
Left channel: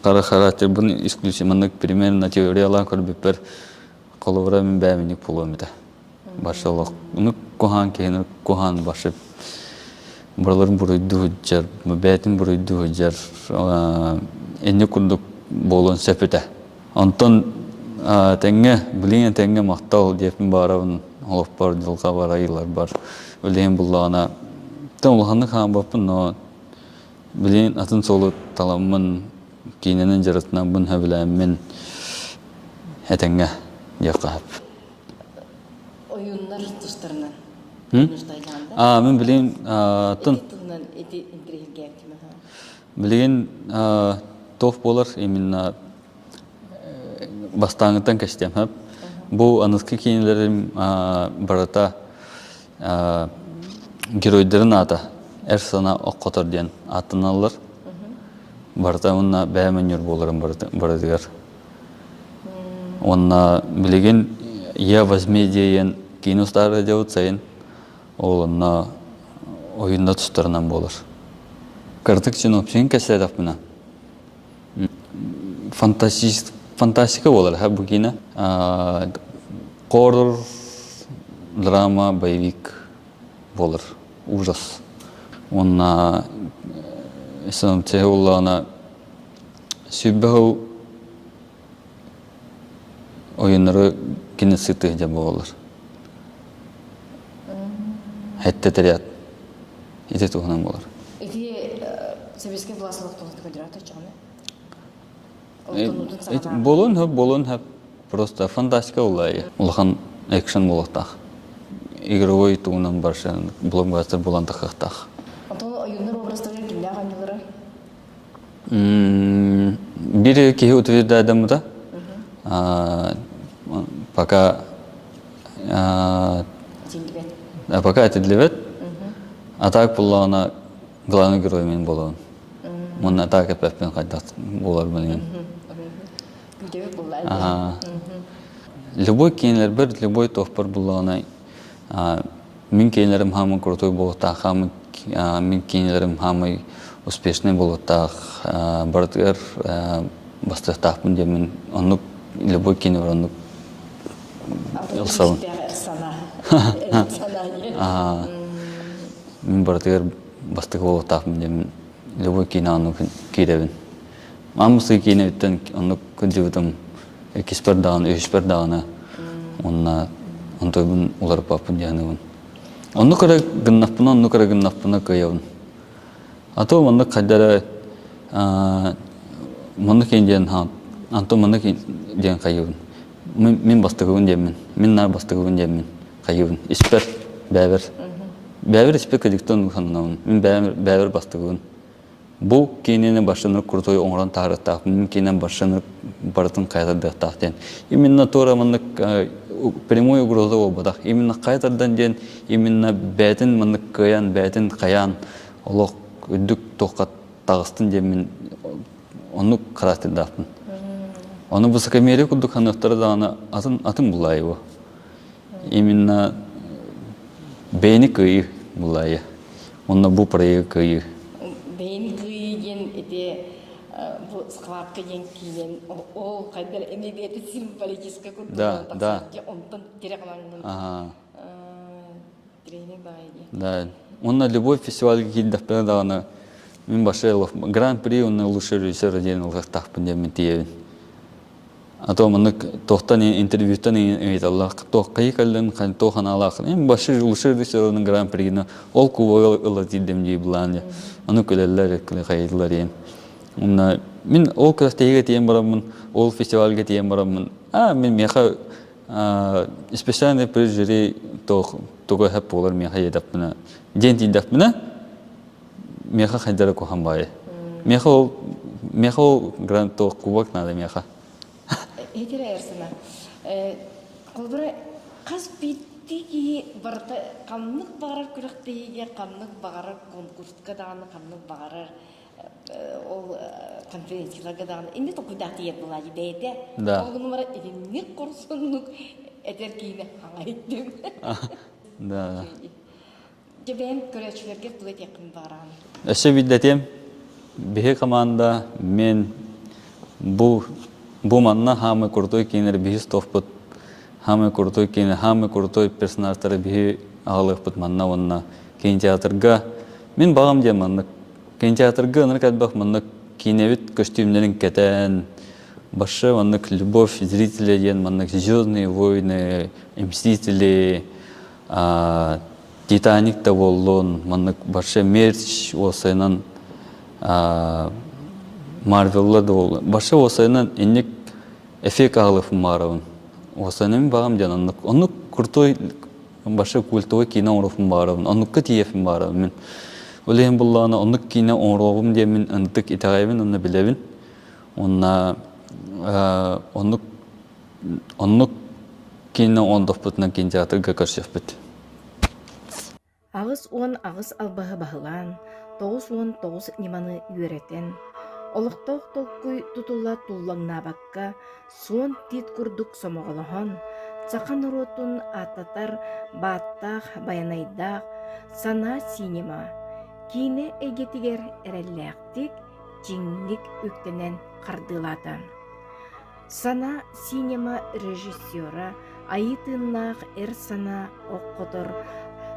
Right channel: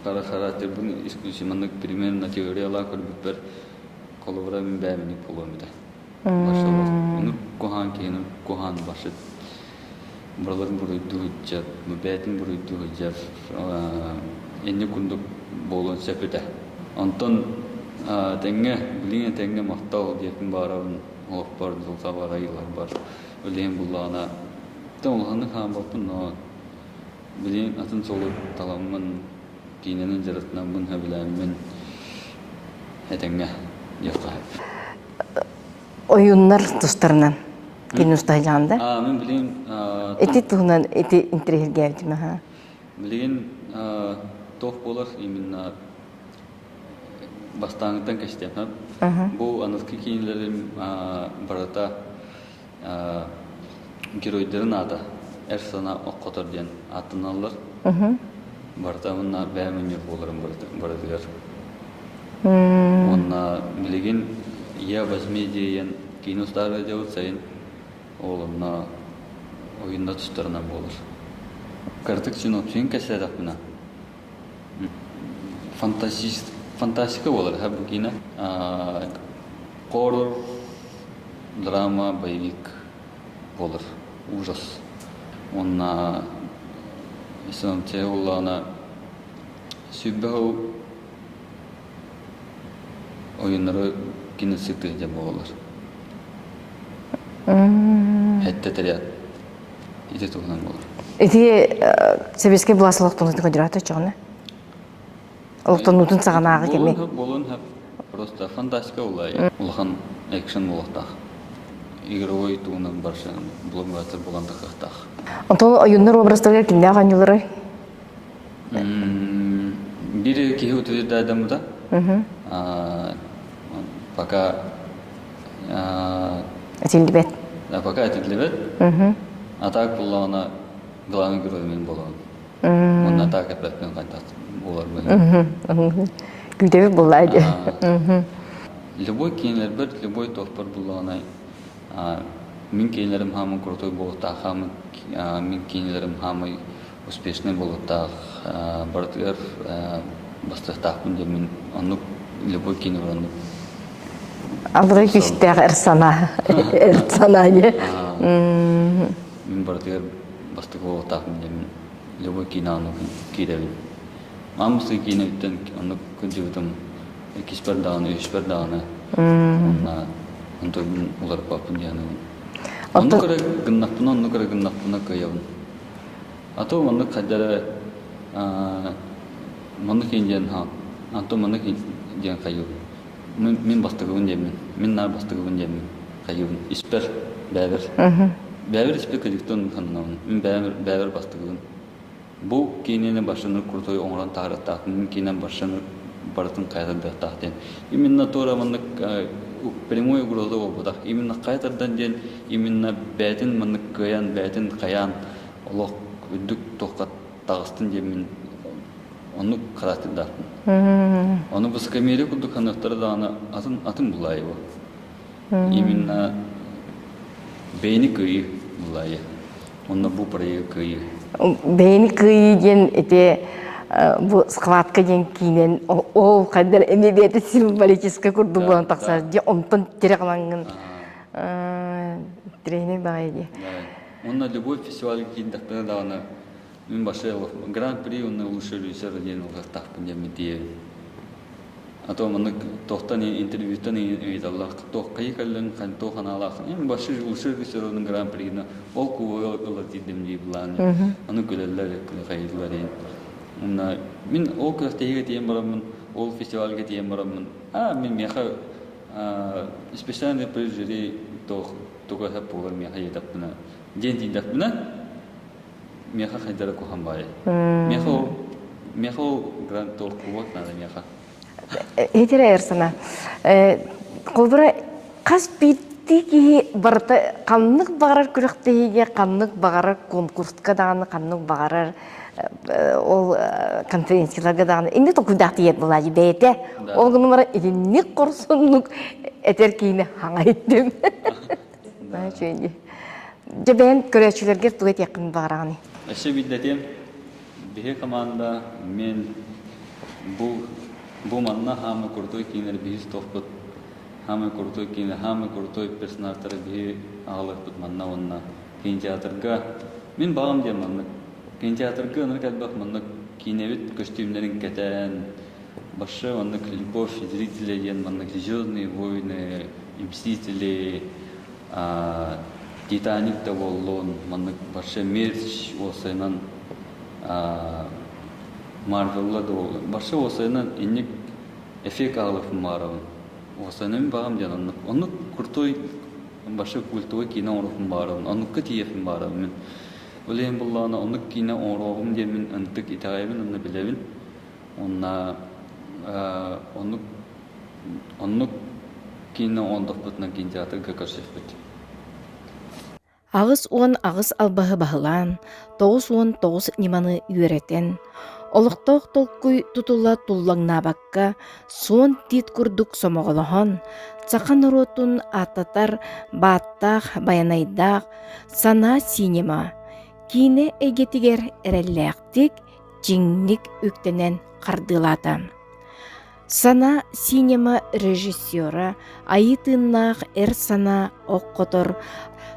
қара характер, бұны исключи мандық примерно теориялар көрбіппер. Холовра мен бәмінік болуымды. Башылық. Оны кохан кейінір, кохан башып. Бұрларын бұрыйды хүджар, бәтін бұрыйды хүджар. Әнне күндік болуын сәпіті. Онтан тәңе, білейін тәңе мақтал депін барауын. Олпар жылға бар, айылар бар. Өлейін бұллағына. Тән олғанды қан бапын, но білейін атын солы таламын, кейіненен жарытынан бұн әбіләмін әтәңе яқап. Oyunlar dostlarından. Gün ustaylandı. Мен білейін... Эти туһунан эти интерес geldi ha. Білейін тоқ болар, именно бастаңыттан кәштем, хап. Бұл анысқы кейінлерім барата геройдерін аты әр сана оққотыр ден атын алыр. Барата онна бәймәнер болырын барадығар. Онна білеген «Я возьми» дейін кейін ұстары деуіт сайын ол онна ойында тұстарынан болыр. Картық үшін өпсен кәсілер ақпына. Фантастика болар, һәм бұл кейіні. Хоррор, драма, боевик болар, ужас. Онна, исәнім те олағына сөйбәу ойынары кинесіті де болар. Әтті тәрияд. Еті туғынан болар. Эти себеске бұласылықтың көдіраты жоғыны? Олықтан ұтын сағанағы келмей? Болын, просто фантастика олай. Олған экшен болақтақ. Игровой туғынан баршы блокбастер боланды қақтақ. Онтол ойындар образдарга кимде аған жылары? Бири кеге утверді адамы да. Пока Әтелдібет. Пока әтелдібет. Атак болағына главный герой мен болуын. Оны атак әпәппен қайтақ олар бәлем. Күлдебек болайды. Любой кейінлер бір, любой тоқпар болағына мен кейінлерім хамы крутой болуқтақ, мен кейінлерім хамы успешный болуқтақ, бардығар бастықтақпын демен, онық любой кейінлер онық. Алыры күйістегі әрсана. Әрсана. Мен бардығар бастығы болуқтақпын демен, любой кейіні онық кейдебін. Мамысы кейіні өттен онық күнде өтім екеспер дағаны, өшпер дағаны, онтойбын олар папын дегені. Онны көре гыннақпына көйеуін. Ато онны қайдары мұны кейін деген хан, анто мұны кейін деген қайеуін. Мен бастығығын демін, мен нар бастығығын демін қайеуін. Іспер, бәвір. Бәвір іспер көдіктен ұқсанынауын, мен бәвір бастығығын. Бұл кейінені башыныр құртой оңыран тағырықтақ, мен кейінен башыныр барытын қайдардықтақ ден. Именно тора мұны прямой угроза обадақ. Именно қайтардан ден, именно бәтін мұны көян, бәтін қаян, олық үдік тоқат тағыстын ден мен оны қарастырдақпын. Оны бұсы кәмере күдік қанықтары дағына атын бұлайы бұл. Именно бәйіні көйі бұлайы. Онна бу проект кыйы. Бейни кыйген эте бу схватка ден кинен ол кайдар эмебети символический курду болан такса же онтон терекалангын тренер багайди. Да. Онна любовь фестиваль кийдах педагана мен башелов гран-при онна лучший режиссер отдельно тахпын демен тие. А то мынык тохтан интервьютан эйталлах тох кайкалын хан тохан алах. Мен башыр лучший режиссерның гран-пригине ол кубо ылатидем ди блан. Аны көлеллер кайдылар. Онна мен ол кастеге тием барамын, ол фестивальге тием барамын. Мен меха специальный прижери того хэп болар меха едапна. Ден диндапна. Меха хайдара кохамбай. Меха грант тох кубак надо меха. Этере эрсана. Колбура кас битти барта каннык багарар күрөктеге каннык багарар конкурска даганы каннык багарар ол конференцияларга даганы инде токудак диет булажы бете. Ол гынымара идинник корсунлук этер кийини хаңайттым. Да. Жебен көрөчүлөргө тугет якын багараны. Эше биддетем бихе команда мен бу манна хамы куртой кинер бихис тофпут хамы куртой кинер хамы куртой персонажтары бихи агылыппут манна онна кинотеатрга мен багам дем манна кинотеатрга наркат бах манна киневит костюмлерин кетен башы манна любовь зрителей ен манна Звездные войны, Мстители, Титаник та болдон манна башы мерч осайнан Марвелла дол. Башы осайнан инник эффект алып марабын. Осайнан багам жананнык. Оны куртой башы культовый кино орып марабын. Оны кытиев марабын мен. Олем булланы оны кино орогым демен ынтык итагайбын, оны билебин. Онна оны кино ондофпутнан кинотеатрга көрсөппүт. Агыс агыс албаһы баһылан, 9 ниманы үйрәтен. Олықтоқ толкуй тутула туллаңнабакка, суон тит курдук сомоголохон, цақан ротун ататар баттақ, баянайдақ, сана синема, кине эгетигер эрелләқтик, жиңник үктенен қардылата. Сана синема режиссера, айытыннақ сана оққотор,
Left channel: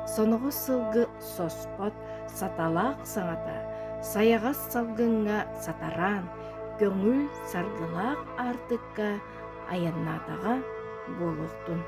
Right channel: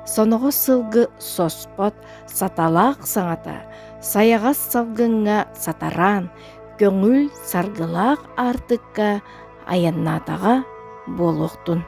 соноғы сылғы соспот, саталақ саңата, саяғас салгынға сатаран, көңіл саргылақ артыққа аяннатаға болуқтун.